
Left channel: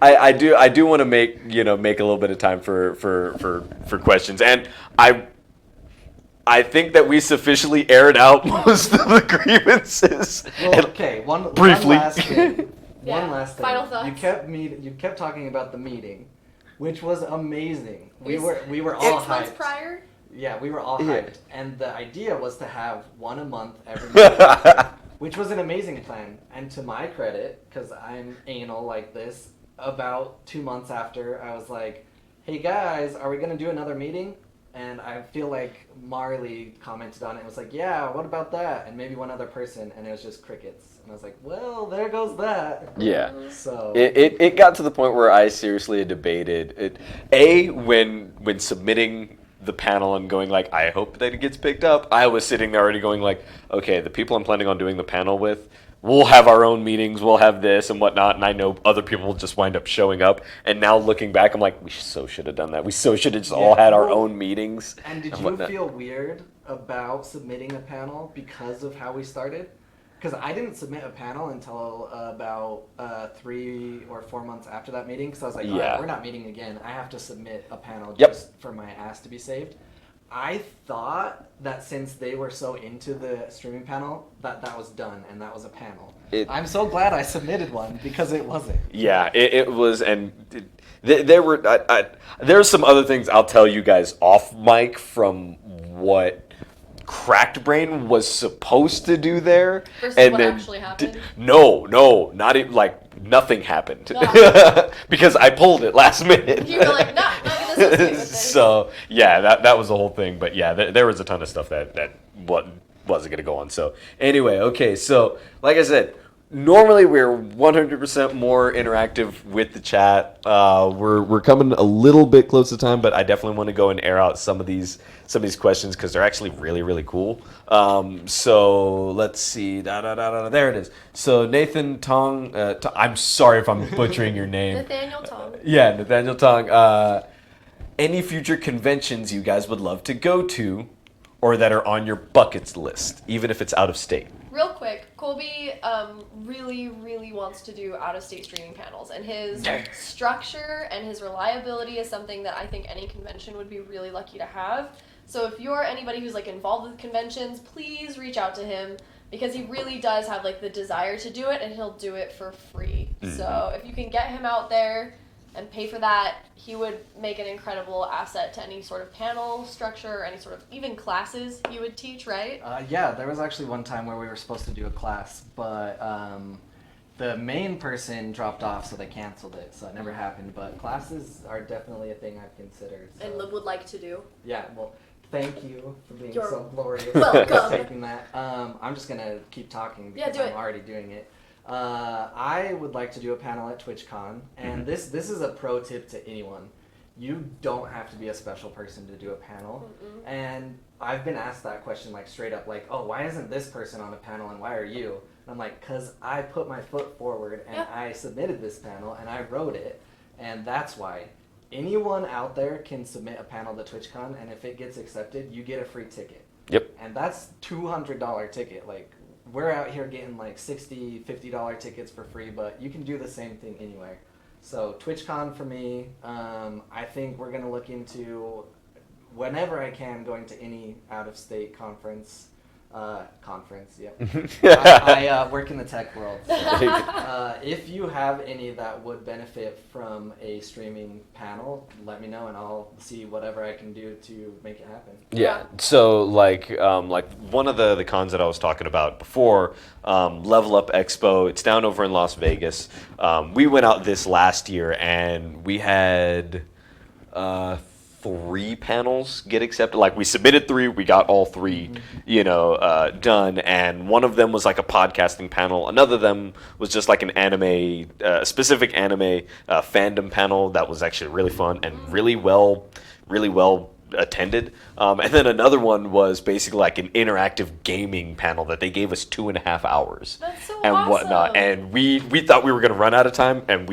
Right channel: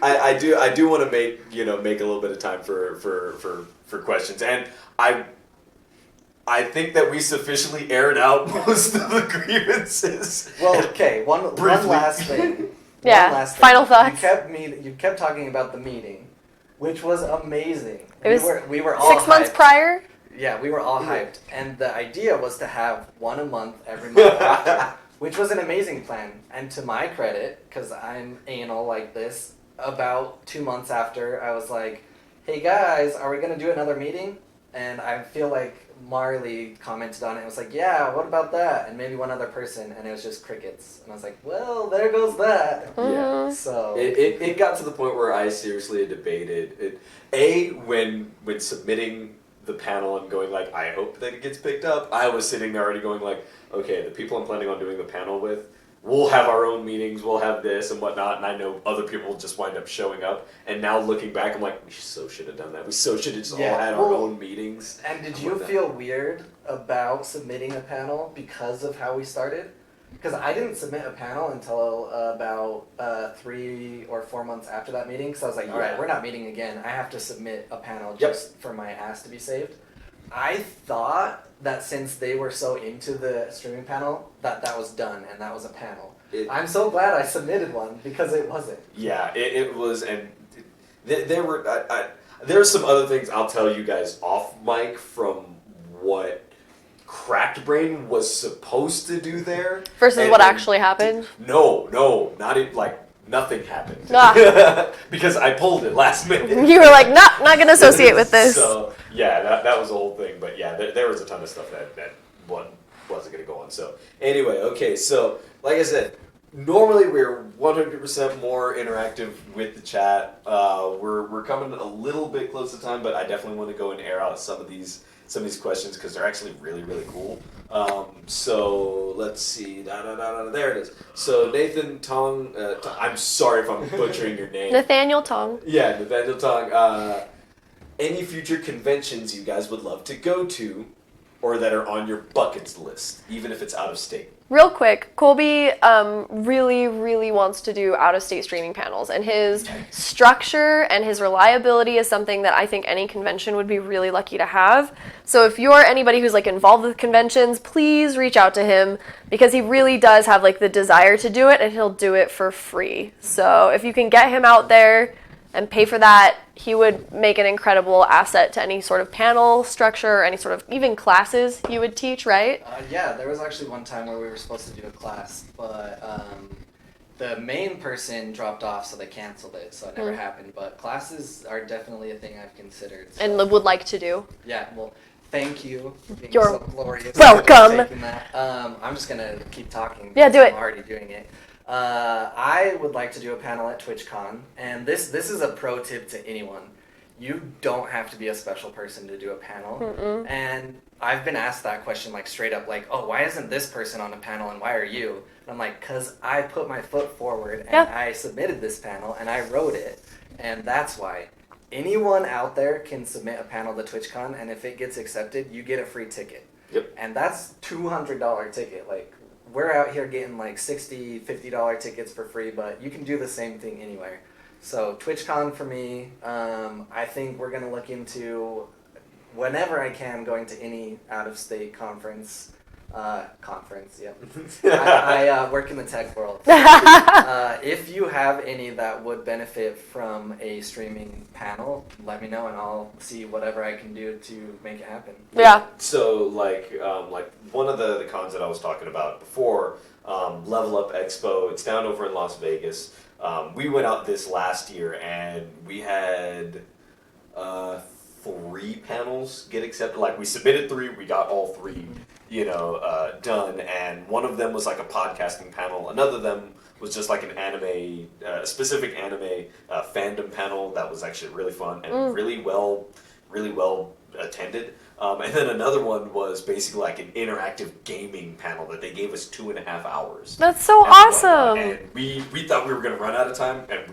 I do want to make a little bit of time for questions, and I think that we sufficiently aired out most of the grievances. Well, okay, one last thing. Yeah. One last thing. Final thoughts. You kept talking about the meeting, which was amazing. We were all 6 months hyped. prior. Yeah, we were all hyped, and the idea was to have one a month every month, which was an amazing plan. And to my credit, because I'm anal like this, about 2 months after, I was like, "Hey guys, are we gonna do another meeting?" And I feel like Marley commented on it. It was like, "Yeah, what about that?" And maybe one other person, and it was just crickets. And I was like, "Well, there goes that." Yeah. So it got to the point where I seriously debated it. When submitting the panel and going like, I hope that it gets picked up. I was sitting there already going like, okay, the people I'm planning on doing the panel with, we'll have our own meetings, we'll have this and whatnot, and I know other people will just wind up showing up. And now looking back, I'm like, we so should have done that. We so should have just all had our own meetings. And did you feel weird about submitting a panel because of how we started? Because I didn't submit a panel until about 3 or 4 months after that meeting. Because I was like, all right, we're not meeting again. I have to submit a panel just for my ass to be saved. I thought that since they were so into the streaming panel, that was done and that was a panel. I'm so glad I submitted one because it wasn't. Yeah, it was, and there were there's some other things I'll tell you guys off mic from what Cracked Brain was supposed to do there versus what actually happened. No, not even like nothing happened Ah. because I pulled it last minute. You were like, nah, not gonna associate with this. So yeah, that was the whole thing. But yeah, there was a ton of stuff that wasn't gonna go on. So anyway, okay, so like I said, normally we're 100% more interactive with the chat. We're coming a little bit close to time, but I definitely want to go and air out some of these questions because they're actually really, really cool. So let's see. There it is. So Nathan Tong. I'm sorry if I'm butchering your name. Nathaniel Tong. Yeah, Nathaniel Tong. Any future conventions you guys would love to go to, or that are on your buckets list, even if it's out of state? Real quick, Colby really, really wants to do out-of-state streaming panels, and his structure and his reliability is something that I think any convention would be really lucky to have. So if you're anybody who's like involved with conventions, please reach out to him because he really does have like the desire to do it, and he'll do it for free. So if you can get him out there and pay for that, he would make an incredible asset to any sort of panel structure, or any sort of even classes you would teach, right? Yeah, there was actually one time where we were supposed to do a class, but the main person dropped off, so they canceled it, so it never happened. But classes are definitely a thing I've considered. So. And would like to do. Yeah, well, thank you for being You're so glorious. welcome. Taking that. I'm just going to keep talking. Yeah, do it. I'm already doing it. I would like to do a panel at TwitchCon, and this is a pro tip to anyone. You don't have to be a special person to do a panel. And I've been asked that question like straight up, like, oh, why isn't this person on the panel and why are you? And I'm like, because I put my foot forward and I submitted this panel and I wrote it, and that's why. Anyone out there can submit a panel to TwitchCon, and if it gets accepted, you get a free ticket. Yep. And that's $200 ticket. Like, we're out here getting like $60, $50 tickets for free, but you can do the same thing anywhere. So TwitchCon for me, I think we're going to look into, whenever I can, going to any out-of-state conference. I work in the tech world. So, if you have any that would benefit from a streaming panel, let me know and I'll see whatever I can do to make it happen. Yeah. So like one of the cons that I was talking about before, Level Up Expo, it's down over in Las Vegas. We went out this last year and we had 3 panels get accepted. Like we submitted 3, we got all 3, done. And one of them was like a podcasting panel. Another of them was just like an anime, specific anime fandom panel that was actually really fun and really well attended. And then another one was basically like an interactive gaming panel that they gave us 2.5 hours. That's so and awesome. Whatnot. And we thought we were going to run out of time, and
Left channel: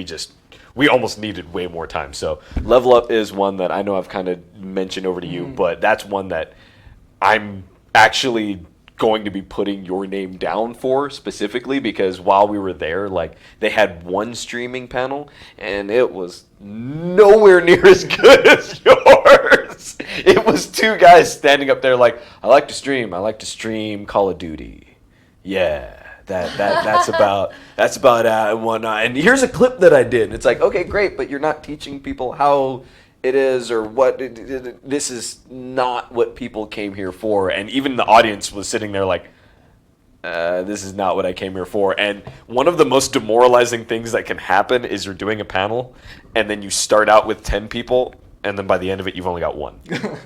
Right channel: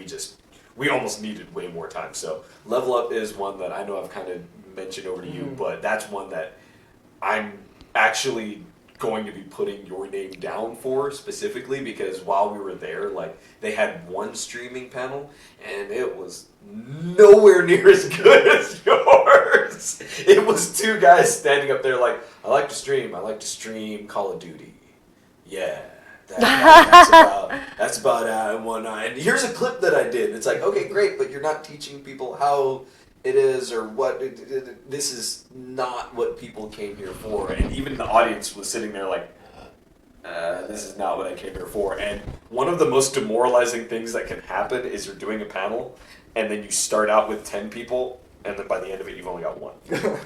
we almost needed way more time. So Level Up is one that I know I've kind of mentioned over to you, but that's one that I'm actually going to be putting your name down for specifically because while we were there, like they had one streaming panel and it was nowhere near as good as yours. It was 2 guys standing up there like, I like to stream Call of Duty. Yeah. That's about one. And here's a clip that I did. It's like, okay, great, but you're not teaching people how it is or what. This is not what people came here for. And even the audience was sitting there like, this is not what I came here for. And one of the most demoralizing things that can happen is you're doing a panel, and then you start out with 10 people, and then by the end of it, you've only got 1.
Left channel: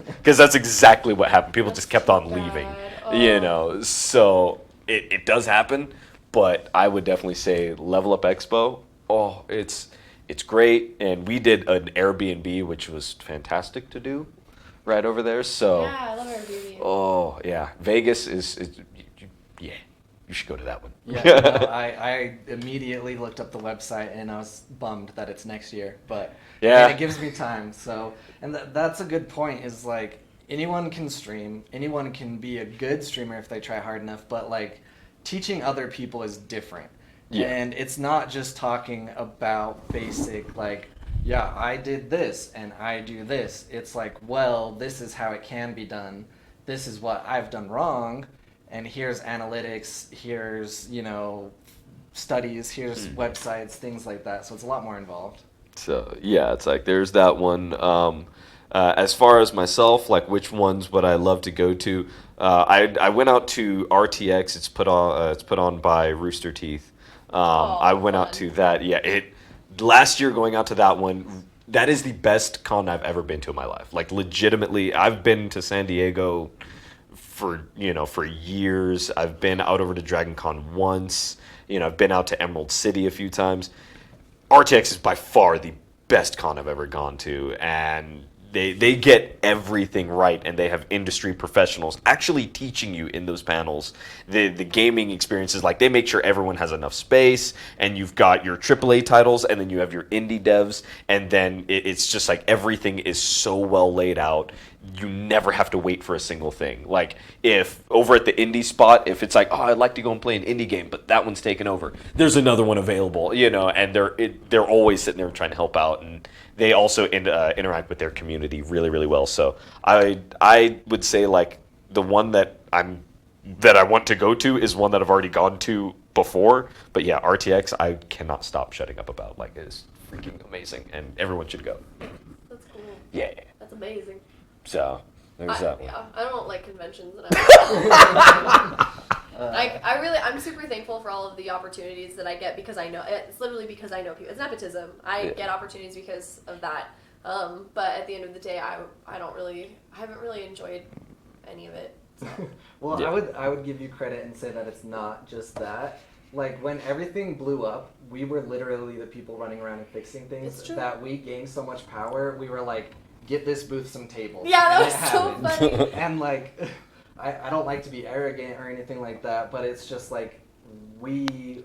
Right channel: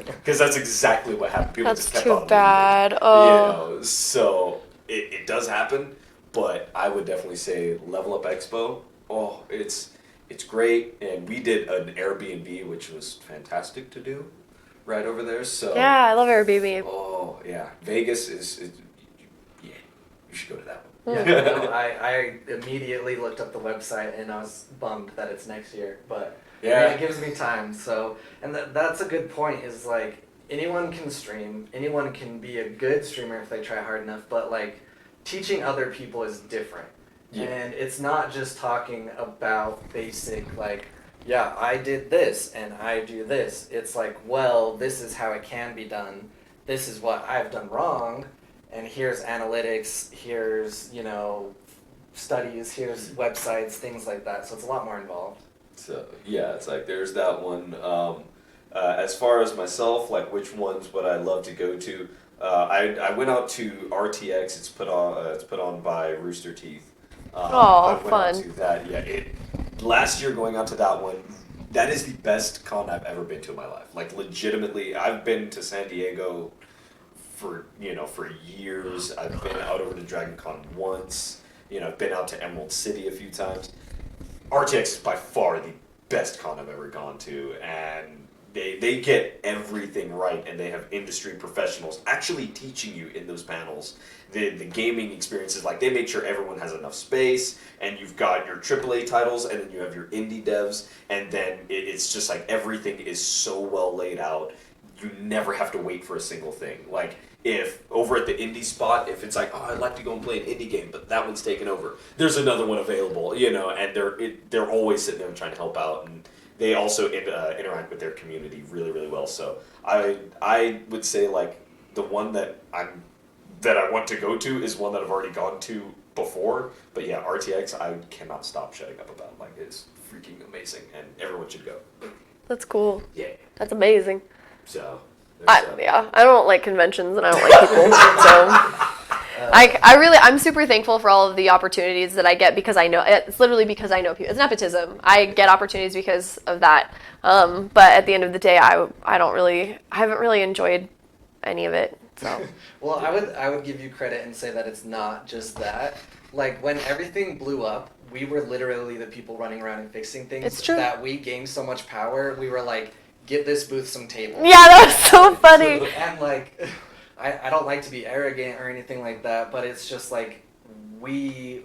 Because that's exactly what happened. People just kept on leaving. Oh. So. It does happen, but I would definitely say Level Up Expo. Oh, it's great, and we did an Airbnb, which was fantastic to do, right over there. So yeah, I love Airbnb. Oh yeah, Vegas is yeah, you should go to that one. Yeah, no, I immediately looked up the website and I was bummed that it's next year, but yeah, it gives me time. So, and that's a good point. Is like anyone can stream, anyone can be a good streamer if they try hard enough, but like teaching other people is different. Yeah. And it's not just talking about basic like, yeah, I did this and I do this. It's like, well, this is how it can be done. This is what I've done wrong, and here's analytics, here's, studies, here's websites, things like that. So it's a lot more involved. So yeah, it's like there's that one. As far as myself, like which ones would I love to go to? I went out to RTX. It's put on by Rooster Teeth. I went out fun. to that. Yeah, last year going out to that one. That is the best con I've ever been to in my life. Like legitimately, I've been to San Diego for years. I've been out over to Dragon Con once. I've been out to Emerald City a few times. RTX is by far the best con I've ever gone to, and they get everything right, and they have industry professionals actually teaching you in those panels the gaming experiences. Like they make sure everyone has enough space, and you've got your AAA titles, and then you have your indie devs, and then it's just like everything is so well laid out. You never have to wait for a single thing. Like if over at the indie spot, if it's like, oh, I'd like to go and play an indie game, but that one's taken over, there's another one available, and they're always sitting there trying to help out, and they also interact with their community really, really well. So I would say like the one that I want to go to is one that I've already gone to before. But yeah, RTX I cannot stop shutting up about. Like it is freaking amazing, and everyone should go. That's cool. Yeah. That's amazing. So. Yeah, I don't like conventions and I don't like people. So I'm super thankful for all of the opportunities that I get because I know it's literally because I know people. It's nepotism. I get opportunities because of that. But at the end of the day, I haven't really enjoyed any of it. So. Well, Yeah. I would give you credit and say that it's not just that. Like when everything blew up, we were literally the people running around and fixing things. It's true. That we gained so much power. We were like, give this booth some tables. Yeah, that was so funny. And like, I don't like to be arrogant or anything like that, but it's just like we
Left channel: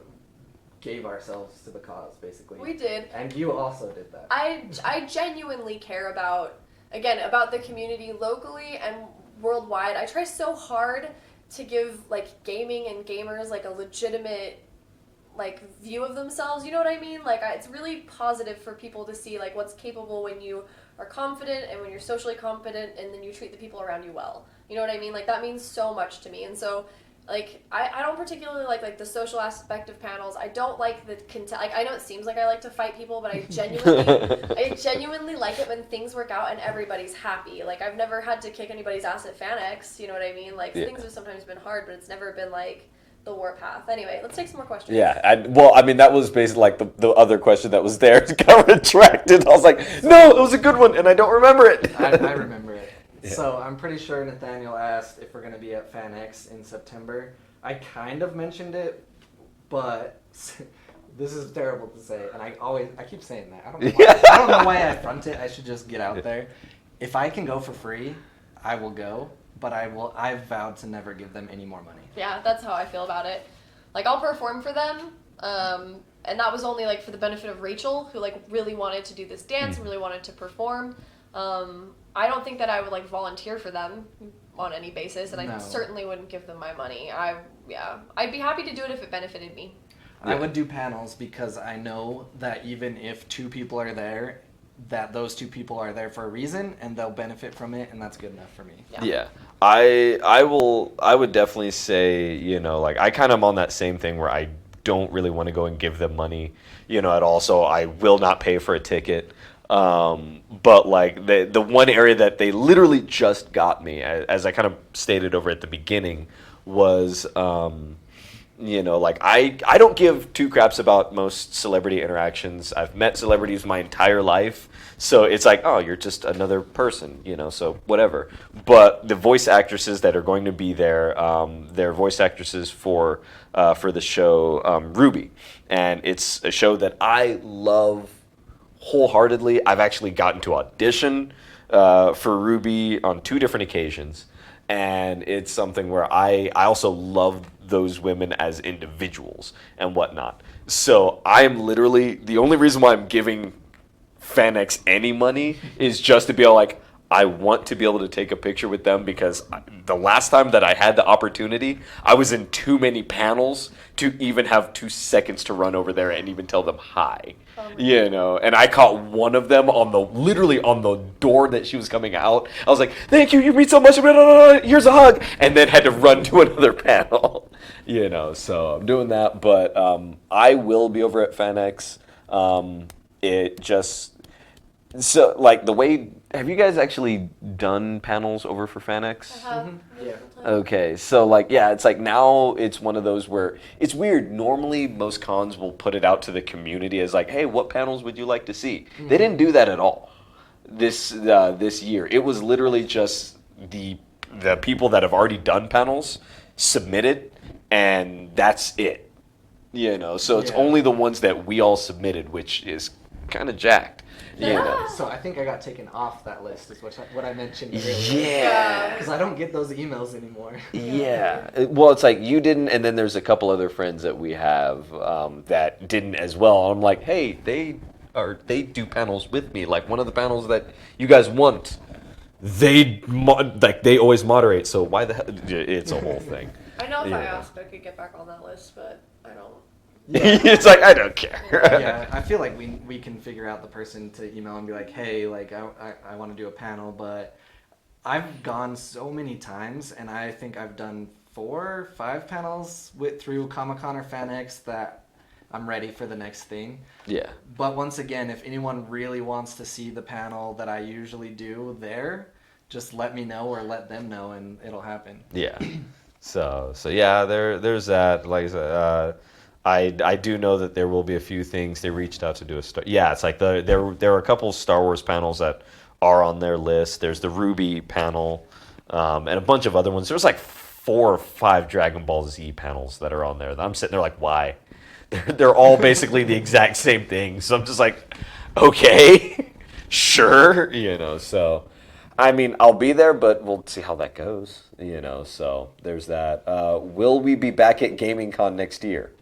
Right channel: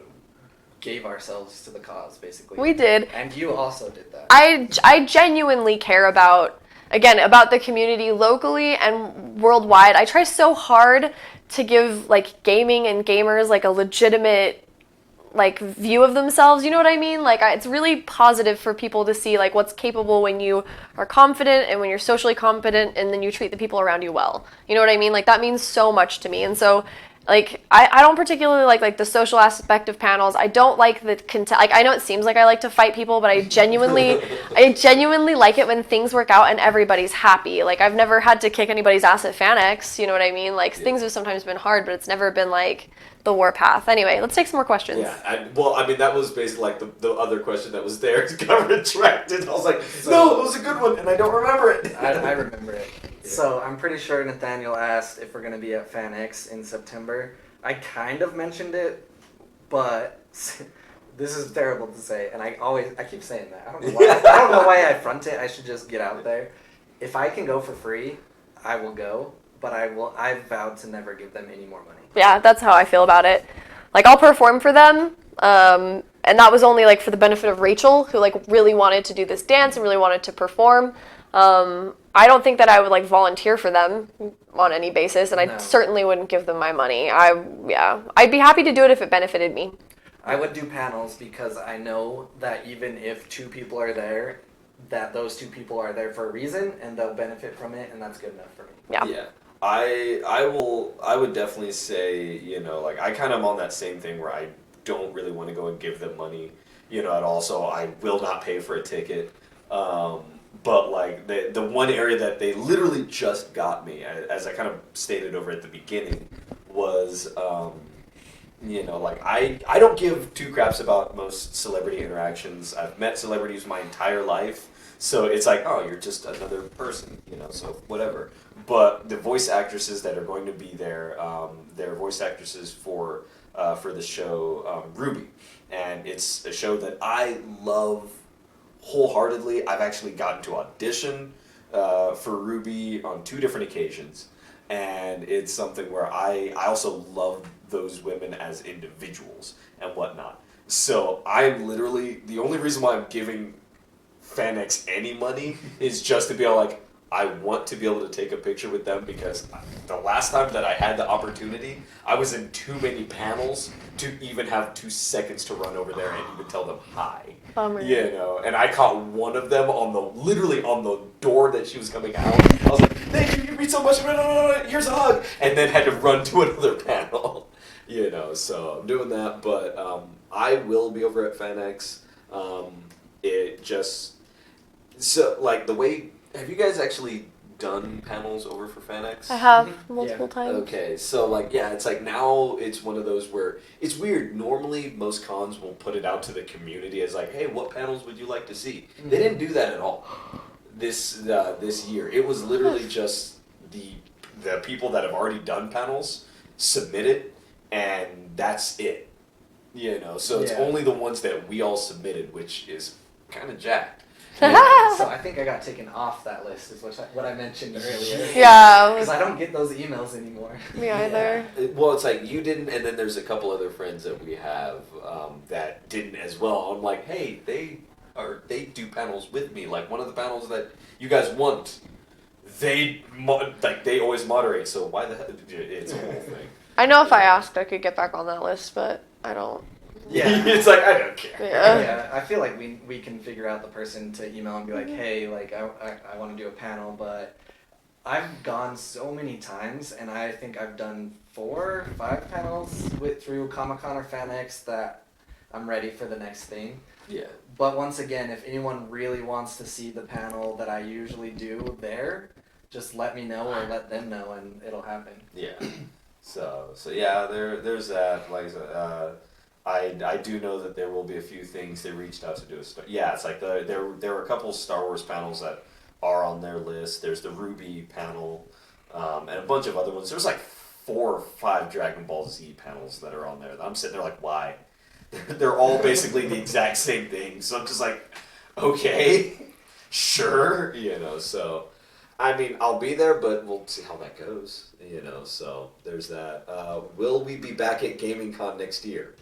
gave ourselves to the cause, basically. We did. And you also did that. I genuinely care about the community locally and worldwide. I try so hard to give like gaming and gamers like a legitimate like view of themselves, you know what I mean? Like it's really positive for people to see like what's capable when you are confident and when you're socially competent and then you treat the people around you well. You know what I mean? Like that means so much to me. And so like I don't particularly like the social aspect of panels. I don't like the like I know it seems like I like to fight people, but I genuinely like it when things work out and everybody's happy. Like I've never had to kick anybody's ass at FanX, you know what I mean? Like things have sometimes been hard, but it's never been like the warpath. Anyway, let's take some more questions. Yeah, that was basically like the other question that was there got retracted. I was like, no, it was a good one, and I don't remember it. I remember it. Yeah. So I'm pretty sure Nathaniel asked if we're going to be at FanX in September. I kind of mentioned it, but this is terrible to say, and I keep saying that. I don't know why, I don't know why I front it. I should just get out there. If I can go for free, I will go, but I've vowed to never give them any more money. Yeah, that's how I feel about it. Like I'll perform for them, and that was only like for the benefit of Rachel, who like really wanted to do this dance and really wanted to perform. I don't think that I would like volunteer for them on any basis, and I certainly wouldn't give them my money. I'd be happy to do it if it benefited me. I would do panels because I know that even if 2 people are there, that those 2 people are there for a reason and they'll benefit from it, and that's good enough for me. Yeah. I would definitely say, like I kind of am on that same thing where I don't really want to go and give them money, at all. So I will not pay for a ticket. But like the one area that they literally just got me, as I kind of stated over at the beginning, was, like I don't give 2 craps about most celebrity interactions. I've met celebrities my entire life. So it's like, oh, you're just another person, so whatever. But the voice actresses that are going to be there, they're voice actresses for the show Ruby. And it's a show that I love wholeheartedly. I've actually gotten to audition for Ruby on 2 different occasions. And it's something where I also love those women as individuals and whatnot. So I'm literally, the only reason why I'm giving FanX any money is just to be like, I want to be able to take a picture with them, because the last time that I had the opportunity, I was in too many panels to even have 2 seconds to run over there and even tell them hi. And I caught one of them literally on the door that she was coming out. I was like, thank you read so much, here's a hug, and then had to run to another panel. So I'm doing that, but I will be over at FanX. It just, so like the way have you guys actually done panels over for FanX? I have Mhm. multiple times. Okay, so like yeah, it's like now it's one of those where it's weird. Normally most cons will put it out to the community as like, hey, what panels would you like to see? They didn't do that at all this year. It was literally just the people that have already done panels submit it, and that's it. You know, so it's Yeah. only the ones that we all submitted, which is kind of jacked. So I think I got taken off that list, is what I mentioned earlier. Yeah. Because I don't get those emails anymore. Me Yeah. either. Well, it's like you didn't, and then there's a couple other friends that we have that didn't as well. I'm like, hey, they do panels with me. Like one of the panels that you guys want, they always moderate. So why the hell? It's a whole thing. I know if I Yeah. asked, I could get back on that list, but I don't. Yeah. It's like I don't care. Yeah. Yeah, I feel like we can figure out the person to email and be like, hey, like I want to do a panel, but I've gone so many times, and I think I've done 4 or 5 panels through Comic-Con or FanX that I'm ready for the next thing. Yeah. But once again, if anyone really wants to see the panel that I usually do there, just let me know or let them know, and it'll happen. Yeah. So yeah, there's that. Like I do know that there will be a few things they reached out to do yeah, it's like there are a couple Star Wars panels that are on their list. There's the Ruby panel, and a bunch of other ones. There's like 4 or 5 Dragon Ball Z panels that are on there. I'm sitting there like, why? They're all basically the exact same thing. So I'm just like, okay, sure, you know. So, I mean, I'll be there, but we'll see how that goes, you know. So there's that. Will we be back at Gaming Con next year?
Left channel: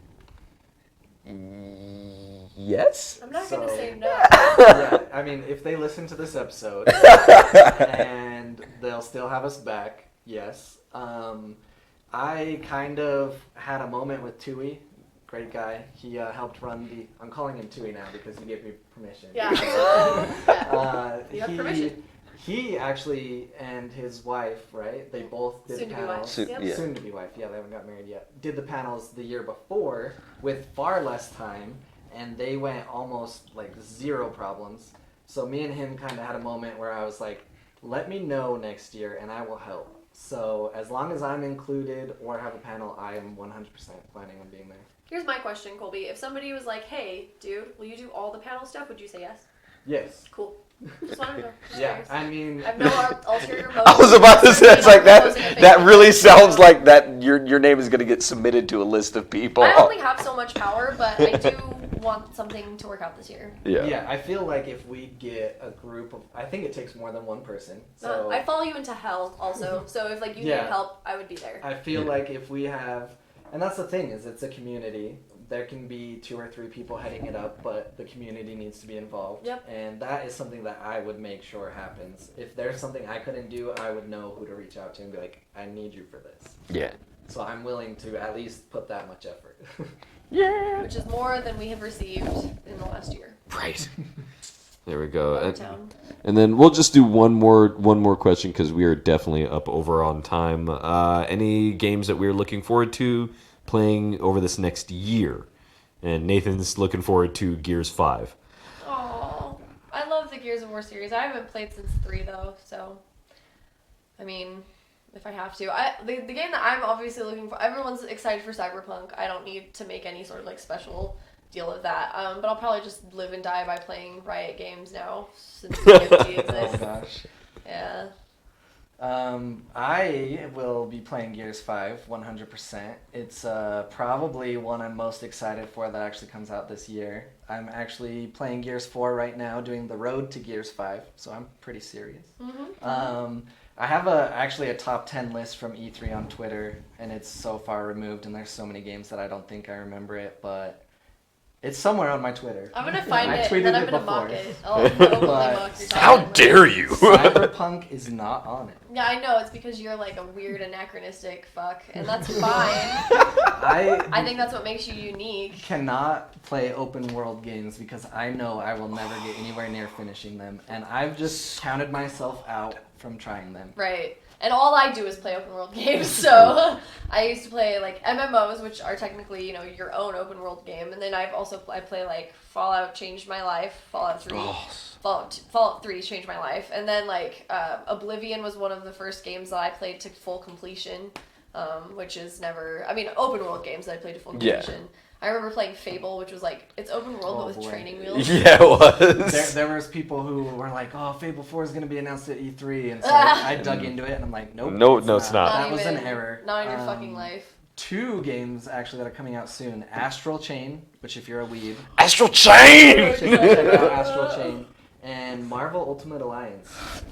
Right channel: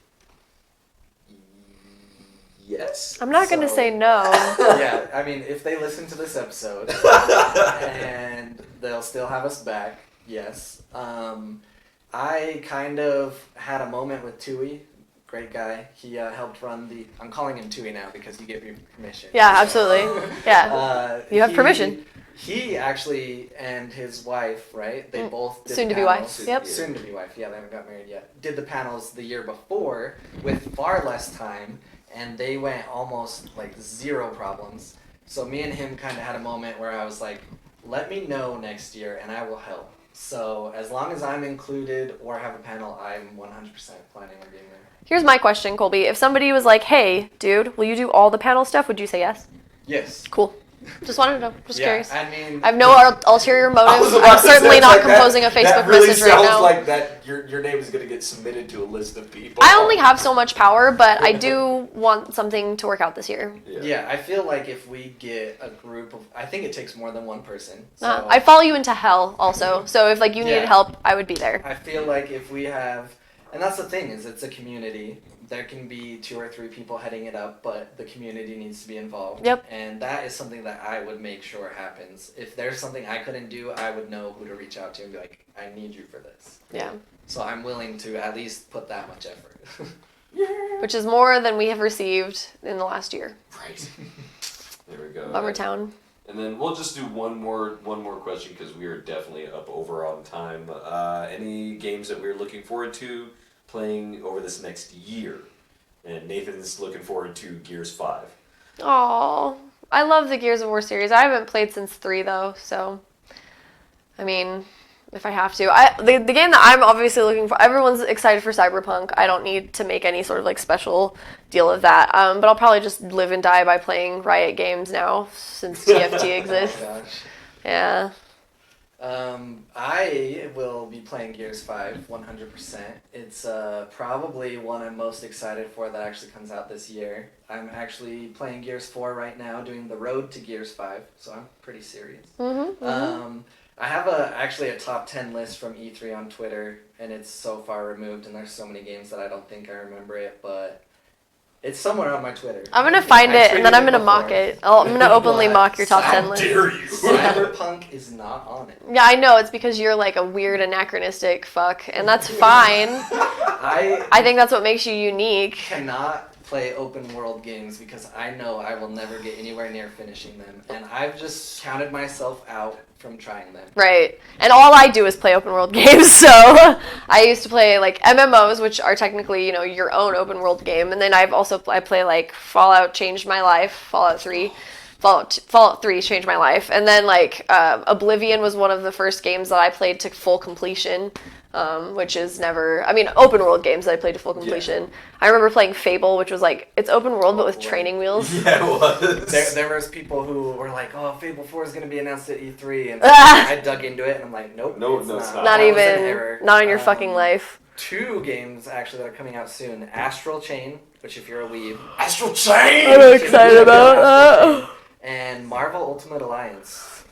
Yes. I'm not gonna So- say no. Yeah, I mean, if they listen to this episode and they'll still have us back, yes. I kind of had a moment with Tui, great guy. He helped run the. I'm calling him Tui now because he gave me permission. Yeah, absolutely. Yeah. You have permission. He actually and his wife, right? They both did Soon the to be wife. panels. Yep. Yeah. Soon to be wife. Yeah, they haven't got married yet. Did the panels the year before with far less time, and they went almost like 0 problems. So me and him kind of had a moment where I was like, "Let me know next year, and I will help." So as long as I'm included or have a panel, I'm 100% planning on being there. Here's my question, Colby. If somebody was like, "Hey, dude, will you do all the panel stuff?" Would you say yes? Yes. Cool. Just wanted to know. Just Yeah, curious. I mean, I have no ulterior motive. I was about I'm to say, certainly it's not like composing a Facebook that really message right sounds now. like that your name is going to get submitted to a list of people. I only have so much power, but I do want something to work out this year. Yeah, I feel like if we get a group of, I think it takes more than one person. So I follow you into hell also. So if like you Yeah. need help, I would be there. I feel like if we have, and that's the thing is it's a community. There can be 2 or 3 people heading it up, but the community needs to be involved. Yep. And that is something that I would make sure happens. If there's something I couldn't do, I would know who to reach out to and be like, I need you for this. Yeah. So I'm willing to at least put that much effort. Yeah. Which is more than we have received in the last year. Right. There we go. Bummer Town. And then we'll just do one more question because we are definitely up over on time. Any games that we're looking forward to playing over this next year? And Nathan's looking forward to Gears 5. Oh, I love the Gears of War series. I haven't played since 3 though, so I mean, if I have to, the game that I'm obviously looking for. Everyone's excited for Cyberpunk. I don't need to make any sort of like special deal of that. But I'll probably just live and die by playing Riot games now since TFT exists. Oh gosh. Yeah. I will be playing Gears 5 100%. It's probably one I'm most excited for that actually comes out this year. I'm actually playing Gears 4 right now, doing the road to Gears 5, so I'm pretty serious. I have actually a top 10 list from E3 on Twitter, and it's so far removed, and there's so many games that I don't think I remember it, but it's somewhere on my Twitter. I'm gonna find I it and then tweeted I'm gonna before. mock it. I'm gonna openly mock your top 10 list. you? Cyberpunk is not on it. Yeah, I know. It's because you're like a weird anachronistic fuck, and that's fine. I think that's what makes you unique. Cannot play open world games because I know I will never get anywhere near finishing them, and I've just counted myself out from trying them. Right. And all I do is play open world games, so I used to play like MMOs, which are technically, you know, your own open world game, and then I play like Fallout changed my life, Fallout 3. Fallout 3 changed my life. And then like Oblivion was one of the first games that I played to full completion, which is never. I mean, open world games that I played to full completion. Yeah. I remember playing Fable, which was like it's open world but with training wheels. Yeah, it was. There was people who were like, "Oh, Fable 4 is going to be announced at E3," and so I dug into it, and I'm like, "Nope, no, it's not. Not even. Not in your fucking life." 2 games actually that are coming out soon: Astral Chain, which if you're a weeb, Astral Chain. I'm excited about that. And Marvel Ultimate Alliance.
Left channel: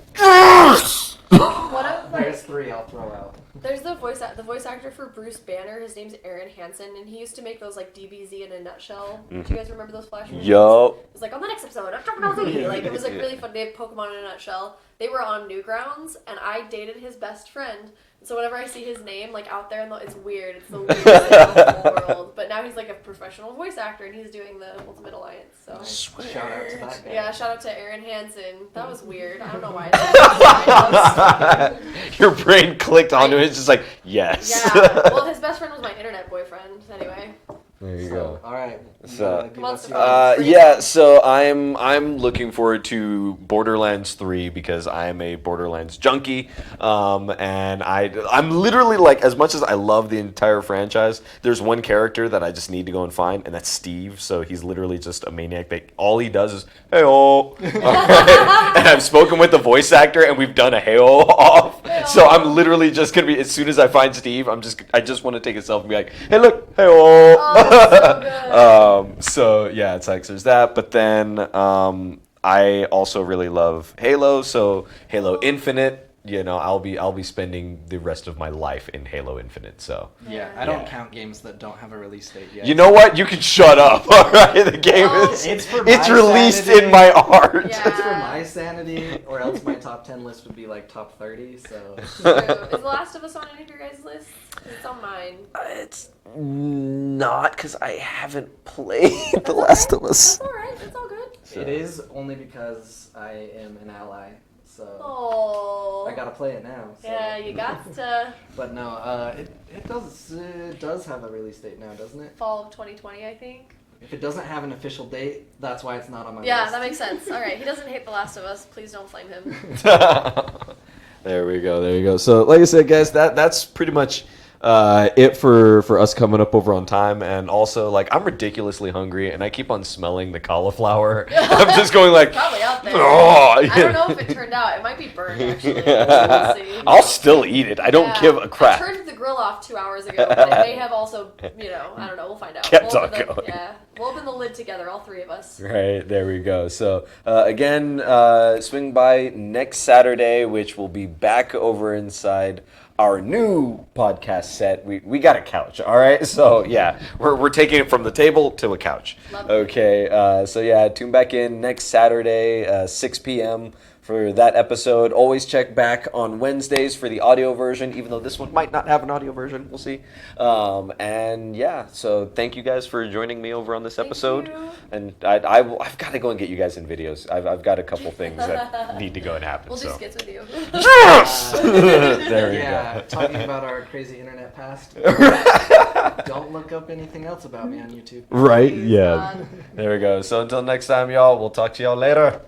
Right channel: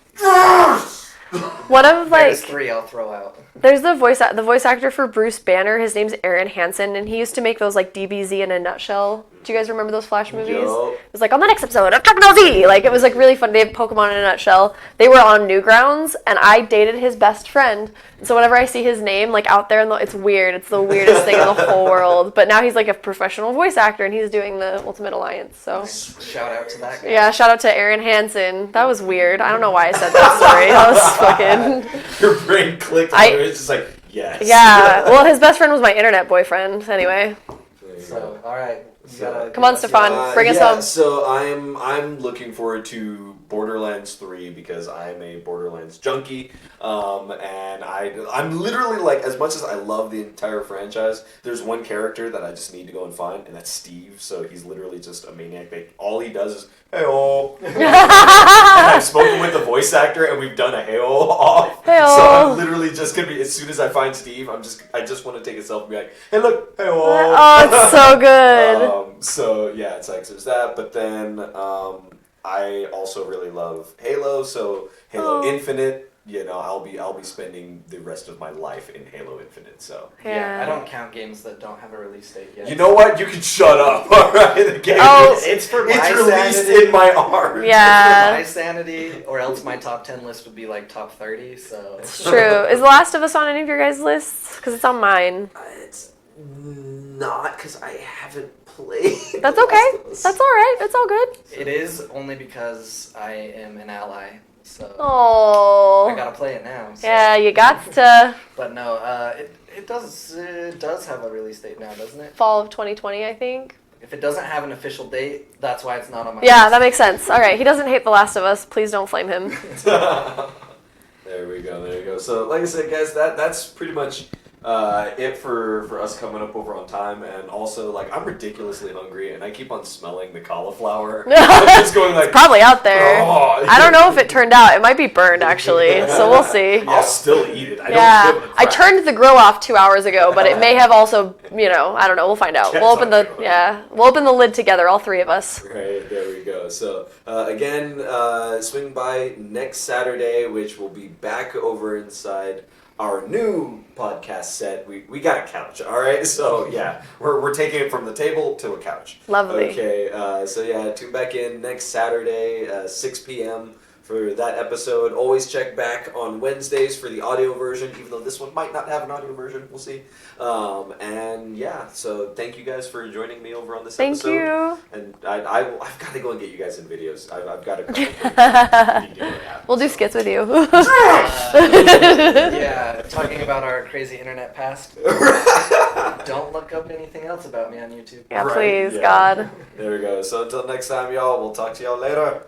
One of like There's 3 I'll throw out. There's the voice actor for Bruce Banner. His name's Aaron Hansen, and he used to make those like DBZ in a nutshell. Do you guys remember those Flash movies? Yo. It was like on the next episode of Dragon Ball Z. Like it was like really fun. They have Pokemon in a nutshell. They were on Newgrounds, and I dated his best friend. So whenever I see his name like out there, it's weird. It's the weirdest thing in the whole world. But now he's like a professional voice actor, and he's doing the Ultimate Alliance. So shout out to that guy. Yeah, shout out to Aaron Hansen. That was weird. I don't know why I said that story. That was fucking. Your brain clicked onto it. It's just like yes. Yeah. Well, his best friend was my internet boyfriend. Anyway. There you go. All right. So, come on, Stefan. Bring us home. So I'm looking forward to Borderlands 3 because I'm a Borderlands junkie, and I'm literally like, as much as I love the entire franchise, there's one character that I just need to go and find, and that's Steve. So he's literally just a maniac. All he does is hey-oh. And I've spoken with the voice actor, and we've done a hey-oh off. Hey-oh. So I'm literally just gonna be, as soon as I find Steve, I just want to take a selfie and be like, hey look, hey-oh. Oh, it's so good. So yeah, it's like there's that, but then I also really love Halo. So Halo Infinite, you know, I'll be spending the rest of my life in Halo Infinite. So yeah, I don't count games that don't have a release date yet. You know what? You can shut up. All right, the game it's released in my heart. Yeah, it's for my sanity, or else my top 10 list would be like top 30. So it's true. Is The Last of Us on any of your guys' lists? Because it's on mine. It's not because I haven't played That's The okay. Last of Us. That's all right. It's all good. It is only because I am an ally. So oh, I gotta play it now. So. Yeah, you got to. But no, it does have a release date now, doesn't it? Fall of 2020, I think. If it doesn't have an official date, that's why it's not on my Yeah, list. that makes sense. All right, he doesn't hate The Last of Us. Please don't flame him. There we go. So, like I said, guys, that's pretty much it for us coming up over on time. And also, like, I'm ridiculously hungry, and I keep on smelling the cauliflower. I'm just going like, it's probably out there. Oh. I don't know if it turned out. It might be burned actually, so we'll see. I'll still eat it. I don't give a crap. I turned the grill off 2 hours ago, but it may have also, I don't know. We'll find out. We'll open the lid together, all 3 of us. Right, there we go. So again, swing by next Saturday, which will be back over inside our new podcast set. We got a couch, all right? So yeah, we're taking it from the table to a couch. Lovely. Okay, so yeah, tune back in next Saturday, 6 p.m. for that episode. Always check back on Wednesdays for the audio version, even though this one might not have an audio version. We'll see. And yeah, so thank you guys for joining me over on this episode. Thank you. And I've got to go and get you guys in videos. I've got a couple things that need to go and happen. We'll do skits with you. Yeah, talking about our crazy internet past. Don't look up anything else about me on YouTube. Yeah, please, God. There we go. So until next time, y'all, we'll talk to y'all later.